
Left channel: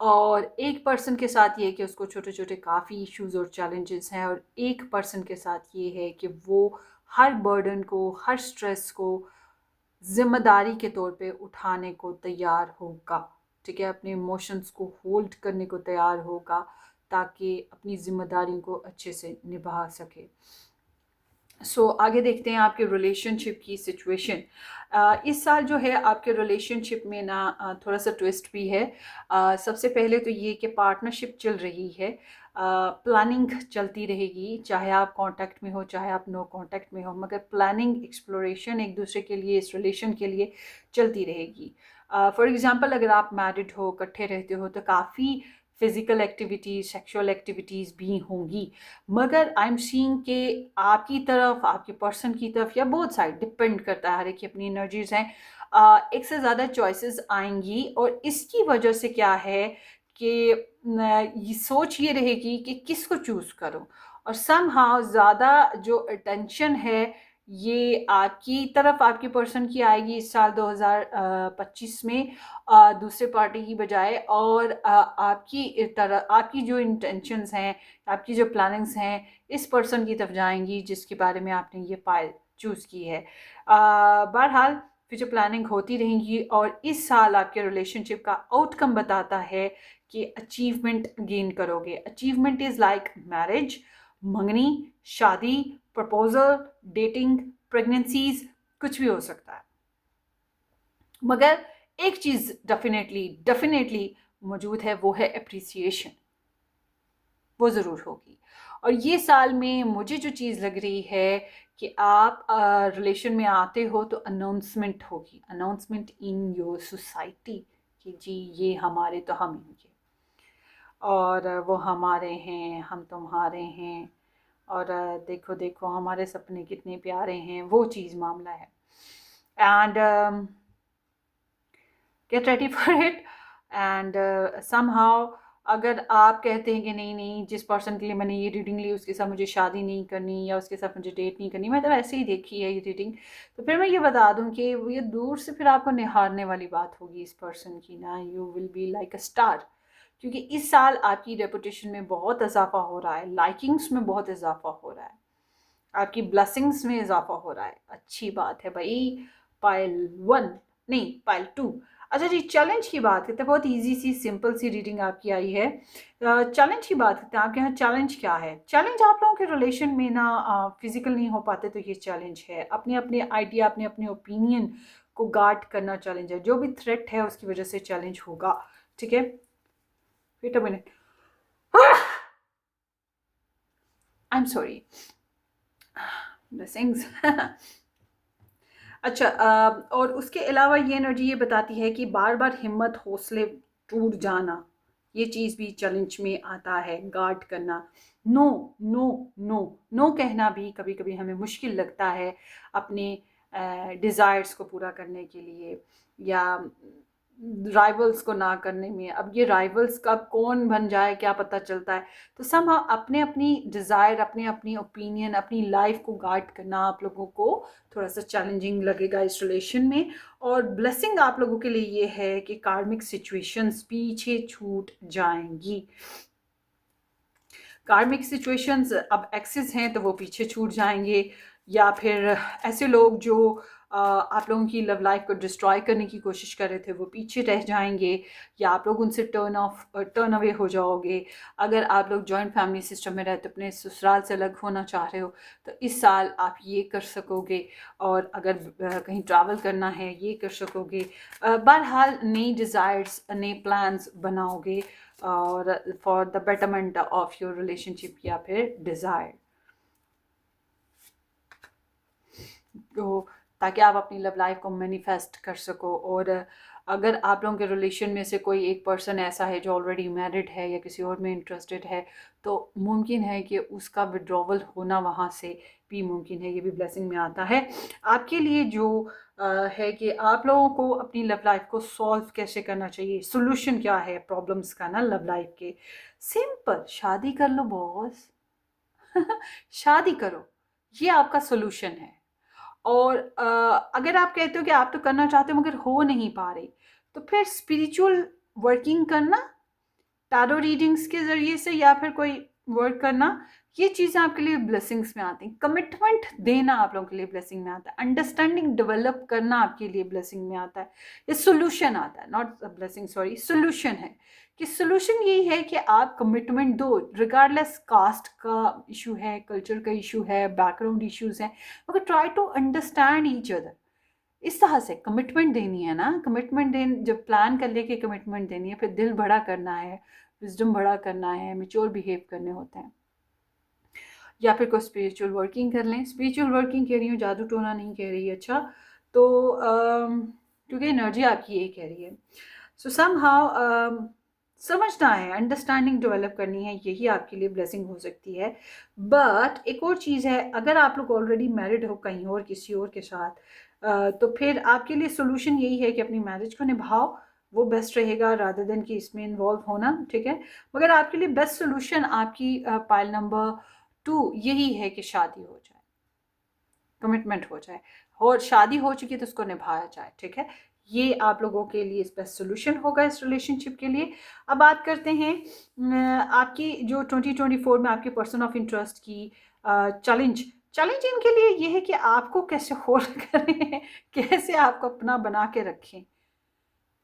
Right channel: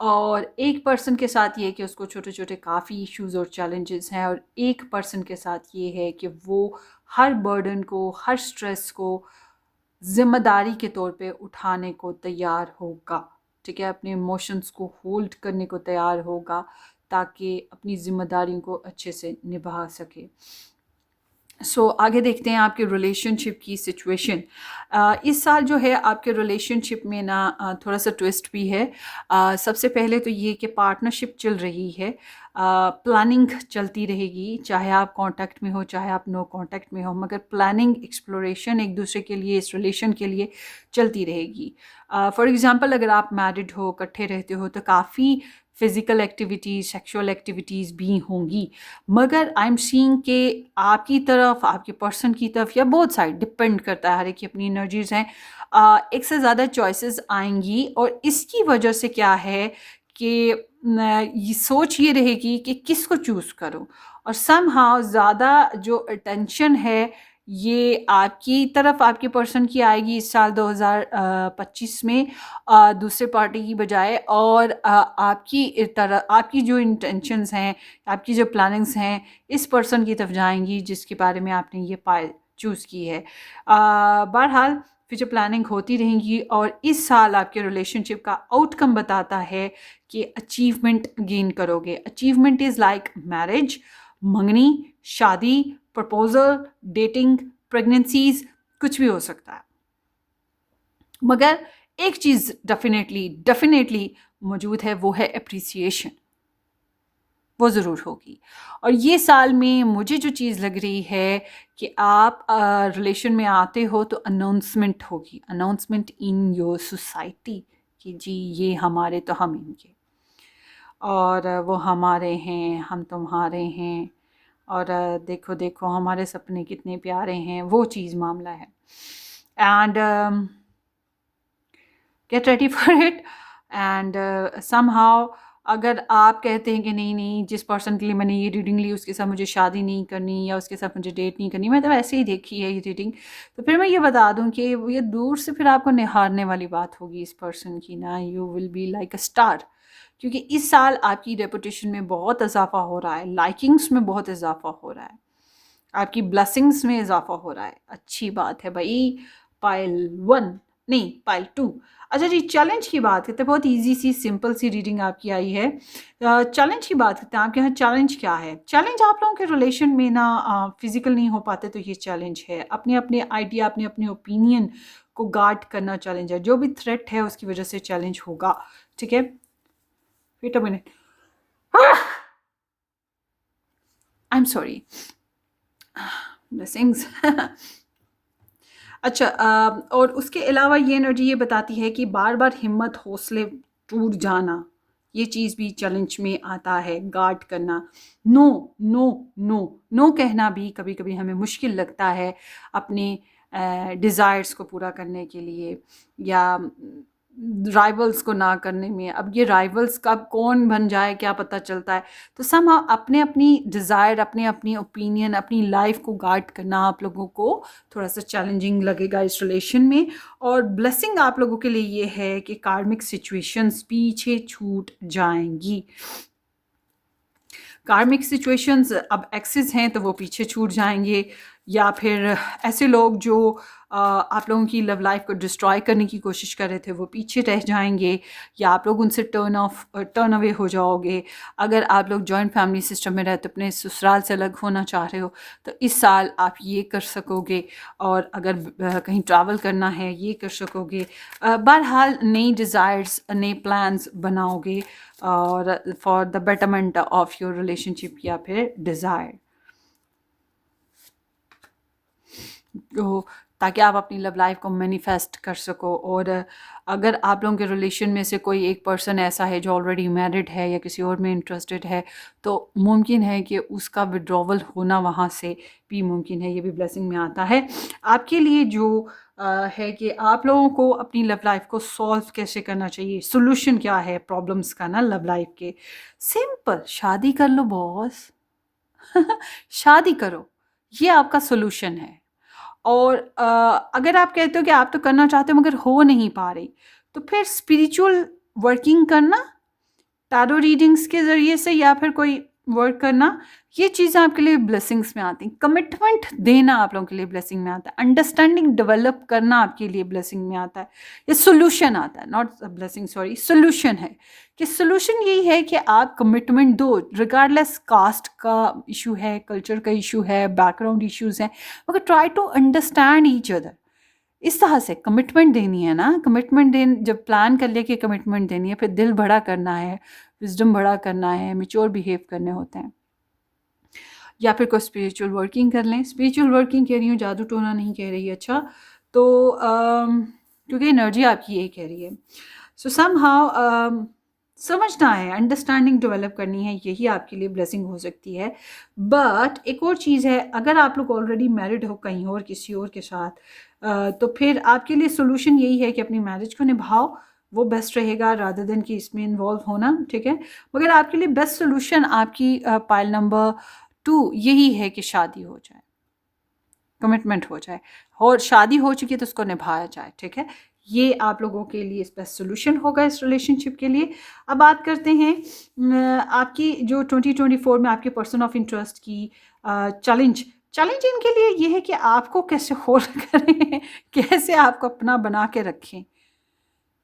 और एक पर्सन के साथ ये है कि उसको छोटे छोटे काफ़ी इश्यूज और चैलेंजेस हैं, और एक पर्सन के साथ ये है कि वो हर बर्डन को, हर स्ट्रेस को जिम्मेदारी के तौर पे उठाने को तैयार होगा। ठीक है, अपने इमोशंस को होल्ड करने को तैयार होगा ताकि अपनी जिम्मेदारियों को अच्छे से निभा सके। आगे देखते हैं आपके रिलेशनशिप की सिचुएशन। इस साल जो है आपके रिलेशनशिप में ना थोड़ा सा ट्विस्ट भी है। सबसे पहले तो ये कि पार्टनरशिप चल रही है, प्लानिंग चलती रहेगी, चाहे आप कांटेक्ट में हो चाहे आप नो कांटेक्ट में हो, मगर प्लानिंग, एक्सप्लोरेशन एक दूसरे के लिए, इस रिलेशन के लिए चलती रहेगी। फॉर एग्ज़ाम्पल, अगर आप मैरिड हो, इकट्ठे रहते हो, तो काफ़ी फिज़िकल एक्टिविटीज़, सेक्सुअल एक्टिविटीज़ भी होंगी, मगर आई एम सीइंग कि आपकी तरफ, आपके पर्सन की तरफ, या बोथ साइड, डिपेंड करता है, हर एक की अपनी एनर्जीज़ हैं, एक से ज़्यादा चॉइसेस आएंगी। और इसकी वजह से क्या है कि ये सोच ये रहेगी कि किसको चूज़ करूं, और समहाउ ज़्यादा जो अटेंशन है ये आपकी तरफ, आपके पर्सन की आएगी इस साल 2025 में, दूसरे पार्टी की बजाय। और आपकी तरह, आपकी जो इंटेंशंस हैं, आपकी जो प्लानिंग्स हैं, इस पर्सन की तरफ जाएंगी जिसके बारे में आपने ये पाइल चूज़ की है। बहरहाल फ्यूचर प्लानिंग होती रहेंगी, और इस साल आपके रिलेशनशिप का आउटकम बताता है कि अचीवमेंट गेन करोगे। अचीवमेंट इज़ लाइक मैरिज, मंगनी, शादी, प्रपोजल, डेटिंग, प्रेगनेंसीज, कुछ भी हो सकता है, मगर एक चीज़ डेफिनेटली डेफिनेटली मौजूद है, वो है अप्रिसिएशन, वो ज़रूर होगी। और ये साल में मुझे जो चीज़ लग रही है कि आप रिलेशन में आते हो तो अनाउंसमेंट होगी, अनाउंसमेंट इन योर सोसाइटी कि जी ये हमारे तो हम इनके, और वो हमारे हैं, हम तुम्हारे हैं, और देखो देखो हमारे सपने कितने प्यारे हैं, वो चीज़ मामला है। And get ready for it. And somehow अगर आप कहते हैं कि नहीं नहीं, जिस पर्सन के लिए मैंने ये रीडिंग ली उसके साथ मुझे शादी नहीं करनी, या उसके साथ मुझे डेट नहीं करनी, मैं तो ऐसे ही देखी है ये रीडिंग, तो फिर मैं ये बता दूं कि ये दूर से फिर आपको निहारने वाली बात होगी इस पर्सन की ना। You will be like a star, क्योंकि इस साल आपकी रेपुटेशन में बहुत इजाफा हो रहा है, लाइकिंग्स में बहुत इजाफा हो रहा है, आपकी ब्लेसिंग्स में इजाफा हो रहा है। अच्छी बात है भाई। पाइल 1 नहीं, पाइल 2। अच्छा जी, चैलेंज की बात करते हैं। बहुत इजी सी सिंपल सी रीडिंग आपकी आई है। चैलेंज की बात करते हैं, आपके यहाँ चैलेंज क्या है? चैलेंज आप लोगों के रिलेशन में ना फिजिकल नहीं हो पाते तो ये चैलेंज है, अपने अपने आइडिया, अपने अपने ओपिनियन को गार्ड करना चैलेंज है। जो भी थ्रेट है उसकी वजह से चैलेंज होगा, ठीक है? Wait a minute, I am sorry, blessings. अच्छा, और उसके अलावा ये एनर्जी ये बताती है कि बार बार हिम्मत, हौसले टूट जाना, ये चीज़ भी चैलेंज में आता है, गार्ड करना। नो नो नो, नो कहना भी कभी कभी हमें मुश्किल लगता है अपने डिज़ायर्स को पूरा करने के लिए, या राइवल्स को ना करने में। अब ये राइवल्स कब कौन बन जाए क्या पता चलता है। तो सब अपने अपनी डिज़ायर, अपने अपनी ओपिनियन, अपनी लाइफ को गार्ड करना आप लोगों को थोड़ा सा चैलेंजिंग लगेगा इस रिलेशन में। और ब्लेसिंग आप लोगों के लिए ये है कि कार्मिक सिचुएशंस पीछे छूट जाएंगी। कार्मिक सिचुएशंस, अब एक्सेस हैं तो वो पीछे छूट जाएंगे, या फिर ऐसे लोग जो आप लोगों की लव लाइफ को डिस्ट्रॉय करने की कोशिश कर रहे थे वो पीछे रह जाएंगे, या आप लोग उनसे टर्न अवे हो जाओगे। अगर आप लोग जॉइंट फैमिली सिस्टम में रहते, अपने ससुराल से अलग होना चाह रहे हो, तो इस साल आप ये कर सकोगे। और अगर कहीं ट्रैवल करना है ये कर सकोगे। बहरहाल नई डिज़ायर्स, नए प्लान्स बनाओगे, और for the betterment of your relationship या फिर डिज़ायर। तो ताकि आप अपनी लव लाइफ को मैनिफेस्ट कर सको। और अगर आप लोगों के रिलेशन में से कोई एक पर्सन ऐसा है जो ऑलरेडी मैरिड है या किसी और में इंटरेस्टेड है, तो मुमकिन है कि उसका विड्रॉवल होना वहाँ से भी मुमकिन है, ये भी ब्लेसिंग में आता है आपके लिए। जो है कि आप लोगों को अपनी लव लाइफ को सॉल्व कैसे करना चाहिए, सोल्यूशन क्या है प्रॉब्लम्स का ना लव लाइफ के। सिंपल, शादी कर लो बॉस। शादी करो, ये आपका सोल्यूशन है। और अगर आप कहते हो कि आप तो करना चाहते हो मगर हो नहीं पा रही, तो फिर स्पिरिचुअल वर्किंग करना, टैरो रीडिंग्स के ज़रिए से, या फिर कोई वर्क करना, ये चीज़ें आपके लिए ब्लेसिंग्स में आती हैं। कमिटमेंट देना आप लोगों के लिए ब्लेसिंग में आता है। अंडरस्टैंडिंग डेवलप करना आपके लिए ब्लेसिंग में आता है। ये सोल्यूशन आता है, नॉट ब्लेसिंग, सॉरी, सोल्यूशन है। कि सोल्यूशन यही है कि आप कमिटमेंट दो, रिगार्डलेस कास्ट का इशू है, कल्चर का इशू है, बैकग्राउंड इश्यूज़ हैं, मगर try to understand each other. इस तरह से कमिटमेंट देनी है ना। कमिटमेंट देन जब प्लान कर लिया कि कमिटमेंट देनी है, फिर दिल बड़ा करना है, विजडम बड़ा करना है, मैच्योर बिहेव करने होते हैं। या फिर कोई स्पिरिचुअल वर्किंग कर लें। स्पिरिचुअल वर्किंग कह रही हूँ, जादू टोना नहीं कह रही। अच्छा, तो क्योंकि एनर्जी आपकी यही कह रही है। सो सम हाउ समझना है, अंडरस्टैंडिंग डेवलप करनी है, यही आपके लिए ब्लेसिंग हो सकती है। बट एक और चीज़ है, अगर आप लोग ऑलरेडी मैरिड हो कहीं और किसी और के साथ, तो फिर आपके लिए सोल्यूशन यही है कि अपनी मैरिज को निभाओ, वो बेस्ट रहेगा रादर देन कि इसमें इन्वॉल्व होना, ठीक है। मगर आपके लिए बेस्ट सोल्यूशन आपकी पाइल नंबर 2 यही है कि शादी हो जाए, कमिटमेंट हो जाए, और शादी हो चुकी है तो उसको निभाया जाए, ठीक है। ये आप लोगों के लिए बेस्ट सोल्यूशन होगा इस रिलेशनशिप के लिए। अब बात करते हैं आपकी जो 2024 में आपके पर्सन ऑफ इंटरेस्ट की चैलेंज। चैलेंज इनके लिए ये है कि आपको कैसे होल्ड करें, कैसे आपको अपना बना के रखें,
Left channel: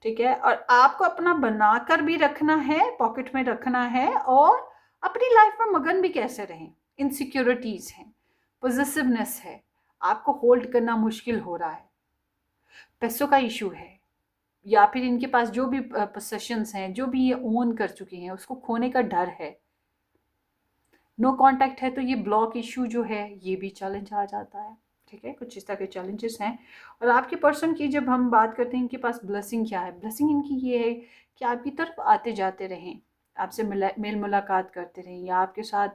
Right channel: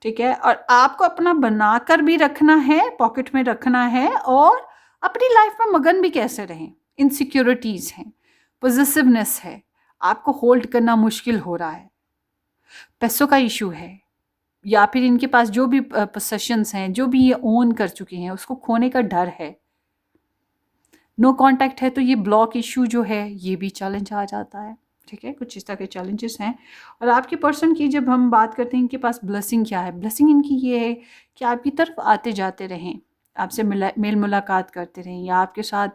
ठीक है। और आपको अपना बनाकर भी रखना है, पॉकेट में रखना है, और अपनी लाइफ में मगन भी कैसे रहें। इनसिक्योरिटीज़ हैं, पॉजिटिवनेस है, आपको होल्ड करना मुश्किल हो रहा है, पैसों का इशू है, या फिर इनके पास जो भी पोसेशंस हैं, जो भी ये ओन कर चुके हैं, उसको खोने का डर है। नो कांटेक्ट है तो ये ब्लॉक इशू जो है ये भी चैलेंज आ जाता है, ठीक है। कुछ इस तरह के चैलेंजेस हैं। और आपके पर्सन की जब हम बात करते हैं, इनके पास ब्लेसिंग क्या है, ब्लेसिंग इनकी ये है कि आपकी तरफ आते जाते रहें, आपसे मेल मुलाकात करते रहें, या आपके साथ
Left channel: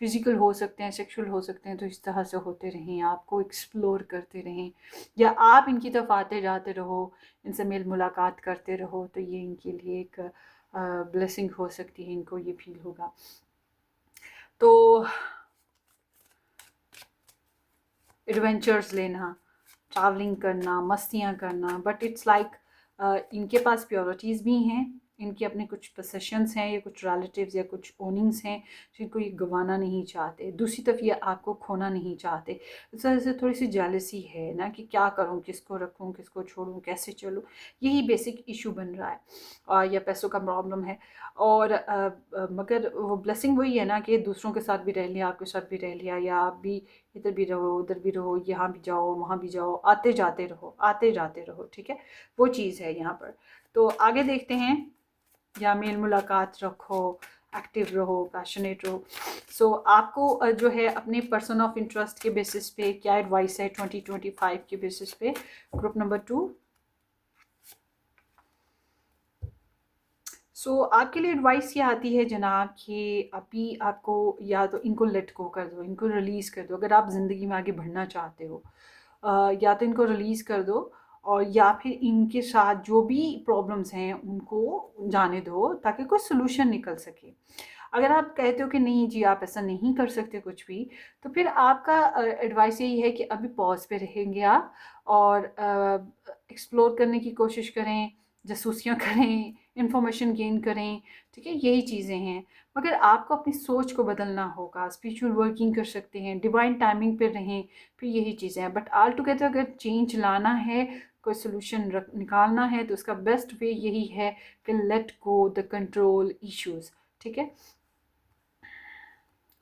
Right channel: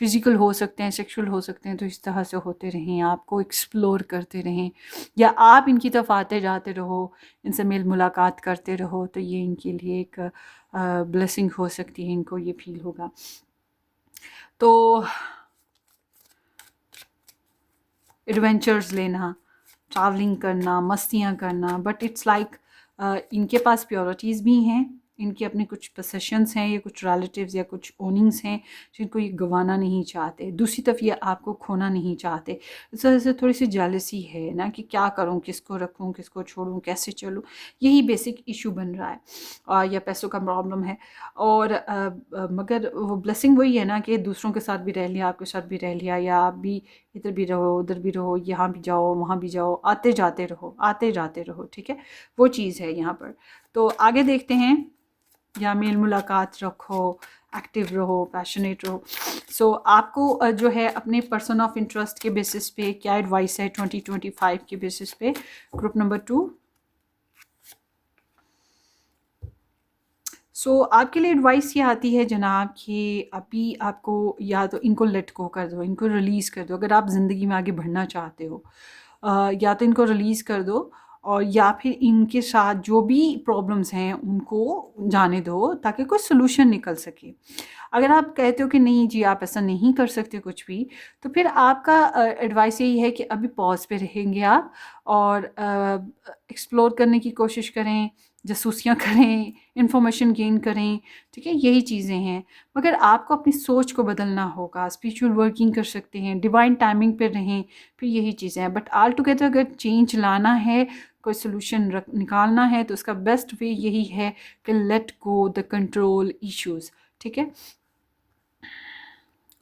फिजिकल हो सकते हैं, सेक्सुअल हो सकते हैं, तो इस तरह से होते रहें, आपको एक्सप्लोर करते रहें, या आप इनकी तरफ आते जाते रहो, इनसे मेल मुलाकात करते रहो, तो ये इनके लिए एक ब्लेसिंग हो सकती है, इनको ये फील होगा। तो एडवेंचर्स लेना, ट्रैवलिंग करना, मस्तियाँ करना, बट इट्स लाइक इनके पास प्योरिटीज़ भी हैं, इनके अपने कुछ पोसेशंस हैं, या कुछ रिलेटिव्स या कुछ ओनिंग्स हैं जिनको ये गंवाना नहीं चाहते। दूसरी तरफ ये आपको खोना नहीं चाहते। इस वजह से थोड़ी सी जेलसी है ना, कि क्या करूँ, किसको रखूँ, किसको छोड़ूँ, कैसे चलूँ, यही बेसिक इशू बन रहा है। या पैसों का प्रॉब्लम है। और मगर वो ब्लेसिंग वही है ना कि दूसरों के साथ भी रह लिया, आपके साथ भी रह लिया, या आप भी इधर भी रहो, उधर भी रहो, यहाँ भी जाओ, वहाँ भी जाओ, आते जाते रहो, आते जाते रहो, ठीक है। वो चीज़ है यहाँ पर। तो आगे देखते हैं। या मेल मुलाकात रखो, एक्टिव रहो, पैशनेट रहो। सो आपको जो है अपने पर्सन ऑफ इंटरेस्ट के बेसिस पे क्या एडवाइस है 2025 के बेसिस पे, ग्रुप नंबर 2। सो आपके लिए एडवाइस ये आती है जनाब कि अभी आपको या तो इनको लेट गो कर दो, इनको रिलीज़ कर दो, अगर आप ज़िंदगी में आगे बढ़ना चाहते हो। या तो इनको रिलीज़ कर दो, और या फिर इनके साथ जो भी प्रॉब्लम्स हैं उनको जाने दो, ताकि कोई सोल्यूशन निकल सके। अगर आप कहते हो कि नहीं जी आप ऐसा नहीं कर सकते कुछ भी, तो फिर आपका एडवाइस यही है कि अभी पॉज पे रहेंगे आप, और एक्सप्लोर करने की कोशिश करें, जासूसियाँ करें, इन्फॉर्मेशन गेन करें, ठीक है। यही चीज़ें हैं। मगर आपको अपनी सोच को बदलना होगा, स्पिरिचुअल वर्किंग कर सकते हैं, डिवाइन टाइमिंग पे रहें, फिर यही चीज़ें हैं। बट ऑल टुगेदर अगर चेंज लाना है, कोई सोल्यूशन निकालना है, तो उसका बेस्ट वे यही है कि let go the control issues, ठीक है।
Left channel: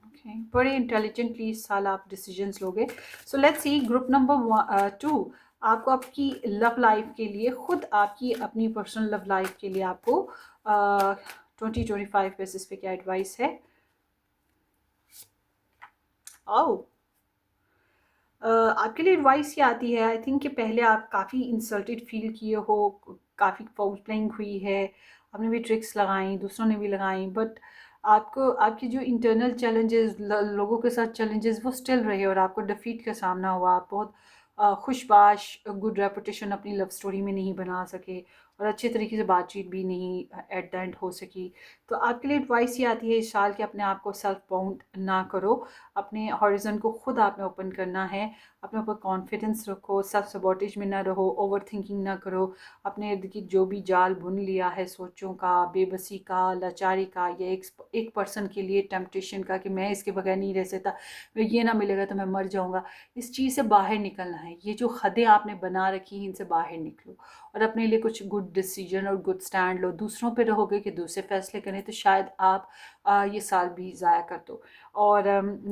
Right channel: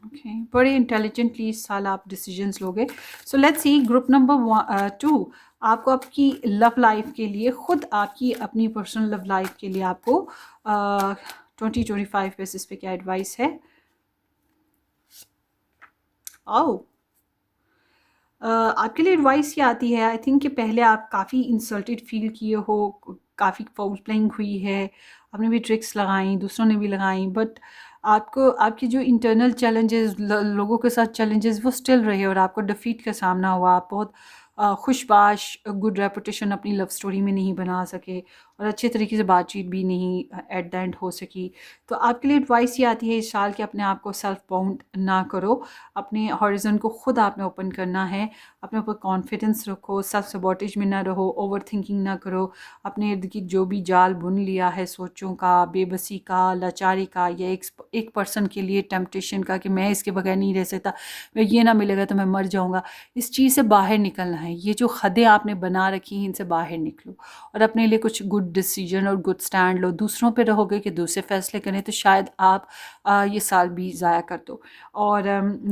ओके, बड़े इंटेलिजेंटली इस साल आप डिसीजंस लोगे। So let's see group number 2। आपको आपकी लव लाइफ के लिए, खुद आपकी अपनी पर्सनल लव लाइफ के लिए आपको 2025 बेसिस पे क्या एडवाइस है। आओ आपके लिए एडवाइस ये आती है, आई थिंक कि पहले आप काफ़ी इंसल्टेड फील किए हो, काफ़ी फाउल प्लेइंग हुई है, आपने भी ट्रिक्स लगाई, दूसरों ने भी लगाई, बट आपको आपकी जो इंटरनल चैलेंजेस, लोगों के साथ चैलेंजेस वो स्टिल रहे और आपको डिफीट का सामना हुआ। आप बहुत खुशबाश गुड रेपुटेशन अपनी लव स्टोरी में नहीं बना सके और अच्छे तरीके से बातचीत भी नहीं एट द एंड हो सकी। तो आपके लिए एडवाइस ये आती है इस साल कि अपने आप को सेल्फ बाउंड ना करो, अपने हॉरिजन को खुद आपने ओपन करना है, अपने ऊपर कॉन्फिडेंस रखो, सेल्फ सबॉटेज में ना रहो, ओवर थिंकिंग ना करो, अपने इर्द गिर्द जो भी जाल बुन लिया है सोचों का, बेबसी का, लाचारी का, या एक पर्सन के लिए टेम्पटेशन का कि मैं इसके बगैर नहीं रह सकता, मैं ये ना मिलेगा तो मैं मर जाऊँगा, इस चीज़ से बाहर निकलना है। ये जो हदें आपने बना रखी हैं इनसे बाहर निकलो और अपने लिए कुछ गुड डिसीजन और गुड स्टैंड लो। दूसरों पे रहोगे कि दूसरे फैसले करें तो शायद आप ये साल भी ज़ाया कर दो। और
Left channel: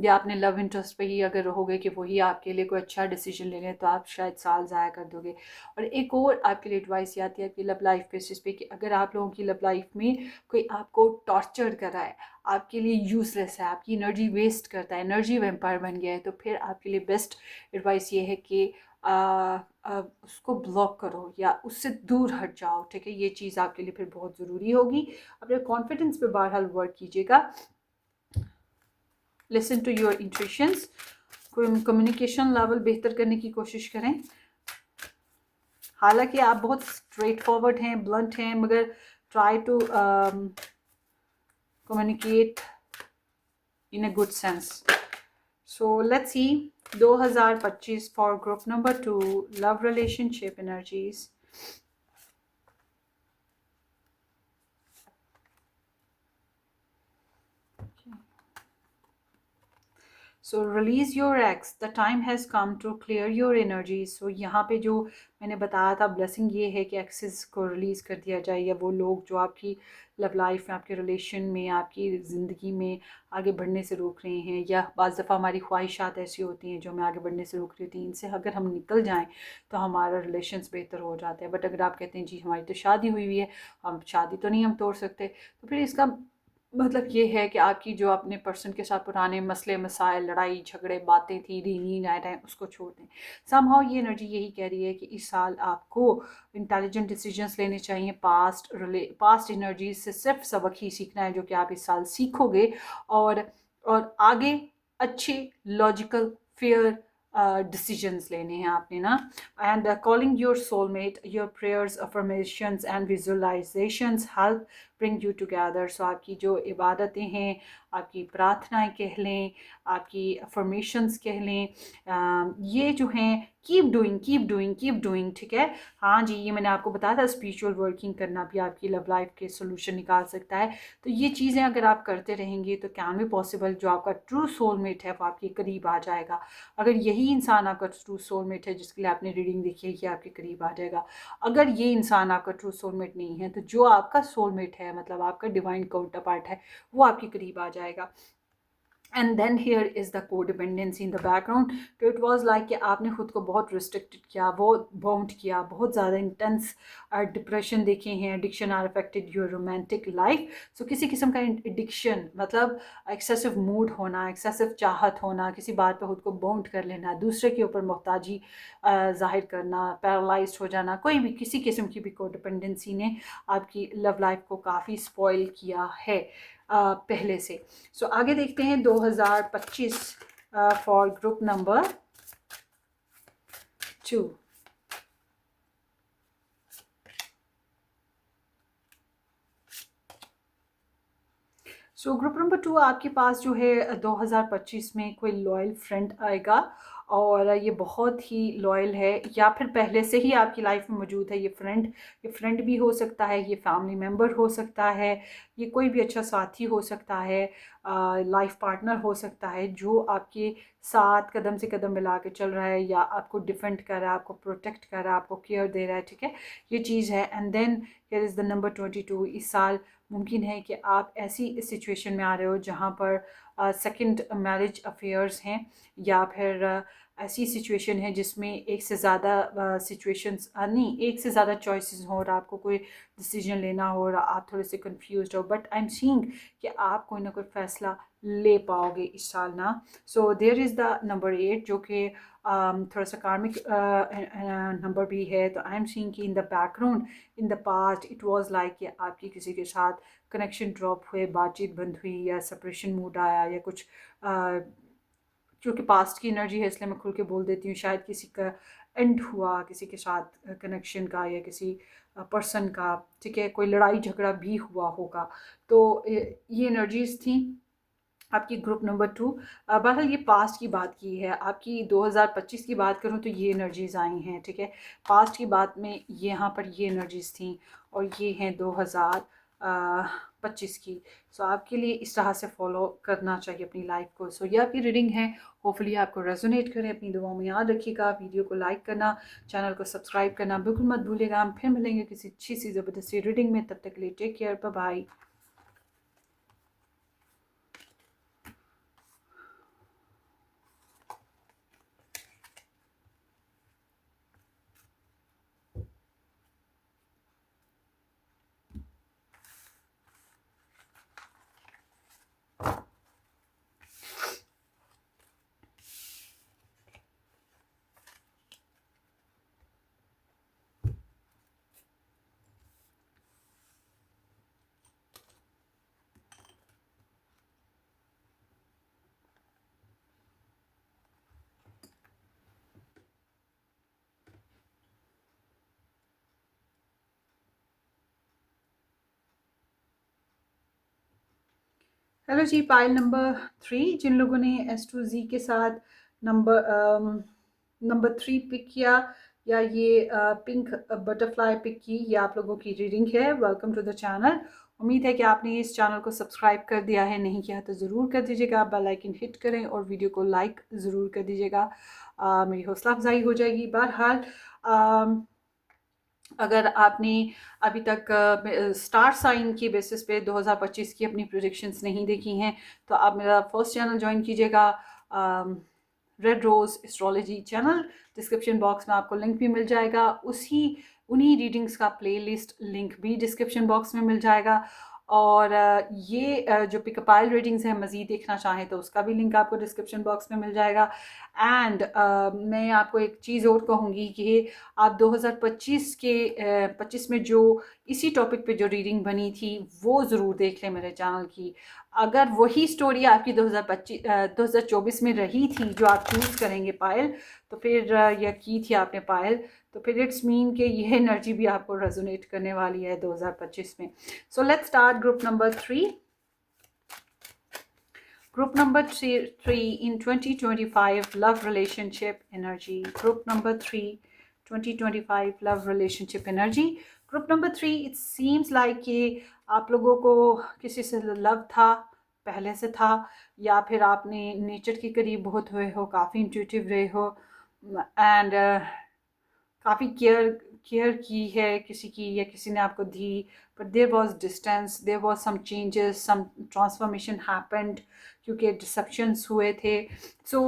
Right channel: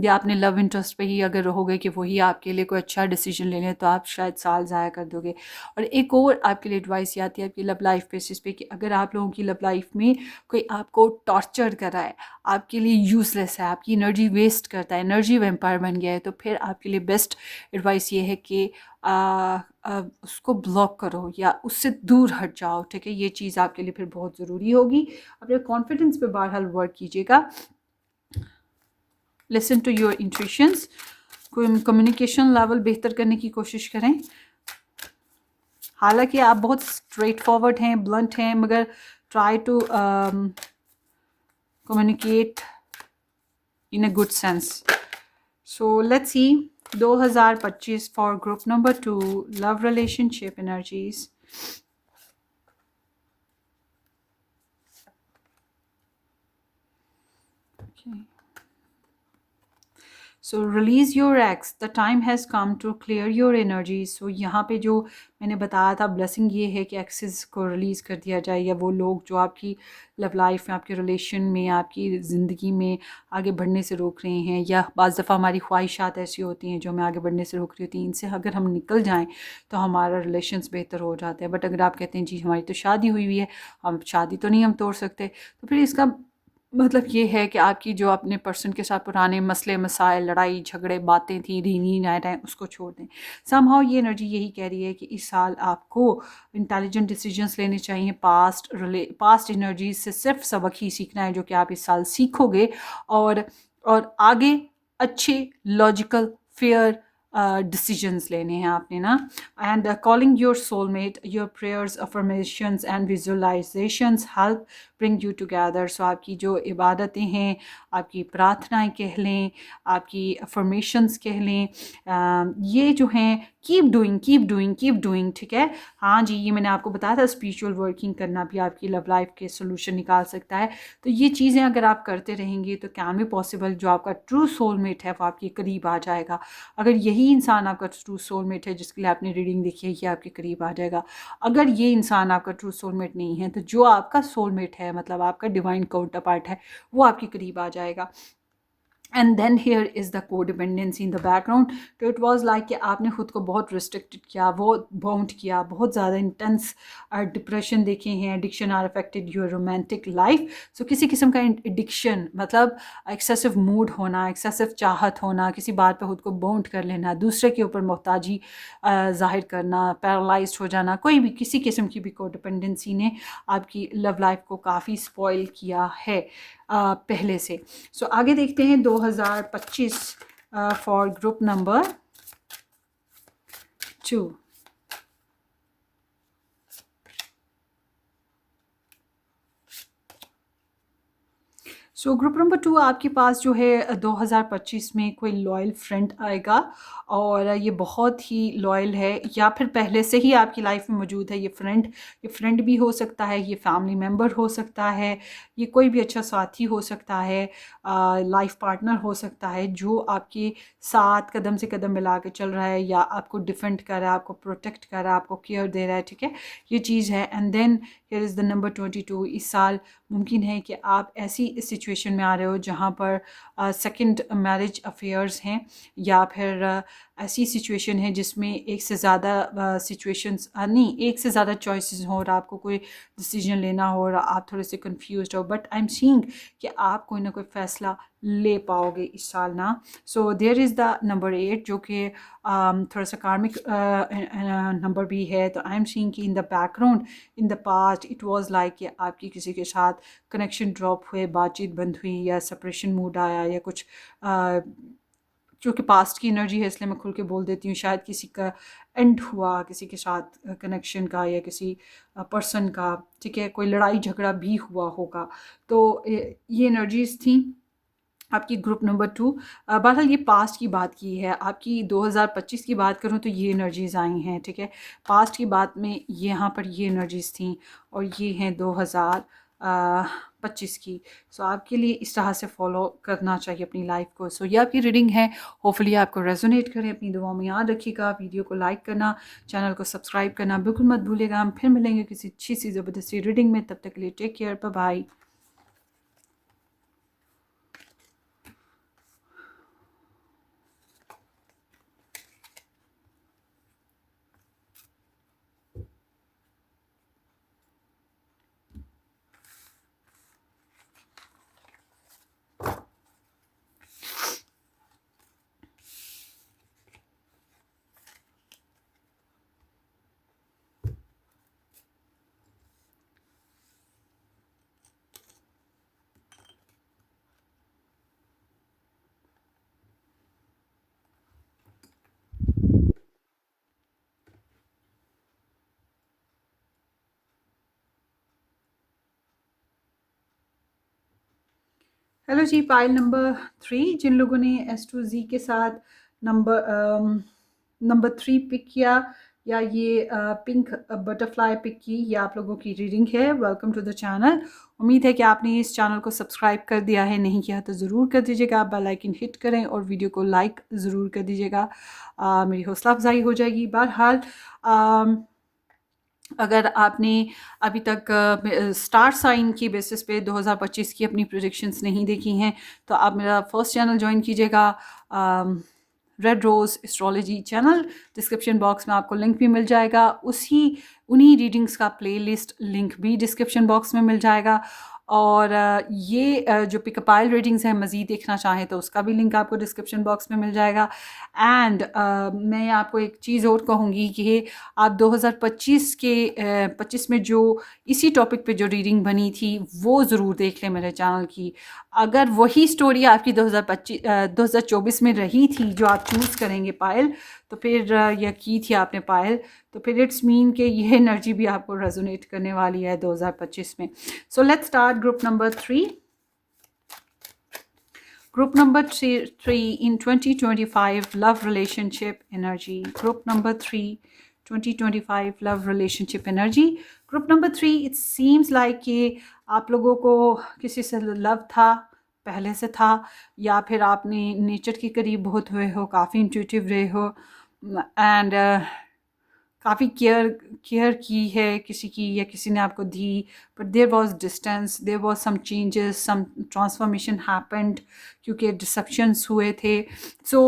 या अपने लव इंटरेस्ट पे ही अगर रहोगे कि वही आपके लिए कोई अच्छा डिसीजन ले लें तो आप शायद साल ज़ाया कर दोगे। और एक और आपके लिए एडवाइस ये आती है आपकी लव लाइफ बेसिस पे कि अगर आप लोगों की लव लाइफ में कोई आपको टॉर्चर कर रहा है, आपके लिए यूज़लेस है, आपकी एनर्जी वेस्ट करता है, एनर्जी वेम्पायर बन गया है, तो फिर आपके लिए बेस्ट एडवाइस ये है कि उसको ब्लॉक करो या उससे दूर हट जाओ। ठीक है, ये चीज़ आपके लिए फिर बहुत ज़रूरी होगी। अपने कॉन्फिडेंस पे बहरहाल वर्क कीजिएगा। Listen to your intuitions, communication level बेहतर करने की कोशिश करें। हालांकि आप बहुत स्ट्रेट फॉरवर्ड हैं, ब्लंट हैं, मगर try to communicate in a good sense. So let's see 2025 for group number 2, love relationship energies. So release your ex, the time has come to clear your energy. So यहाँ पे जो मैंने बताया था blessing ये है कि एक्सेस को रिलीज़ कर दिया जाए, या वो लोग जो आपकी लव लाइफ में, आपके रिलेशन में, आपकी ज़िंदगी में आगे बढ़ने से रोक रहे हैं, या बाज़ दफ़ा हमारी ख्वाहिशात ऐसी होती हैं जो हमें आगे बढ़ने से रोक रही होती हैं, इनसे अगर हम निकल जाएँ तो हमारा रिलेशंस बेहतर हो जाते हैं। बट अगर आप कहते हैं जी हमारी तो शादी हुई हुई है, हम शादी तो नहीं हम तोड़ सकते, तो फिर इसका मतलब ये है कि आपकी जो अपने पर्सन के साथ पुराने मसले मसाइल, लड़ाई झगड़े, बातें थी, रीनी नायरें, उसको छोड़ दें। समहाउ ये एनर्जी यही कह रही है कि इस साल आपको इंटेलिजेंट डिसीजंस लेने चाहिए। पास्ट एनर्जीज से सिर्फ सबक ही सीखना है जो कि आप इस साल सीखोगे, और आगे अच्छे लॉजिकल फेयर डिसीजंस लेने हैं आपने ना। And calling your soulmate, your prayers, affirmations and visualizations help bring you together. So आपकी जो इबादतें हैं, आपकी प्रार्थनाएं कह लें, आपकी अफर्मेशंस कह लें, ये जो हैं keep doing keep doing keep doing. ठीक है, हाँ जी, ये मैंने आपको बताया था स्पिरिचुअल वर्किंग करना भी आपकी लव लाइफ के सोल्यूशन निकाल सकता है। तो ये चीज़ें अगर आप करते रहेंगे तो कैन बी पॉसिबल जो आपका ट्रू सोलमेट है वो आपके करीब आ जाएगा। अगर यही इंसान आपका ट्रू सोलमेट है जिसके लिए आपने रीडिंग देखी है, ये आपके करीब आ जाएगा। अगर ये इंसान आपका ट्रू सोलमेट नहीं है तो जो आपका सोलमेट है, मतलब आपका डिवाइन काउंटर पार्ट है, वो आपके करीब आ जाएगा। And then here is the codependency in the background. तो इट वाज लाइक कि आपने खुद को बहुत रिस्ट्रिक्टेड किया, वो बाउंड किया, बहुत ज़्यादा इंटेंस डिप्रेशन देखे हैं, addiction are affected your romantic life. So किसी किस्म का एडिक्शन मतलब एक्सेसिव मूड होना, एक्सेसिव चाहत होना, किसी बात पे खुद को बाउंड कर लेना, दूसरे के ऊपर मोहताजी जाहिर करना, पैरालाइज्ड हो जाना, कोई भी किसी किस्म की भी कोडिपेंडेंसी ने आपकी लव लाइफ को काफ़ी स्पॉइल किया है पहले से। सो आगे देखते हैं 2025 for group number 2। So group number 2 आपके पास जो है 2025 में कोई लॉयल फ्रेंड आएगा, और ये बहुत ही लॉयल है, या फिर पहले से ही आपकी लाइफ में मौजूद है ये फ्रेंड भी हो सकता है, ये फैमिली मेम्बर हो सकता है, ये कोई भी अच्छा साथी हो सकता है, लाइफ पार्टनर हो सकता है जो आपके साथ कदम से कदम मिला के चल रहा है, या आपको डिफेंड कर रहा है, आपको प्रोटेक्ट कर रहा है, आपको केयर दे रहा है। ठीक है, ये चीज़ है। And then here is the number 22। इस साल मुमकिन है कि आप ऐसी सिचुएशन में आ रहे हो जहाँ पर सेकंड मैरिज अफेयर्स हैं, या फिर ऐसी सिचुएशन है जिसमें एक से ज़्यादा सिचुएशंस नहीं, एक से ज़्यादा चॉइसेस हो और आपको कोई डिसीजन लेना हो और आप थोड़े से कंफ्यूज हो, बट आई एम सीइंग कि आप कोई ना कोई फ़ैसला ले पाओगे इस साल ना। So there is the number 8 जो कि थोड़ा सा कार्मिक नंबर भी है। तो आई एम सीइंग कि इन the background in the past it was like कि आपकी किसी के साथ कनेक्शन ड्रॉप हुए, बातचीत बंद हुई या सेपरेशन मूड आया या कुछ क्योंकि पास्ट की एनर्जी है इसलिए मैं खुल के बोल देती हूँ, शायद किसी का एंड हुआ किसी के साथ कनेक्शन का या किसी पर्सन का, ठीक है, कोई लड़ाई झगड़ा भी हुआ होगा। तो ये एनर्जीज थी आपकी ग्रुप नंबर 2। बहरहाल ये पास्ट की बात की है, आपकी 2025 की बात करूँ तो ये एनर्जीज आई हैं, ठीक है। पास्ट की बात में यहाँ पर ये एनर्जीज थी और ये हैं 2025 की। सो आपके लिए इस तरह से फॉलो करना चाहिए अपनी लाइफ को। सो ये आपकी रीडिंग है, होपफुली आपको रेजोनेट करें। अपनी दुआओं में याद रखिएगा, वीडियो को लाइक करना, चैनल को सब्सक्राइब करना बिल्कुल मत भूलिएगा। हम फिर मिलेंगे किसी अच्छी सी ज़बरदस्ती रीडिंग में, तब तक के लिए take care, bye bye. Hello ji, pile number 3 जिन लोगों ने S2Z के साथ नंबर 3 पिक किया या ये पिंक बटरफ्लाई पिक की, ये आप लोगों की रीडिंग है। Welcome to the channel. उम्मीद है कि आपने इस चैनल को सब्सक्राइब कर दिया है, नहीं किया तो ज़रूर कर दीजिएगा। बेल आइकन हिट करें और वीडियो को लाइक ज़रूर कर दीजिएगा, मेरी हौसला अफजाई हो जाएगी। बहरहाल अगर आपने अभी तक स्टार साइन की बेसिस पे 2025 की अपनी प्रोडिक्शंस नहीं देखी हैं तो आप मेरा फर्स्ट चैनल ज्वाइन कीजिएगा, red rose astrology channel. Description box में आपको लिंक भी मिल जाएगा, उन्हीं रीडिंग्स का प्लेलिस्ट लिंक भी डिस्क्रिप्शन बॉक्स में मिल जाएगा। और ये जो पिकअपाइल रीडिंग्स हैं, मज़ीद देखना चाहें तो उसका भी लिंक आपको डिस्क्रिप्शन बॉक्स में मिल जाएगा। एंड मैं आपको एक चीज़ और कहूँगी कि आप 2025 के 25 में जो इसी टॉपिक पे जो रीडिंग बनी थी वो ज़रूर देख लें मेरे चैनल की। अगर वही स्टोरी आपकी 2024 में रही थी जो आप चूज़ करेंगे पायल, तो फिर यह की थी आपने पायल, तो फिर इट्स मीन कि यह एनर्जी भी आपको रेजोनेट करने वाली है 2025 में। सो let's start group number 3। Group number three in 2025 love relationship energy. Group number 3, 2025 love relationship energy. Group number 3, it seems like कि आप लोगों को किसी से लव था, पहले से था, या फिर आपने नेचर के करीब बहुत हुए हो, काफ़ी इंट्यूटिव रहे हो एंड काफ़ी केयर की है किसी की या किसी ने आपको दी, but there was distance, there was some changes, some transformation happened क्योंकि डिसेप्शंस हुए थे। सो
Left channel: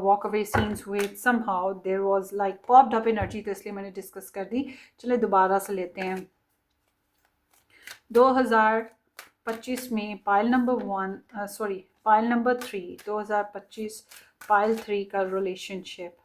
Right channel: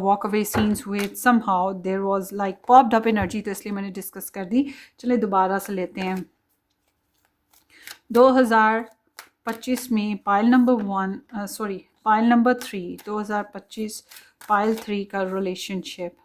वॉक अवे सीन्स हुए, somehow there was like popped up energy, तो इसलिए मैंने डिस्कस कर दी। चले दोबारा से लेते हैं। 2025 में पाइल नंबर 3, 2025 पाइल 3 का रिलेशनशिप।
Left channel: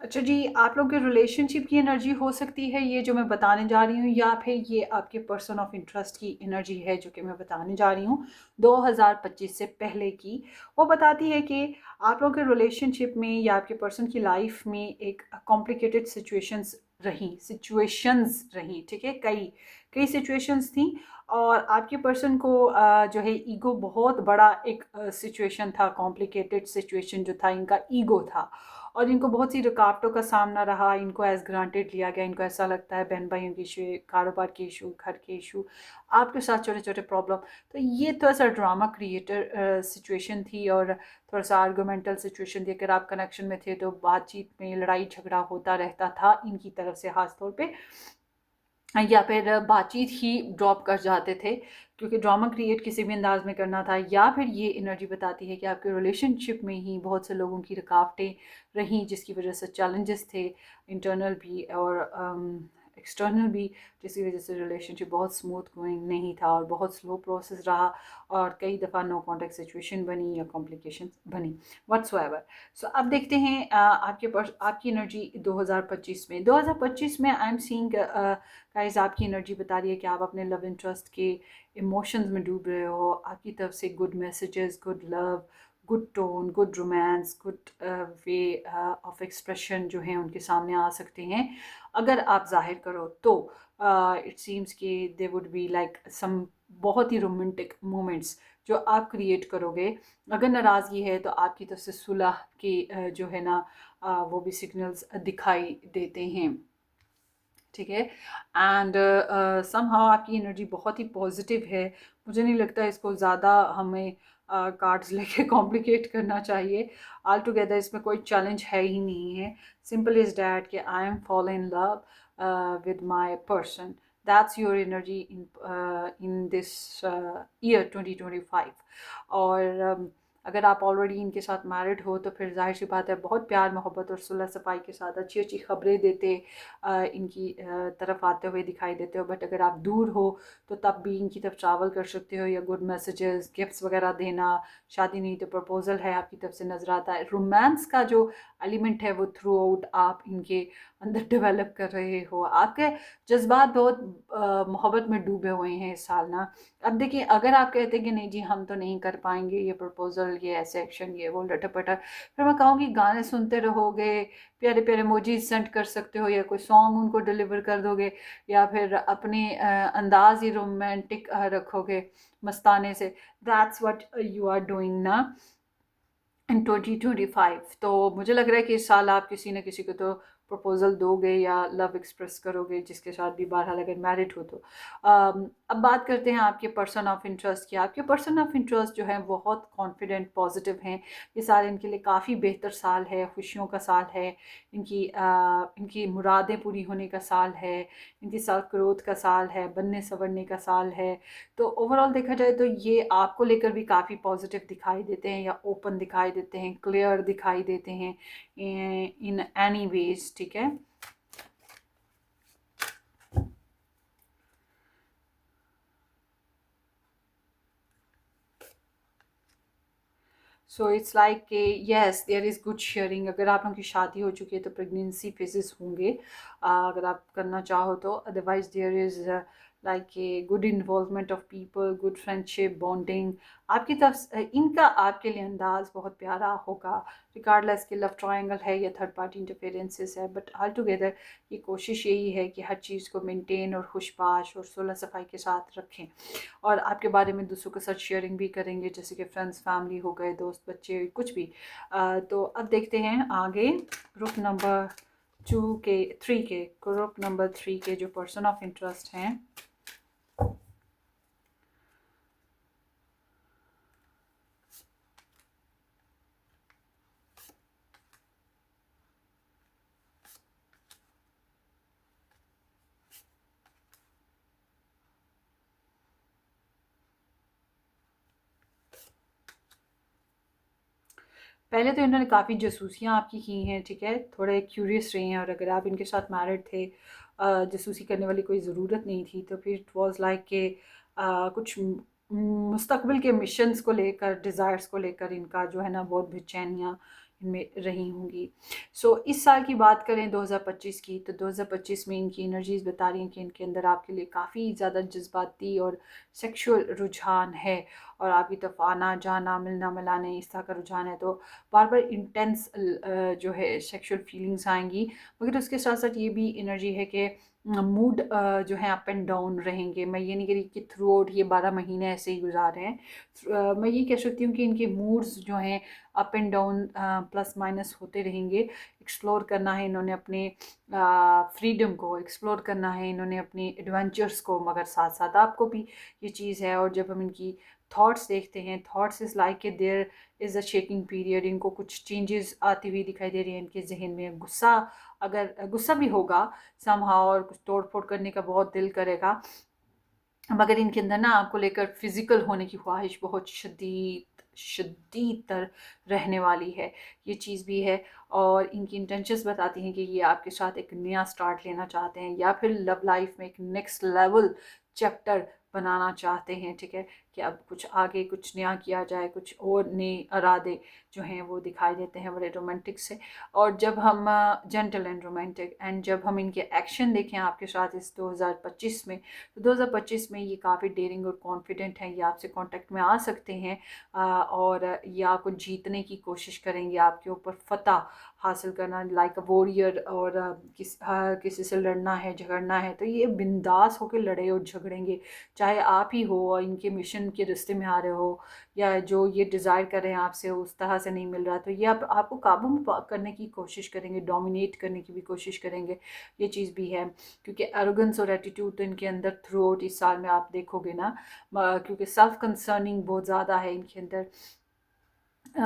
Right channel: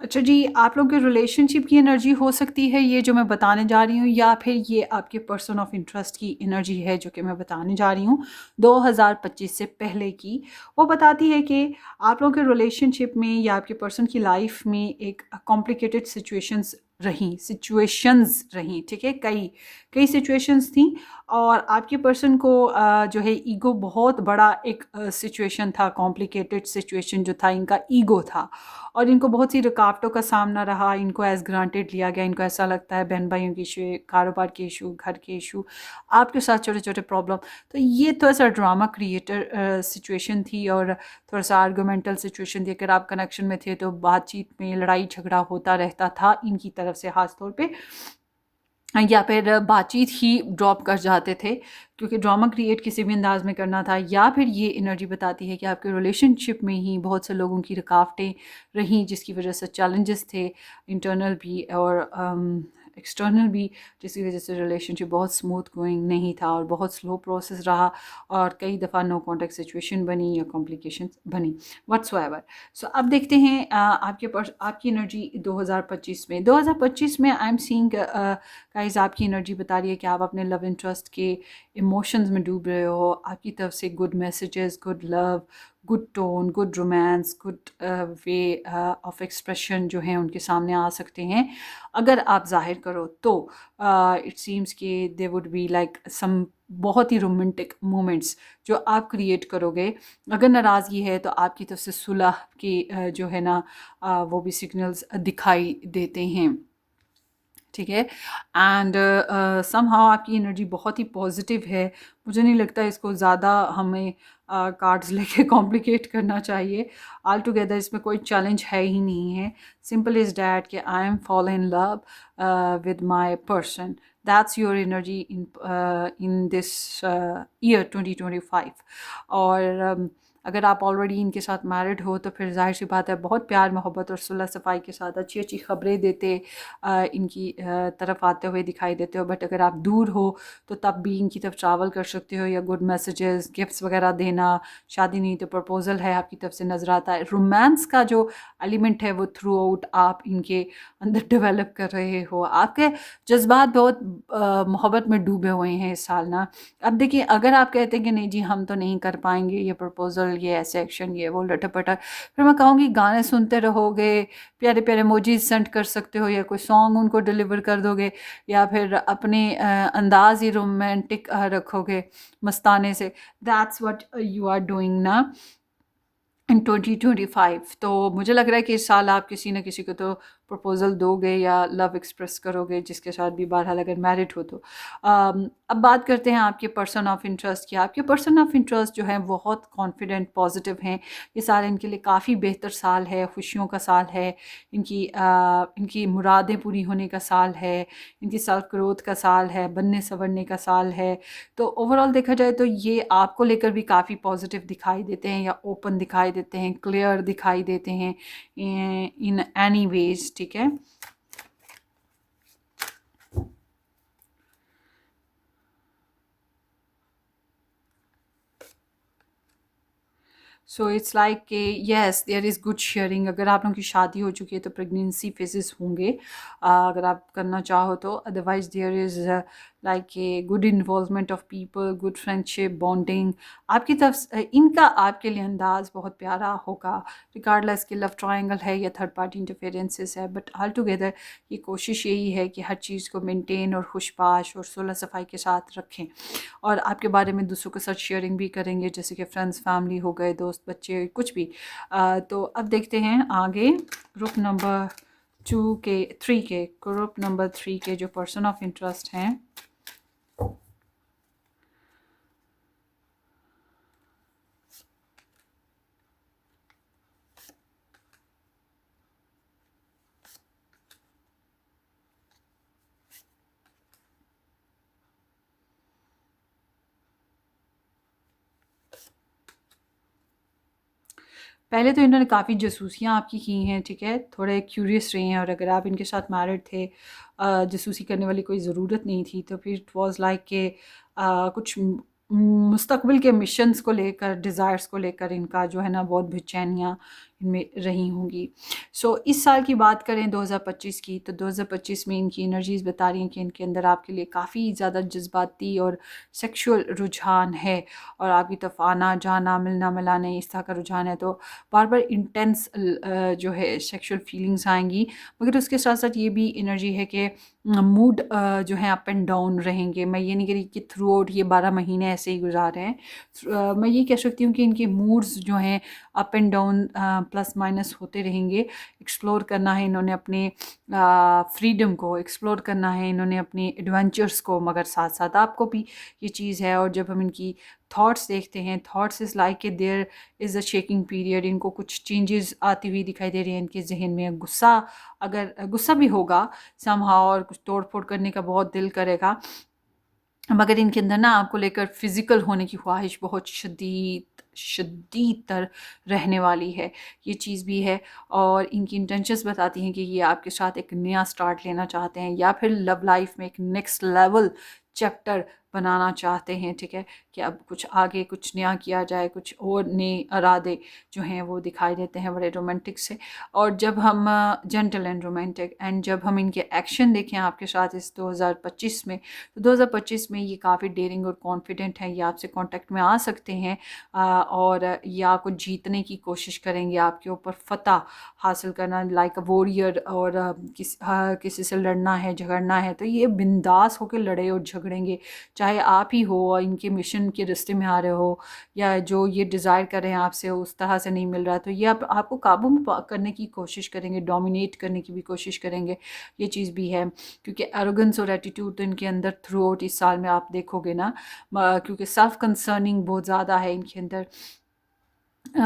अच्छा जी, आप लोग के रिलेशनशिप की एनर्जी हो सकती है ये जो मैं बताने जा रही हूँ, या फिर ये आपके पर्सन ऑफ इंटरेस्ट की एनर्जी है जो कि मैं बताने जा रही हूँ 2025 से पहले की। वो बताती है कि आप लोग के रिलेशनशिप में या आपके पर्सन की लाइफ में एक कॉम्प्लिकेटेड सिचुएशंस रहीं, ठीक है। कई कई सिचुएशंस थी, और आपके पर्सन को जो है ईगो बहुत बड़ा एक सिचुएशन था, कॉम्प्लिकेटेड सिचुएशन जो था, इनका ईगो था। और इनको बहुत सी रुकावटों का सामना रहा, इनको एज़ ग्रांटेड लिया गया। इनको ऐसा लगता है बहन भाइयों के इशू, कारोबार के इशू, घर के इशू, आपके साथ छोटे छोटे प्रॉब्लम। तो ये थोड़ा सा ड्रामा क्रिएटर सिचुएशन थी, और थोड़ा सा आर्गूमेंटल सिचुएशन थी। अगर आप कनेक्शन में थे तो बातचीत में लड़ाई झगड़ा होता रहता था इनकी तरफ से ख़ास तौर पे, या फिर बातचीत ही ड्रॉप कर जाते थे, क्योंकि ड्रामा क्रिएट किसी भी अंदाज में करना था। या फिर ये एनर्जी बताती है कि आपके रिलेशनशिप में ही बहुत से लोगों की रुकावटें रहीं, जिसकी वजह से चैलेंजेस थे, इंटरनल भी और एक्सटर्नल भी, जिसकी वजह से रिलेशनशिप बहुत स्मूथ गोइंग नहीं था और बहुत स्लो प्रोसेस रहा, और कई दफ़ा नो कॉन्टेक्ट सिचुएशन बनी या कॉम्प्लिकेशंस बनी व्हाट्सएवर। सो अब देखते हैं आपकी एनर्जी 2025 में। 2025 में आई एम सीइंग गाइस, आपकी एनर्जी बता रही है कि आप अपने लव इंटरेस्ट के इमोशंस में डूब रहे हो। आपकी तरफ से good messages, good love, good tone, good romance, good way of expression जो हैं उनके सामने आ सकते हैं अगर आप जाहिर करो तो। इट सीम्स कि they would be like some बहुत ही रोमांटिक मोमेंट्स जो आप क्रिएट करोगे। अगर नाराज़गी है तो आपकी तरफ से सुलह के जो है ना वो भी सिग्नल्स दिखाई देते हैं, ठीक है। एंड समहाउ आपकी एनर्जी बहुत ही पॉजिटिव है। मुझे नहीं लगता इसको ज़्यादा हमें कार्ड्स लेके कॉम्प्लिकेट करना चाहिए। ऑल टुगेदर इसमें कोई चैलेंज है ही नहीं है। सिंपल इज़ डैट कि I M fall in love with my person. That's your energy in this year 2025। और अगर आप ऑलरेडी इनके साथ मैरिड हो तो फिर जाहिर सी बात है बहुत प्यार मोहब्बत और सुलह सफाई के साथ अच्छी अच्छी खबरें देते इनकी तरफ आते हुए दिखाई देते हो। बट अगर आप दूर हो तो तब भी इनकी तरफ ट्रैवल कर सकते हो, या गुड मैसेजेस, गिफ्ट्स वगैरह देना। शादी नहीं तो प्रपोजल है आपकी तरफ से नज़र आता है। रोमांस का जो एलिमेंट है वो थ्रू आउट आप इनके अंदर डेवलप कर रहे हो। आपके जज्बात बहुत मोहब्बत में डूबे हुए हैं इस साल ना। अब देखिए, अगर आप कहते हैं कि नहीं जी हम तो नहीं कर पाएंगे ये प्रपोजल, ये ऐसे एक्शन, ये वो लटर पटर, फिर मैं कहूँगी गाने सुनते रहोगे, प्यारे प्यारे इमोजीज सेंड कर सकते हो, या कोई सॉन्ग उनको डिलीवर कर दोगे, या फिर अपने अंदाज ही रोमांटिक रखोगे मस्ताने से। That's what you are doing ना इन 2025। तो मुझे लग रहा है कि इस साल आप किसी न किसी को तो प्रपोजल दोगे या लव एक्सप्रेस करोगे, जिसके साथ भी बहरहाल अगर मैरिड हो तो। अब बात करते हैं आपके पर्सन ऑफ इंटरेस्ट की। आपके पर्सन ऑफ इंटरेस्ट जो है बहुत कॉन्फिडेंट, पॉजिटिव हैं। ये साल इनके लिए काफ़ी बेहतर साल है, खुशियों का साल है, इनकी मुरादें पूरी होने का साल है, इनकी सेल्फ ग्रोथ का साल है, बनने संवरने का साल है। तो ओवरऑल देखा जाए तो ये आपको लेकर भी काफ़ी पॉजिटिव दिखाई देते हैं, या ओपन दिखाई देते हैं, क्लियर दिखाई देते हैं इन एनी वेज, ठीक है। सो इट्स लाइक कि yes there is good sharing. अगर आप लोगों की शादी हो चुकी है तो प्रेगनेंसी फेजेस होंगे अगर आप करना चाहो तो। Otherwise there is like a good involvement of people, good friendship, bonding आपकी तरफ इनका आपके लिए अंदाज़ बहुत प्यारा होगा, रिगार्डलेस कि लव ट्रायंगल है या थर्ड पार्टी इंटरफेरेंसेस है। बट ऑल टुगेदर ये कोशिश यही है कि हर चीज़ को मेंटेन और खुशबाश और सुलह सफाई के साथ रखें, और आपके बारे में दूसरों के साथ शेयरिंग भी करेंगे, जैसे कि फ्रेंड्स, फैमिली हो गए, दोस्त, बच्चे, कुछ भी। तो अब देखते हैं आगे ग्रुप नंबर 3 के, ग्रुप नंबर 3 के जो पर्सन ऑफ इंटरेस्ट हैं। पहले तो इन्होंने काफ़ी जासूसियाँ आपकी की हैं, ठीक है, थोड़े क्यूरियस रहे हैं। और अगर आप इनके साथ मैरिड थे, जासूसी करने वाली कोई ज़रूरत नहीं थी, तो फिर इट वाज़ लाइक के कुछ मुस्तकबिल के मिशंस को लेकर, डिज़ायर्स को लेकर इनका जो है ना बहुत बेचैनियाँ इनमें रही होंगी। सो इस साल की बात करें 2025 की, तो 2025 में इनकी एनर्जीज़ बता रही हैं कि इनके अंदर आपके लिए काफ़ी ज़्यादा जज्बाती और सेक्सुअल रुझान है, और आपकी तरफ आना जाना, मिलना मिलाना इस तरह का रुझान है। तो बार बार इंटेंस जो है सेक्सुअल फीलिंग्स आएंगी, मगर उसके साथ साथ ये भी एनर्जी है कि मूड जो है अप एंड डाउन रहेंगे। मैं ये नहीं कह रही कि थ्रू आउट ये 12 महीने ऐसे ही गुजार रहे हैं। मैं ये कह सकती हूँ कि इनके मूड्स जो हैं up and down plus minus होते रहेंगे। एक्सप्लोर करना है इन्होंने अपने फ्रीडम को, एक्सप्लोर करना है इन्होंने अपनी एडवेंचर्स को, मगर साथ साथ आपको भी ये चीज़ है। और जब हम इनकी थॉट्स देखते हैं, thoughts is like a there is a shaking period. इनको कुछ चेंजेस आती हुई दिखाई दे रही हैं इनके जहन में। गुस्सा, अगर गुस्सा भी होगा समहाउ, और कुछ तोड़ फोड़ करने का बहुत दिल करेगा, मगर इनके अंदर ना आपको लेकर फिज़िकल होने की ख्वाहिश बहुत शदीद तर रहने वाली है। ये चीज़ भी है। और इनकी इंटेंशंस बताती हैं कि ये आपके साथ एक नया स्टार्ट लेना चाहते हैं, या फिर लव लाइफ में एक नेक्स्ट लेवल चैप्टर बनाना चाहते हैं। ठीक है, कि अब कुछ आगे कुछ नया किया जाए, कुछ और नए इरादे जो हैं वो दिखाई देते हैं बड़े रोमांटिक से। और जब हम जेंटल एंड रोमांटिक, एंड जब हम इनके एक्शन देखें आपके साथ इस 2025 में, तो 2025 में ये काफ़ी डेयरिंग और कॉन्फिडेंट हैं। ये आपसे कांटेक्ट में आ सकते हैं, और ये आपको जीतने की कोशिश करेंगे, आपके ऊपर फतह हासिल करना, लाइक अ वॉरियर। और किसी से लड़ना है, झगड़ना है, तो ये बिंदास होकर लड़े और झगड़ेंगे, चाहे आप ही हो और इनके मिशन के रास्ते में आ रहे हो, या जो ये डिज़ायर कर रहे हैं आपसे उस तरह से नहीं मिल रहा, तो ये आपको काबू में करने की कोशिश करेंगे, डोमिनेट करने की भी कोशिश करेंगे। ये चीज़ भी है, क्योंकि एरोगेंस और एटीट्यूड तो इनके अंदर थ्रू आउट इस साल में आप देखोगे ना, क्योंकि सेल्फ कंसर्निंग बहुत ज़्यादा है इनके अंदर।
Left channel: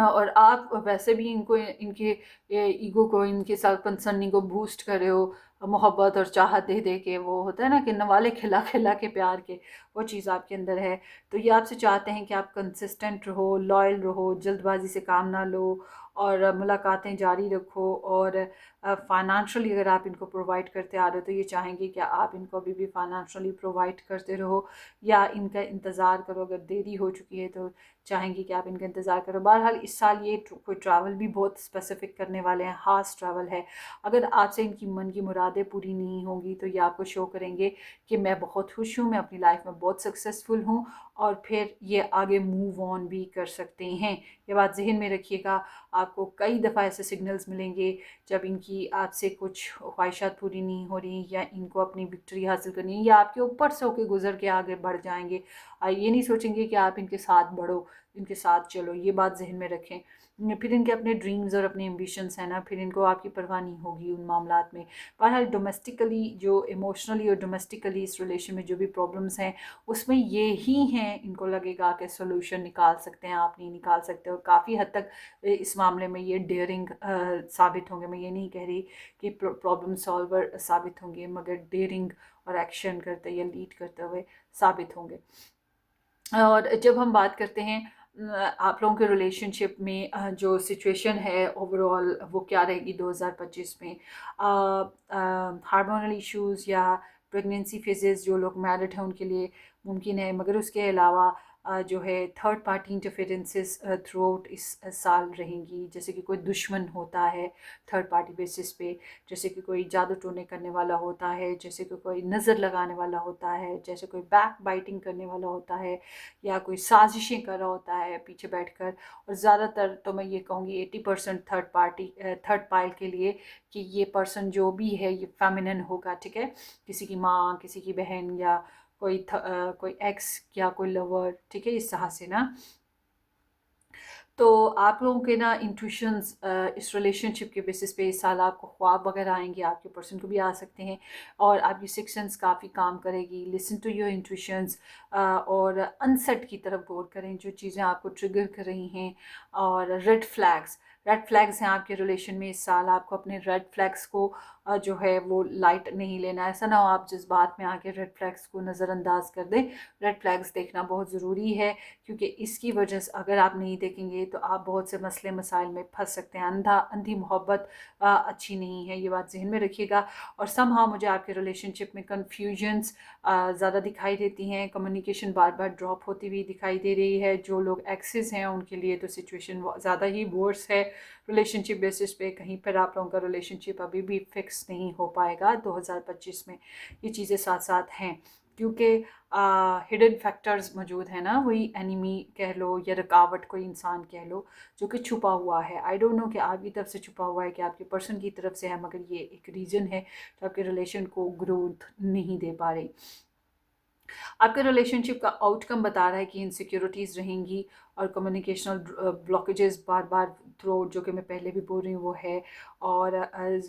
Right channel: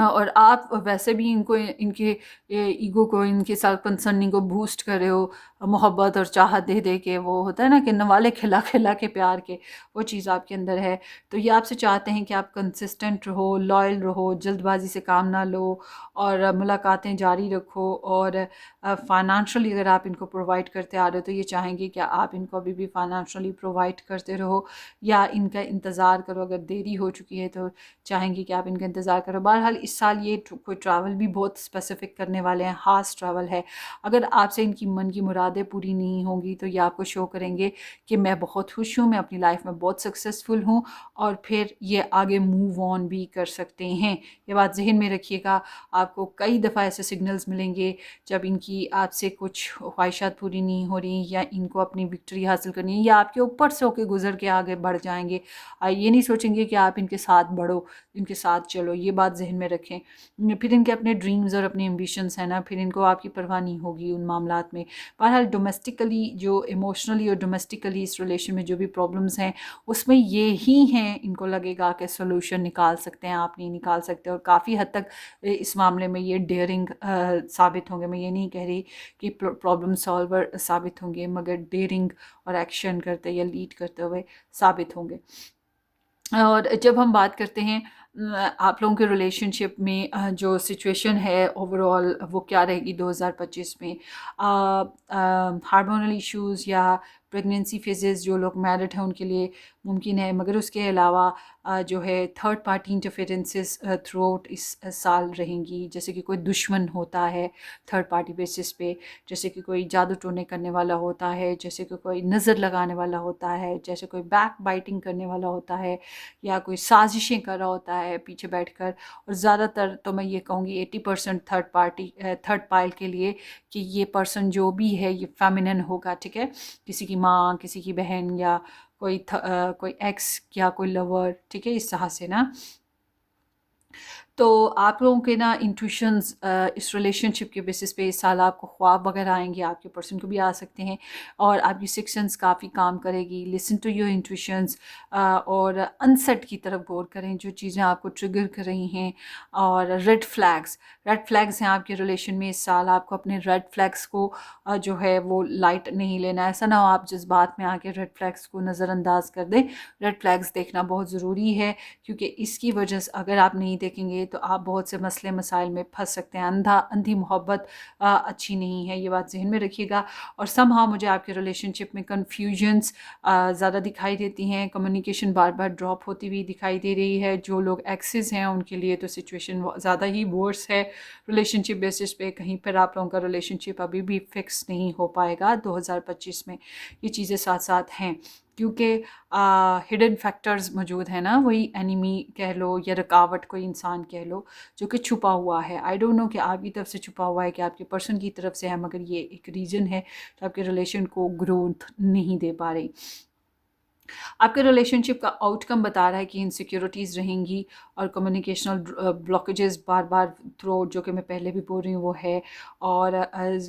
और आप वैसे भी इनको, इनके ईगो को, इनके सेल्फ कंसर्निंग को बूस्ट कर रहे हो, मोहब्बत और चाहत दे दे के। वो होता है ना कि नवाले खिला खिला के प्यार के, वो चीज़ आपके अंदर है। तो ये आपसे चाहते हैं कि आप कंसिस्टेंट रहो, लॉयल रहो, जल्दबाजी से काम ना लो, और मुलाकातें जारी रखो। और फाइनेंशियली अगर आप इनको प्रोवाइड करते आ रहे हो, तो ये चाहेंगे कि आप इनको अभी भी फाइनेंशियली प्रोवाइड करते रहो, या इनका इंतज़ार करो। अगर देरी हो चुकी है तो चाहेंगे कि आप इनका इंतज़ार करो। बहरहाल इस साल ये कोई ट्रैवल भी बहुत स्पेसिफ़िक करने वाले हैं, ख़ास ट्रैवल है। अगर आपसे इनकी मन की मुरादें पूरी नहीं होंगी, तो ये आपको शो करेंगे कि मैं बहुत खुश हूँ, मैं अपनी लाइफ में बहुत सक्सेसफुल हूँ, और फिर ये आगे मूव ऑन भी कर सकते हैं। ये बात ज़हन में रखिएगा। आपको कई दफ़ा ऐसे सिग्नल्स मिलेंगे जब इनकी आपसे कुछ ख्वाहिशात पूरी नहीं हो रही, या इनको अपनी विक्ट्री हासिल करनी है, या आपके ऊपर से होकर गुजर के आगे बढ़ जाएंगे। ये नहीं सोचेंगे कि आप इनके साथ बढ़ो, इनके साथ चलो। ये बात जहन में रखें। फिर इनके अपने ड्रीम्स और अपने एम्बिशंस हैं ना, फिर इनको आपकी परवाह नहीं होगी उन मामलात में। बहरहाल डोमेस्टिकली, जो इमोशनली और डोमेस्टिकली इस रिलेशन में जो भी प्रॉब्लम्स हैं, उसमें ये ही हैं इनको लगेगा कि सोल्यूशन निकाल सकते हैं, आप नहीं निकाल सकते। और काफ़ी हद तक इस मामले में ये डेयरिंग साबित होंगे। मैं ये नहीं कह रही कि प्रॉब्लम सॉल्वर साबित होंगे, मगर डेयरिंग और एक्शन करते या लीड करते हुए साबित होंगे। और जब हम बात करते हैं आप लोगों के रिलेशनशिप में जो सिचुएशन है ओवरऑल वो क्या रहेगी 2025 में, हार्मोनल इश्यूज़ या प्रेगनेंसी फेजेस, जो लोग मैरिड हैं उनके लिए मुमकिन है, मगर उसके अलावा जो है third party interferences through out इस साल रहेंगी। जैसे कि कोई दुश्मन होता है थर्ड पार्टी बेसिस पे, जैसे कि कोई जादू टोने करने वाला होता है, जैसे कि कोई नज़र लगाने वाला होता है, जैसे कोई बैक बाइटिंग करने वाला होता है, या कोई साजिशें कर रहा होता है पीछे बैठकर। और ज़्यादातर तो मैं ये कहूँगी 80% थर्ड पार्टी के लिए कि ये पर्सन जो भी है ये फेमिनिन होगा। ठीक है, किसी की माँ, किसी की बहन, या कोई एक्स या कोई लवर। ठीक है, इस तरह से ना। तो आप लोगों के ना इंट्यूशंस इस रिलेशनशिप के बेसिस पे इस साल आपको ख्वाब वगैरह आएंगे, आपके पर्सन को भी आ सकते हैं, और आपकी सिक्स सेंस काफ़ी काम करेगी। लिसन टू योर इंट्यूशंस, और अनसेट की तरफ गौर करें जो चीज़ें आपको ट्रिगर कर रही हैं। और रेड फ्लैग्स हैं आपके रिलेशन में इस साल। आपको अपने रेड फ्लैग्स को जो है वो लाइट नहीं लेना। ऐसा ना हो आप जिस बात में आके रेड फ्लैग्स को नज़रअंदाज कर दें। रेड फ्लैग्स देखना बहुत ज़रूरी है, क्योंकि इसकी वजह से अगर आप नहीं देखेंगे करेंगे तो आप बहुत से मसले मसाइल में फंस सकते हैं। अंधी मोहब्बत अच्छी नहीं है, ये बात ज़हन में रखिएगा। और समहाउ मुझे आपके रिलेशनशिप में कन्फ्यूजन्स ज़्यादा दिखाई देती हैं, कम्युनिकेशन बार बार ड्रॉप होती हुई दिखाई दे रही है। जो लोग एक्सेस हैं उनके लिए तो सिचुएशन ज़्यादा ही वर्स है रिलेशनशिप बेसिस पे। कहीं पर आप लोगों का रिलेशनशिप अभी भी फिक्स नहीं हो पाएगा 2025 में। ये चीज़ें साथ साथ हैं क्योंकि हिडन फैक्टर्स मौजूद हैं ना, वही एनिमी कह लो या रुकावट कोई इंसान कह लो जो कि छुपा हुआ है। आई डोंट नो कि आपकी तरफ से छुपा हुआ है कि आपके पर्सन की तरफ से है, मगर ये एक रीज़न है जो आपके रिलेशन को ग्रोथ नहीं दे पा रही। आपके रिलेशनशिप का आउटकम बता रहा है कि इनसिक्योरिटीज़ रहेंगी और कम्युनिकेशनल ब्लॉकेजेस बार बार थ्रू, जो कि मैं पहले भी बोल रही हूँ वो है। और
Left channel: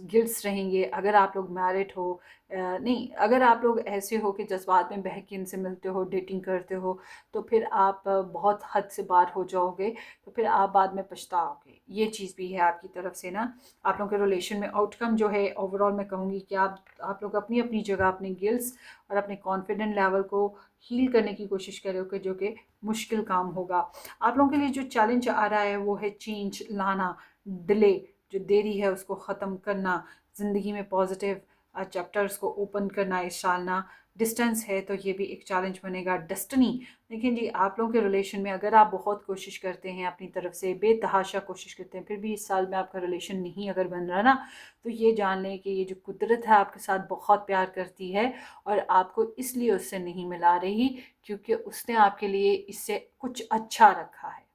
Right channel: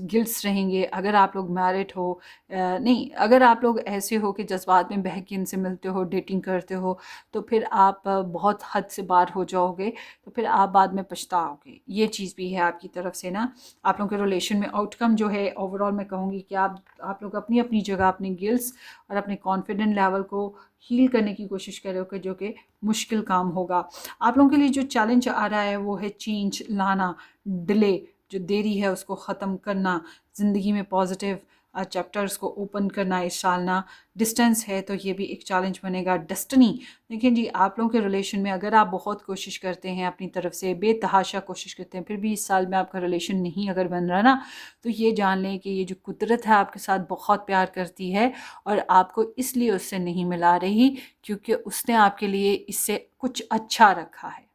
गिल्ट्स रहेंगे अगर आप लोग मैरिड हो, नहीं, अगर आप लोग ऐसे हो कि जज्बात में बह के इनसे मिलते हो, डेटिंग करते हो, तो फिर आप बहुत हद से बाहर हो जाओगे, तो फिर आप बाद में पछताओगे। ये चीज़ भी है आपकी तरफ से ना। आप लोगों के रिलेशन में आउटकम जो है ओवरऑल मैं कहूँगी कि आप लोग अपनी अपनी जगह अपने गिल्ट्स और अपने कॉन्फिडेंट लेवल को हील करने की कोशिश करोगे, जो कि मुश्किल काम होगा। आप लोगों के लिए जो चैलेंज आ रहा है वो है चेंज लाना, डिले, जो देरी है उसको ख़त्म करना, ज़िंदगी में पॉजिटिव चैप्टर्स को ओपन करना, इस साल ना। डिस्टेंस है तो ये भी एक चैलेंज बनेगा। डेस्टिनी, देखिए जी, आप लोगों के रिलेशन में अगर आप बहुत कोशिश करते हैं अपनी तरफ से, बेतहाशा कोशिश करते हैं, फिर भी इस साल में आपका रिलेशन नहीं अगर बन रहा ना, तो ये जान लें कि ये जो कुदरत है आपके साथ बहुत प्यार करती है और आपको इसलिए उससे नहीं मिला रही क्योंकि उसने आपके लिए इससे कुछ अच्छा रखा है।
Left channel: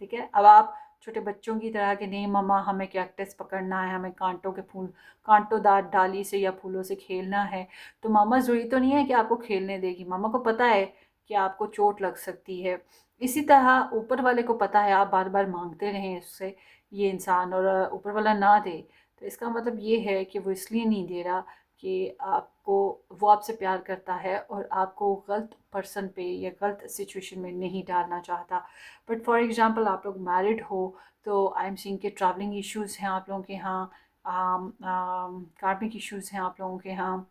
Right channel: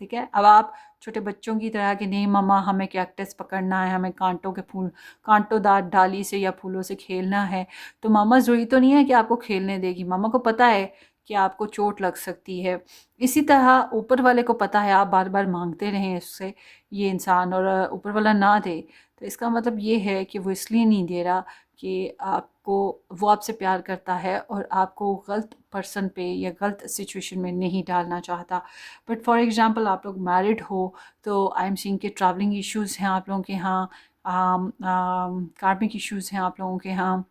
ठीक है, अब आप छोटे बच्चों की तरह कि नहीं मम्मा हमें कैक्टस पकड़ना है, हमें कांटोदार डाली से या फूलों से खेलना है, तो मामा ज़रूरी तो नहीं है कि आपको खेलने देगी। मामा को पता है कि आपको चोट लग सकती है। इसी तरह ऊपर वाले को पता है आप बार बार मांगते रहें उससे ये इंसान, और ऊपर वाला ना दे, तो इसका मतलब ये है कि वो इसलिए नहीं दे रहा कि आपको, वो आपसे प्यार करता है और आपको गलत पर्सन पे या गलत सिचुएशन में नहीं डालना चाहता। बट फॉर एग्ज़ाम्पल आप लोग मैरिड हो तो आई एम सीइंग के ट्रैवलिंग इश्यूज़ हैं आप लोगों के यहाँ, कार्मिक इश्यूज़ हैं आप लोगों के यहाँ,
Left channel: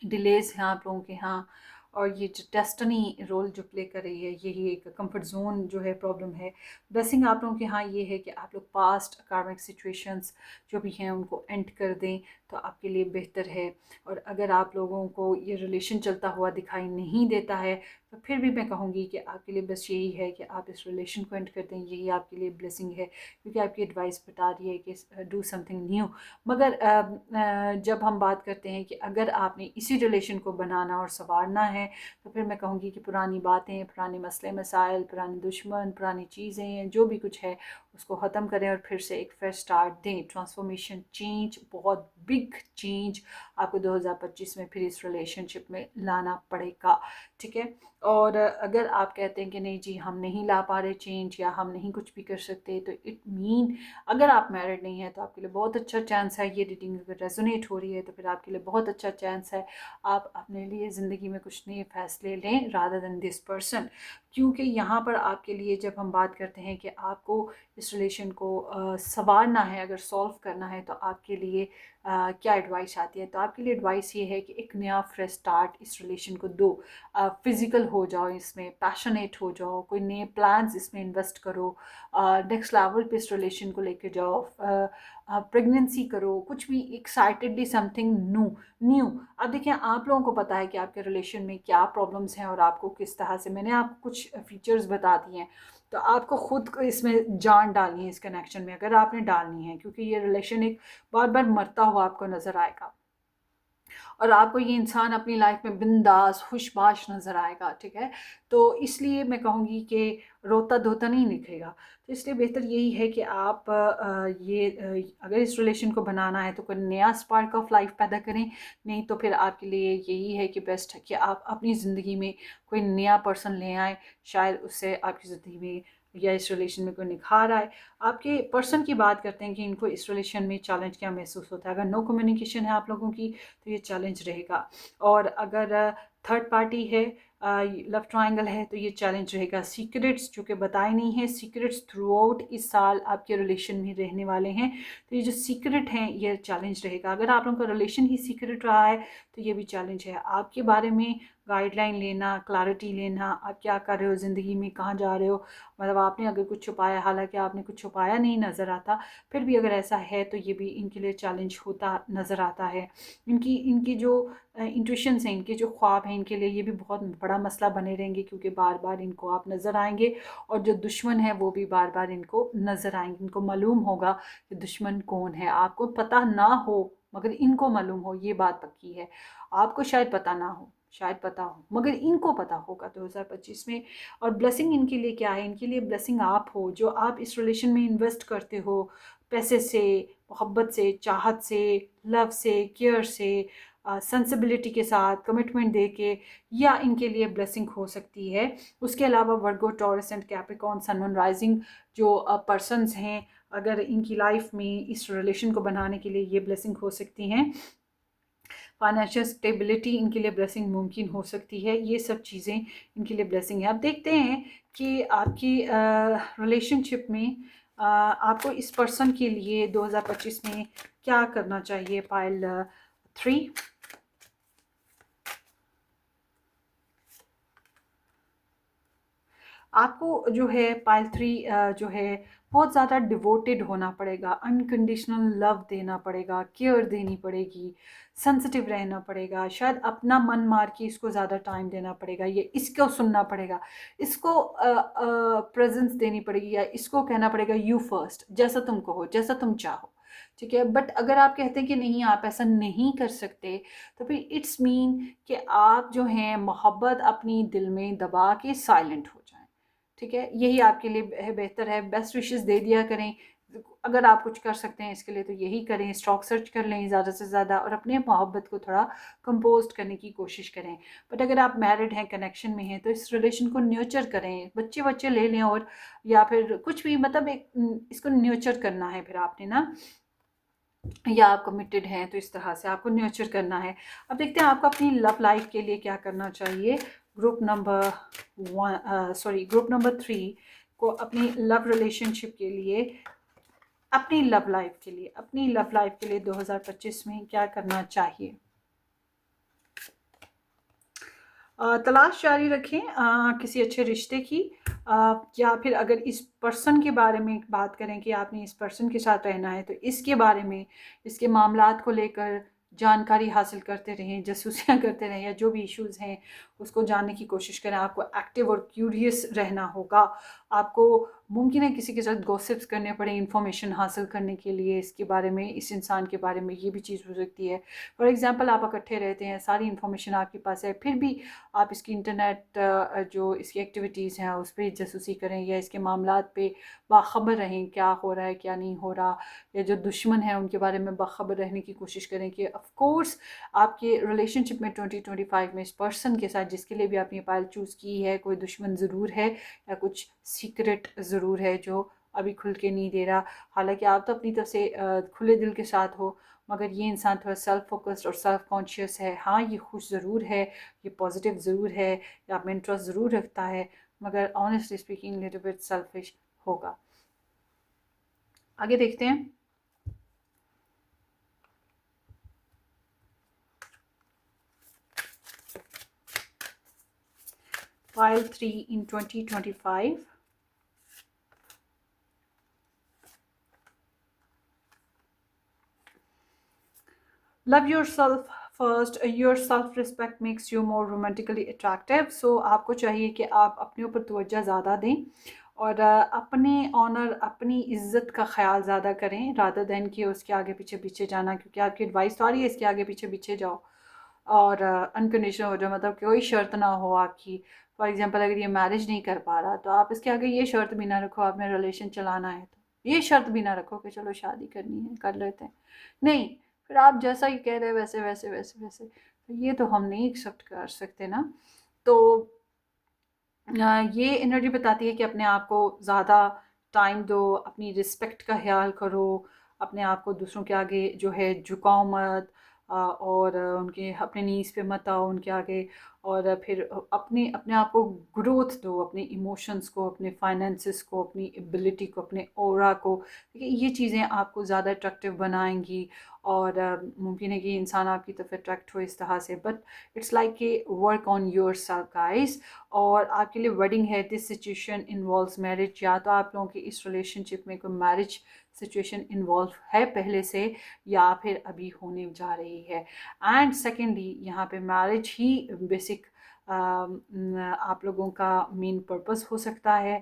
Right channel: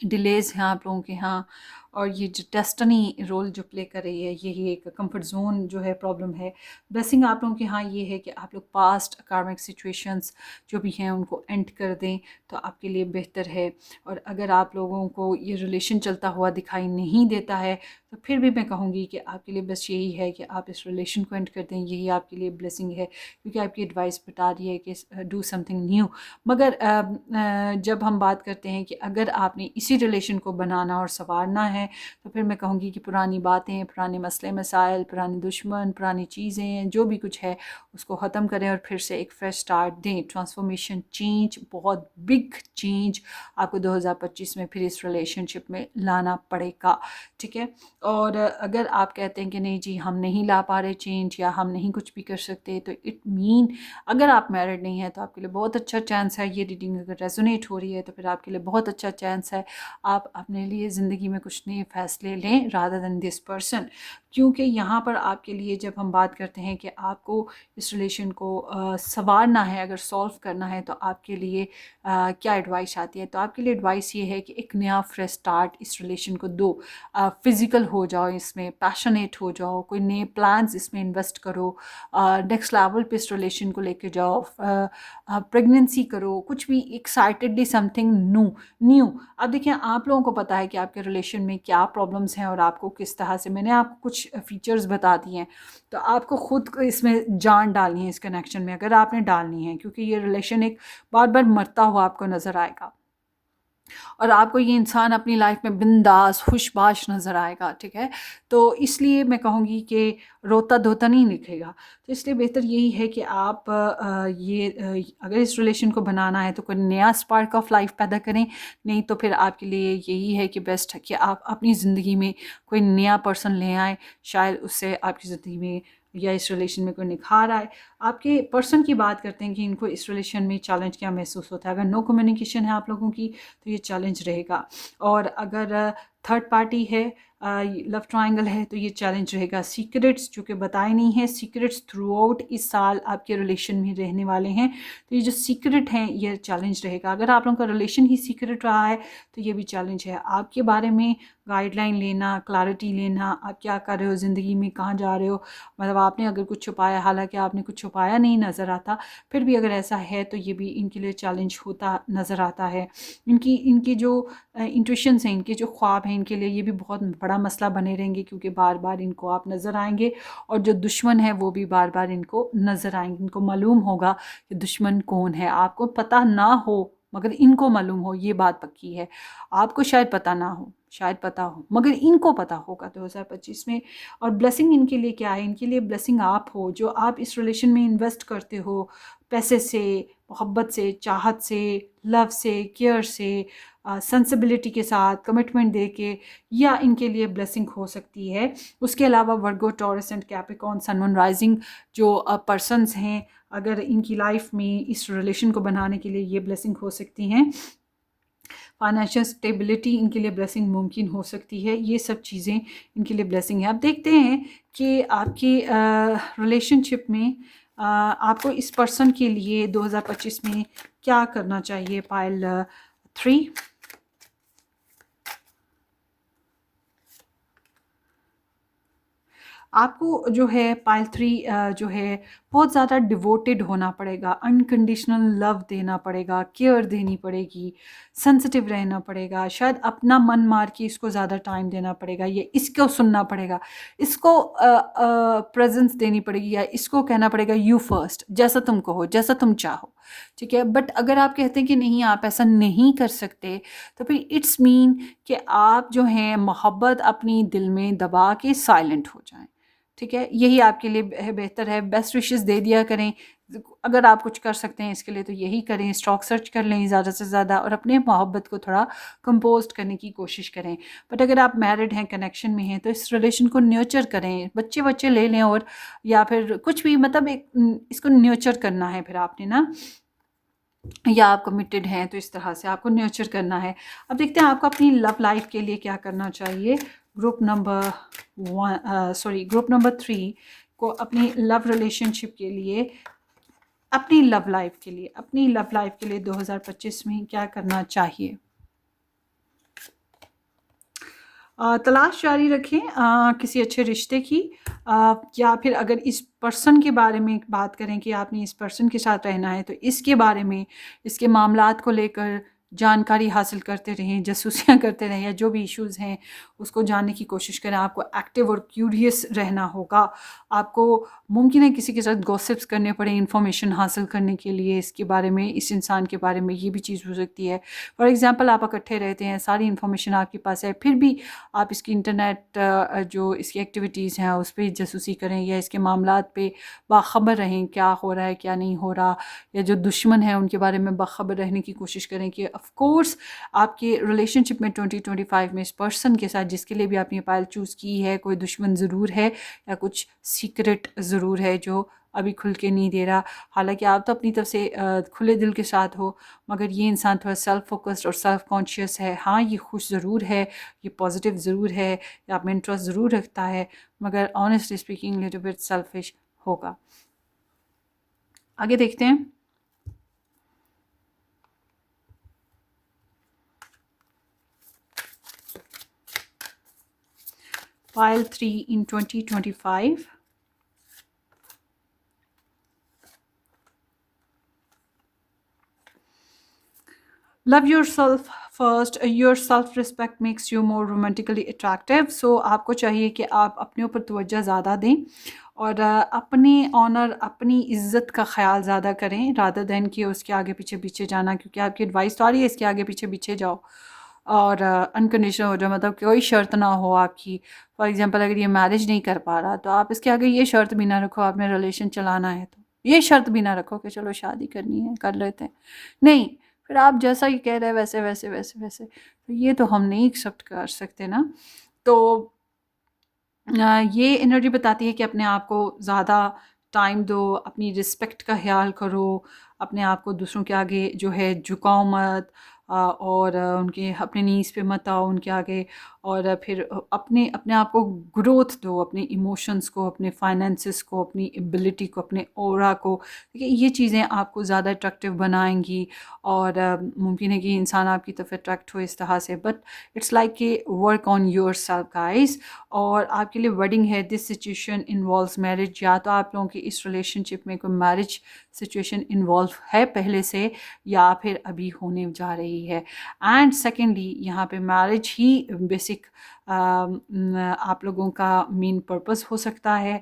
डिलेज़ हैं आप लोगों के यहाँ। और ये जो डेस्टिनी रोल जो प्ले कर रही है, यही एक कंफर्ट जोन जो है प्रॉब्लम है। ब्लेसिंग आप लोगों के यहाँ ये है कि आप लोग पास्ट कार्मिक सिचुएशंस जो भी हैं उनको एंड कर दें तो आपके लिए बेहतर है। और अगर आप लोगों को ये रिलेशन चलता हुआ दिखाई नहीं देता है तो फिर भी मैं कहूँगी कि आपके लिए बस यही है कि आप इस रिलेशन को एंड कर दें, यही आपके लिए ब्लेसिंग है, क्योंकि आपकी एडवाइस बता रही है कि डू समथिंग न्यू। मगर जब हम बात करते हैं कि अगर आपने इसी रिलेशन को बनाना और संवारना है तो फिर मैं कहूँगी कि पुरानी बातें, पुराने मसले मसाइल, पुराने दुश्मन, पुरानी चीज़ें जो भी कुछ है उसको ख़त्म करें और फिर से एक फ्रेश स्टार्ट दें। ट्रांसफॉर्मेशन, चेंज, बहुत बिग चेंज आपको 2025 में फिर इस रिलेशनशिप में लाना पड़ेगा। ठीक है, और अगर आप कहते हैं कि नहीं जी हम नहीं ला पा रहे चेंज या हम नहीं कुछ भी कर सकते, तो इट मीन अगर आप मैरिड नहीं हैं तो आपके लिए बहुत अच्छा चांस है। ये रीडिंग अगर रेजोनेट हो रही है तो फिर आपके लिए बहुत अच्छा चांस है, आप अपने लिए ज़िंदगी में कुछ नए फैसले लें रादर देन दिस पर्सन। क्योंकि यहाँ पर आपके लिए जब हम बात करते हैं कि आपको इस रिलेशन को संवारना है, अगर सॉल्व करना है, तो आपके लिए क्या एडवाइस आती है, तो आपके लिए एडवाइस ये है कि एक नया फ्रेश स्टार्ट इस रिलेशन को दो। फिज़िकल हो जाओ, इसमें पैशनेट हो जाओ, कोई नए प्लान्स इसमें इन्वेस्ट करो, नेक्स्ट लेवल पे इस रिलेशन को लेके जाओ, प्रेगनेंसी करो, कुछ भी एक्साइटेडली समथिंग न्यू। अब देखिए आप लोगों को पता है कि आपके रिलेशन में क्या प्रॉब्लम्स हैं और आपको किस तरह से, मैंने आपको कुछ फीचर्स बता दिए हैं, तो आपको खुद को इसमें जान डालनी है इस कनेक्शन में, अगर आपने डालनी है, क्योंकि ये रिलेशन एक बार बार मरता हुआ आपको नज़र आएगा और आपको ये इंसान अपनी लाइफ में बिंदास खुशबाश नज़र आएगा। ठीक है, तो इसलिए मैं कहूँगी कि रोता धोता नहीं दिखेगा। तो इसलिए बेहतर यही है कि आप अगर इस रिलेशन को बनाना है तो कोई नया स्पार्क ऑफ लाइफ पैदा करें, नहीं तो फिर आपके लिए यही है कि बेस्ट है कि आप अपनी ज़िंदगी में कोई नया पर्सन ले आएँ, शायद उससे आपकी ज़िंदगी में या इस रिलेशन में कोई निखार आए। आपके पर्सन की बात करते हैं कि इनको इस रिलेशन में चैलेंज क्या महसूस होता है। अगर नो कम्युनिकेशन है आप लोगों की तो ये चैलेंज रहेगा, और अगर थर्ड पार्टी है, लव ट्रायंगल है, तो ये चैलेंज रहेगा। सीक्रेट्स जो कि बताए नहीं हैं, सीक्रेट्स थ्रू आउट इस साल आपके रिलेशन में रहने वाले हैं, तो ये जो सीक्रेट हैं ये चैलेंज रहेगा। अगर आप लोगों का रिलेशन ही सीक्रेट रहा है तो ये भी चैलेंज है। आपके बारे में गाइडलाइन लेना, क्लैरिटी लेना, आप क्या कर रहे हो ज़िंदगी में, कहाँ जा रहे हो, मतलब आपने अगर कुछ छुपाया, हालांकि आपने कुछ छुपाया नहीं नज़र आता, फिर भी अगर ऐसा है तो ये भी इनके लिए चैलेंज होता नज़र आता है। इनकी इनकी जो इंट्यूशंस हैं, इनके जो ख्वाब हैं, इनके लिए ये भी बहुत बड़ा मसला बने रहेंगे, क्योंकि बार बार इनको आप नज़र आएंगे, और जो दुश्मन है वो भी बार बार इनको नज़र आएंगे। इनको मालूम होगा कि दुश्मन कौन है। आपको पता ना हो मगर इनको मालूम हो, ये बात पक्की है। आपको शायद पता ना हो, शायद पता हो, मगर इनको पता होगा 2025 में। और ब्लेसिंग इनके लिए क्या है? इनके लिए ब्लेसिंग आप हो, जो आप इस रिलेशन में इन्वेस्ट करते हो, पैसे से, मोहब्बत से, चाहत से, लव से, केयर से, सेंसिबिलिटी के साथ, कमिटमेंट दे के, या इनके लिए ब्लेसिंग हो सकती है। उसके अलावा Virgo, Taurus and Capricorn, sun, moon, rising जो पर्सन्स हैं, अगर इनकी लाइफ में इस रिलेशन को बनाने के लिए ये ब्लेसिंग हो सकती हैं। फाइनेंशियल स्टेबिलिटी इनके लिए ब्लेसिंग मुमकिन हो सकती है। ये सब चीज़ें इनके लिए ब्लेसिंग है। अब देखते हैं कि आपकी रिलेशनशिप में आपको इस पर्सन के लिए 2025 में क्या करना चाहिए। पाइल 3, आपको जो है पाइल 3 जो है बहुत ज़्यादा डिवोटेड होना पड़ेगा, अनकंडीशनल लव देना पड़ेगा, केयर देनी पड़ेगी, सेंसिटिव रहना पड़ेगा, शायद अपना मन मार के इसको ज़्यादा टाइम देना पड़ेगा, या इसको सुनना पड़ेगा, इसको प्रेजेंस देनी पड़ेगी, या इसको कहना पड़ेगा यू फर्स्ट, जैसा तुम कहो, जैसा तुम चाहो। ठीक है, बट अगर आप कहते हैं कि नहीं आप ऐसा नहीं कर सकते, तो फिर इट्स मीन कि आप जो हैं मोहब्बत अपनी दिल में दबा के साइलेंट हो जाएं। ठीक है, यही आपके लिए बेहतर है। बेस्ट विशेस दे दिया करें। अगर आप कुछ कर सकते हैं इसके लिए तो यही करें। स्टॉक सर्च कर लें ज़्यादा से ज़्यादा, और अपने मोहब्बत को थोड़ा कंपोस्ट करने की कोशिश करें। बट अगर आप मैरिड हैं, कनेक्शन में हैं, तो इस रिलेशन को न्योचर करें। बच्चे बच्चे ले लें, और या फिर कुछ भी, मतलब एक इसको न्योचर करना है फिर आपने ना, या आप कमिटेड हैं तो इस तरह से आपको न्योचर करना है। अब देखते हैं आपको अपनी लव लाइफ के लिए क्या करना चाहिए। ग्रुप नंबर 3 को अपनी लव रिलेशनशिप के लिए, अपनी लव लाइफ के लिए, अपनी लव लाइफ के लिए 2025 में क्या करना चाहिए। तलाश जारी रखें किसी अच्छे रिश्ते की, या फिर अगर इस पर्सन के बारे में बात करें कि आपने इस पर्सन के साथ रहना है, तो इसके बारे में, इसके मामलात को लेकर जानकारी हासिल करते रहें, जासूसियाँ करते रहें, या जो भी इश्यूज़ हैं उसको जानने की कोशिश करें। आपको एक्टिव और क्यूरियस रहना होगा। आपको मुमकिन है किसी के साथ गॉसिप्स करने पड़े इन्फॉर्मेशन हासिल करने के लिए, इसके बारे में, इस इंसान के बारे में, ये भी चीज़ हो सकती है। फॉर एग्ज़ाम्पल आप इकट्ठे रहते हैं, सारी इन्फॉर्मेशन आपके पास है, फिर भी आप इसकी इंटरनेट जो इसकी एक्टिविटीज़ हैं उस पर जासूसी करें, या इसके मामलात पे बाखबर रहें, क्या हो रहा है क्या नहीं हो रहा, या जो दुश्मन है उनके बारे में बाखबर रहने की कोशिश करें। कि ऑफ कोर्स आपके रिलेशनशिप में 2025 में इस पर्सन के साथ जिसके लिए भी आपने पायल चूज़ की है, कोई दुश्मन ज़रूर है, या कुछ सीक्रेट ज़रूर है जो अभी खुल के नहीं दे रहा। हालांकि आप तो अपनी तरफ से खुले दिल के साथ हो, मगर ये इंसान थोड़ा सेल्फ फोकस्ड और सेल्फ कॉन्शियस है। हाँ, ये खुश ज़रूर है, ये पॉजिटिव ज़रूर है, या आप में इंटरेस्ट ज़रूर रखता है, मगर honestly speaking little bit selfish होगा। आगे देखते हैं। Pile 3 in 2025. Love yourself first. Your self respect makes you more romantically attractive. So आपको चाहिए कि आप अपने ऊपर तवज्जो ज़्यादा दें, और अपने ऑनर, अपनी इज़्ज़त का ख्याल ज़्यादा करें, रादर दैन कि उसके आगे पीछे पीछे जाना। क्योंकि आपकी एडवाइस तो आ रही है इसके आगे पीछे पीछे जाओ, और अनकंडीशनल हो जाओ, मतलब कोई शर्त ना हो आपकी। फॉर एग्जांपल अगर ये मैरिज नहीं कर पा रहा, तो आप इसके आगे ये शर्त भी ना रखो, आपने रिलेशन चलाना है तो ये शर्त भी ना रखो कि चलो शादी करनी है कर लेते हैं। नहीं, फिर आप जैसा ही कह रहे हैं वैसे वैसे वैसे वैसे, तो ये तो हम नहीं एक्सेप्ट कर सकते ना। तो ये एनर्जी बताती है कि अपने आप को ज़्यादा टाइम दो, अपनी रिस्पेक्ट का ख्याल करो, अपने आप को दूसरों के आगे जो है झुकाओ मत, और उनके अपने नीज़ पे मत आओ उनके आगे, और फिर अपने अपने आप को ग्रोथ दो, अपने इमोशंस को, अपने फाइनेंसेस को, अपनी एबिलिटी को, अपने ऑरा को। देखिए ये चीज़ें आपको ज़्यादा अट्रैक्टिव बनाएंगी, और मुमकिन है कि इंसान आपकी तरफ अट्रैक्ट हो इस तरह से। बट इट्स लाइक कि work on your self guys. और आपके लिए वेडिंग है, दिस सिचुएशन इन्वॉल्व्स मैरिज, या तो आप लोगों की इस रिलेशनशिप में कोई मैरिज सिचुएशन इन्वॉल्व है पहले से, या फिर अभी होने जा रही है। एंड सेकेंडली यहाँ पे मैरिज ही बेसिक आप लोगों का मेन पर्पस हो सकता है।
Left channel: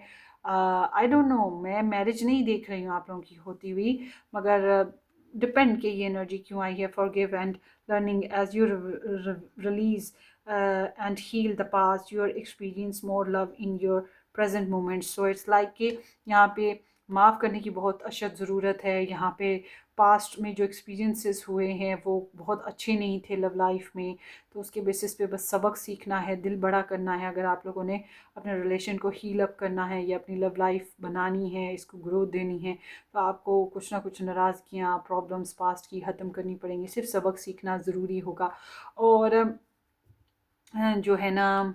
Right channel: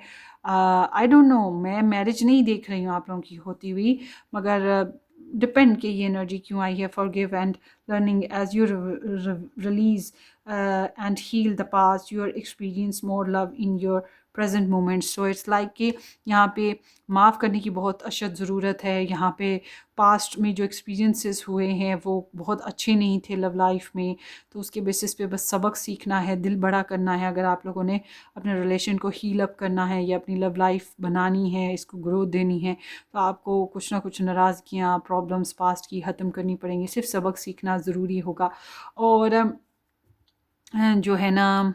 आई डोंट नो, मैं मैरिज नहीं देख रही हूँ आप लोगों की होती हुई, मगर डिपेंड कि ये एनर्जी क्यों आई है। Forgive and learning as you release and heal the past, you're experience more love in your present moment. So it's like कि यहाँ पे माफ़ करने की बहुत अशद ज़रूरत है। यहाँ पे पास्ट में जो एक्सपीरियंसेस हुए हैं वो बहुत अच्छे नहीं थे लव लाइफ में, तो उसके बेसिस पे बस सबक सीखना है, दिल बड़ा करना है। अगर आप लोगों ने अपने रिलेशन को हील अप करना है या अपनी लव लाइफ बनानी है, इसको ग्रोथ देनी है, तो आपको कुछ ना कुछ नाराज़गियाँ, प्रॉब्लम्स पास्ट की ख़त्म करनी पड़ेंगी। सिर्फ सबक सीखना ज़रूरी होगा। और जो है ना,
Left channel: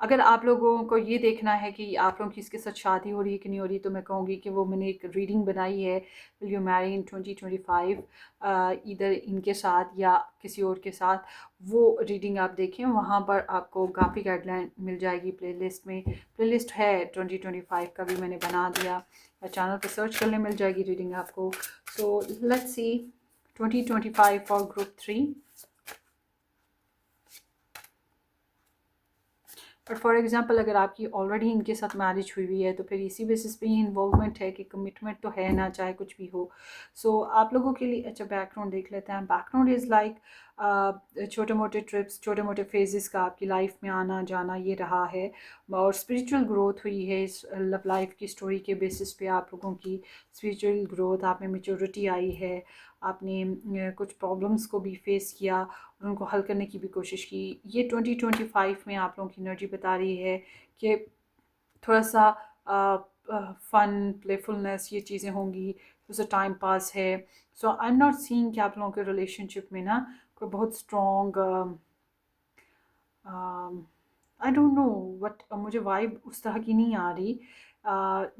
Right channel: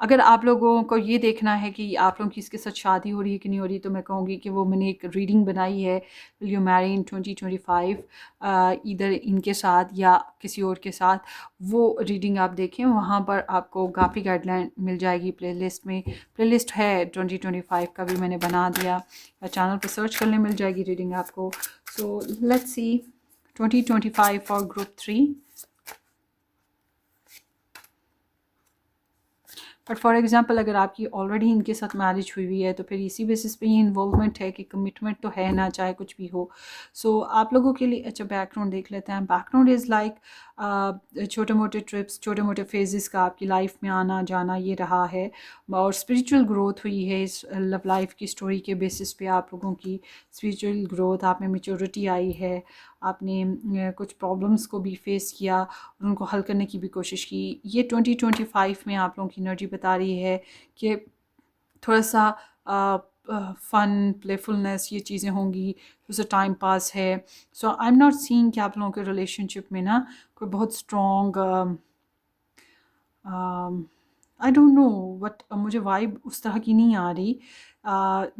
अगर आप लोगों को ये देखना है कि आप लोगों की इसके साथ शादी हो रही है कि नहीं हो रही, तो मैं कहूँगी कि वो मैंने एक रीडिंग बनाई है, विल यू मैरी इन 2025, इधर इनके साथ या किसी और के साथ। वो रीडिंग आप देखें, वहाँ पर आपको काफ़ी गाइडलाइन मिल जाएगी प्लेलिस्ट में। प्लेलिस्ट है 2025 का भी मैंने बना दिया, चैनल पर सर्च करने मिल जाएगी रीडिंग आपको। सो let's see 2025 for group 3। But for example अगर आपकी ऑलरेडी इनके साथ मैरिज हुई हुई है, तो फिर इसी बेसिस पे ये इन्वॉल्वमेंट है कि कमिटमेंट तो है ना, चाहे कुछ भी हो। सो आप लोगों के लिए अच्छा बैकग्राउंड देख लेते हैं। बैकग्राउंड इज़ लाइक छोटे मोटे ट्रिप्स, छोटे मोटे फेजेस का आपकी लाइफ में आना जाना ये रहा है, और स्पिरिचुअल ग्रोथ हुई है इस लव लाइफ की स्टोरी के बेसिस पे। आप लोगों की स्पिरिचुअल ग्रोथ, आप में मेच्योरिटी आई है, आपने कुछ प्रॉब्लम्स को भी फेस किया और उनको हल करने की भी कोशिश की। ये 2025 में आप लोगों की एनर्जी बता रही है कि थोड़ा सा फ़न, प्लेफुलनेस, ये चीज़ें होंगी, थोड़ा सा टाइम पास है। सो आई एम नॉट सीइंग कि आप लोगों के रिलेशनशिप में ना कोई बहुत strong, I don't know but मुझे वाइब उस तरह की नहीं आ रही।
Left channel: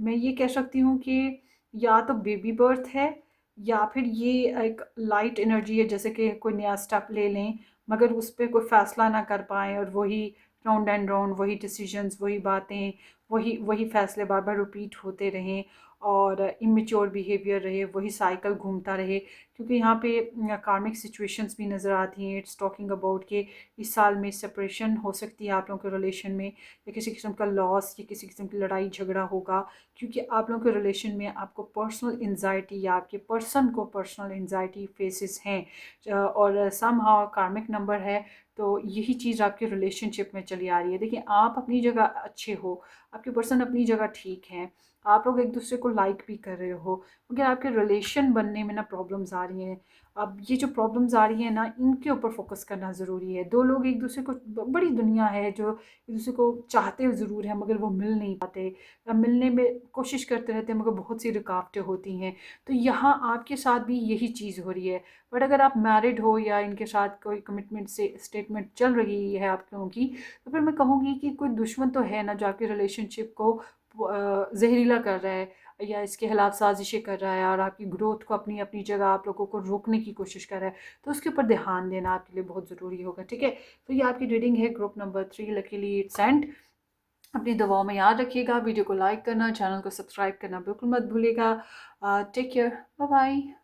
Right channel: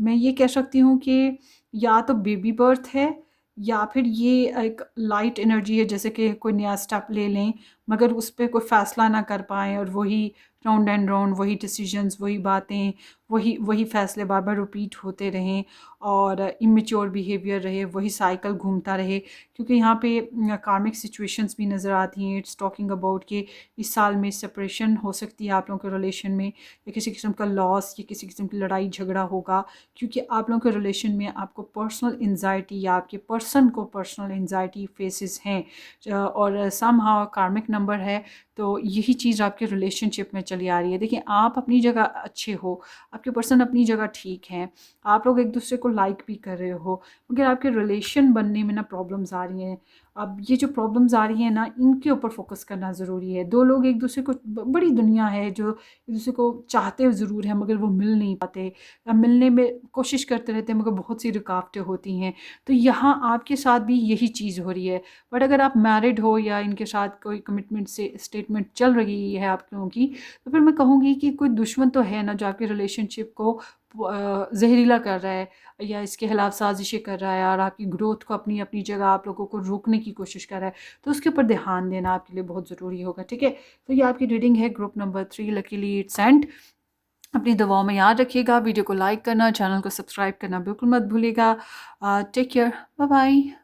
मैं ये कह सकती हूँ कि या तो बेबी बर्थ है, या फिर ये एक लाइट एनर्जी है, जैसे कि कोई नया स्टेप ले लें मगर उस पर कोई फ़ैसला ना कर पाएँ, और वही राउंड एंड राउंड, वही डिसीजंस, वही बातें, वही वही फ़ैसले बार बार रिपीट होते रहें, और इमेच्योर बिहेवियर रहे, वही साइकिल घूमता रहे। क्योंकि यहाँ पे कार्मिक सिचुएशंस भी नज़र आती हैं। इट्स टॉकिंग अबाउट कि इस साल में सेपरेशन हो सकती है आप लोगों के रिलेशन में, या किसी किस्म का लॉस, या किसी किस्म की लड़ाई झगड़ा होगा, क्योंकि आप लोगों के रिलेशन में आपको पर्सनल एंजाइटी या आपके पर्सन को पर्सनल एंजाइटी फेसेस हैं, और सम हाउ कार्मिक नंबर है। तो यही चीज़ आपके रिलेशनशिप में चली आ रही है। देखिए आप अपनी जगह अच्छे हो, आपके पर्सन अपनी जगह ठीक हैं, आप लोग एक दूसरे को लाइक भी कर रहे हो, मगर आपके रिलेशन बनने में ना प्रॉब्लम्स आ रही हैं। अब ये जो प्रॉब्लम्स आ रही हैं ना, इनके ऊपर फोकस करना ज़रूरी है। दो लोग एक दूसरे को, बड़ी दुनिया है जो एक दूसरे को चाहते ज़रूर है मगर वो मिल नहीं पाते, मिलने में कोशिश करते रहते हैं मगर बहुत सी रुकावटें होती हैं। तो यहाँ आपके साथ भी यही चीज़ हो रही है। बट अगर आप मैरिड हो या इनके साथ कोई कमिटमेंट से स्टेटमेंट चल रही है आप लोगों की, तो फिर मैं कहूँगी कि कोई दुश्मन तो है ना जो आपके रिलेशनशिप को जहरीला कर रहा है, या इसके खिलाफ साजिशें कर रहा है, और आपकी ग्रोथ को अपनी अपनी जगह आप लोगों को रोकने की कोशिश कर रहा है। तो उसके ऊपर ध्यान देना आपके लिए बहुत ज़रूरी होगा। ठीक है, तो ये आपकी रीडिंग है group number 3, luckily it's and. अपनी दुआओं में याद रखिएगा, वीडियो को लाइक करना, चैनल को सब्सक्राइब करना बिल्कुल मत भूलिएगा। Take care, bye bye.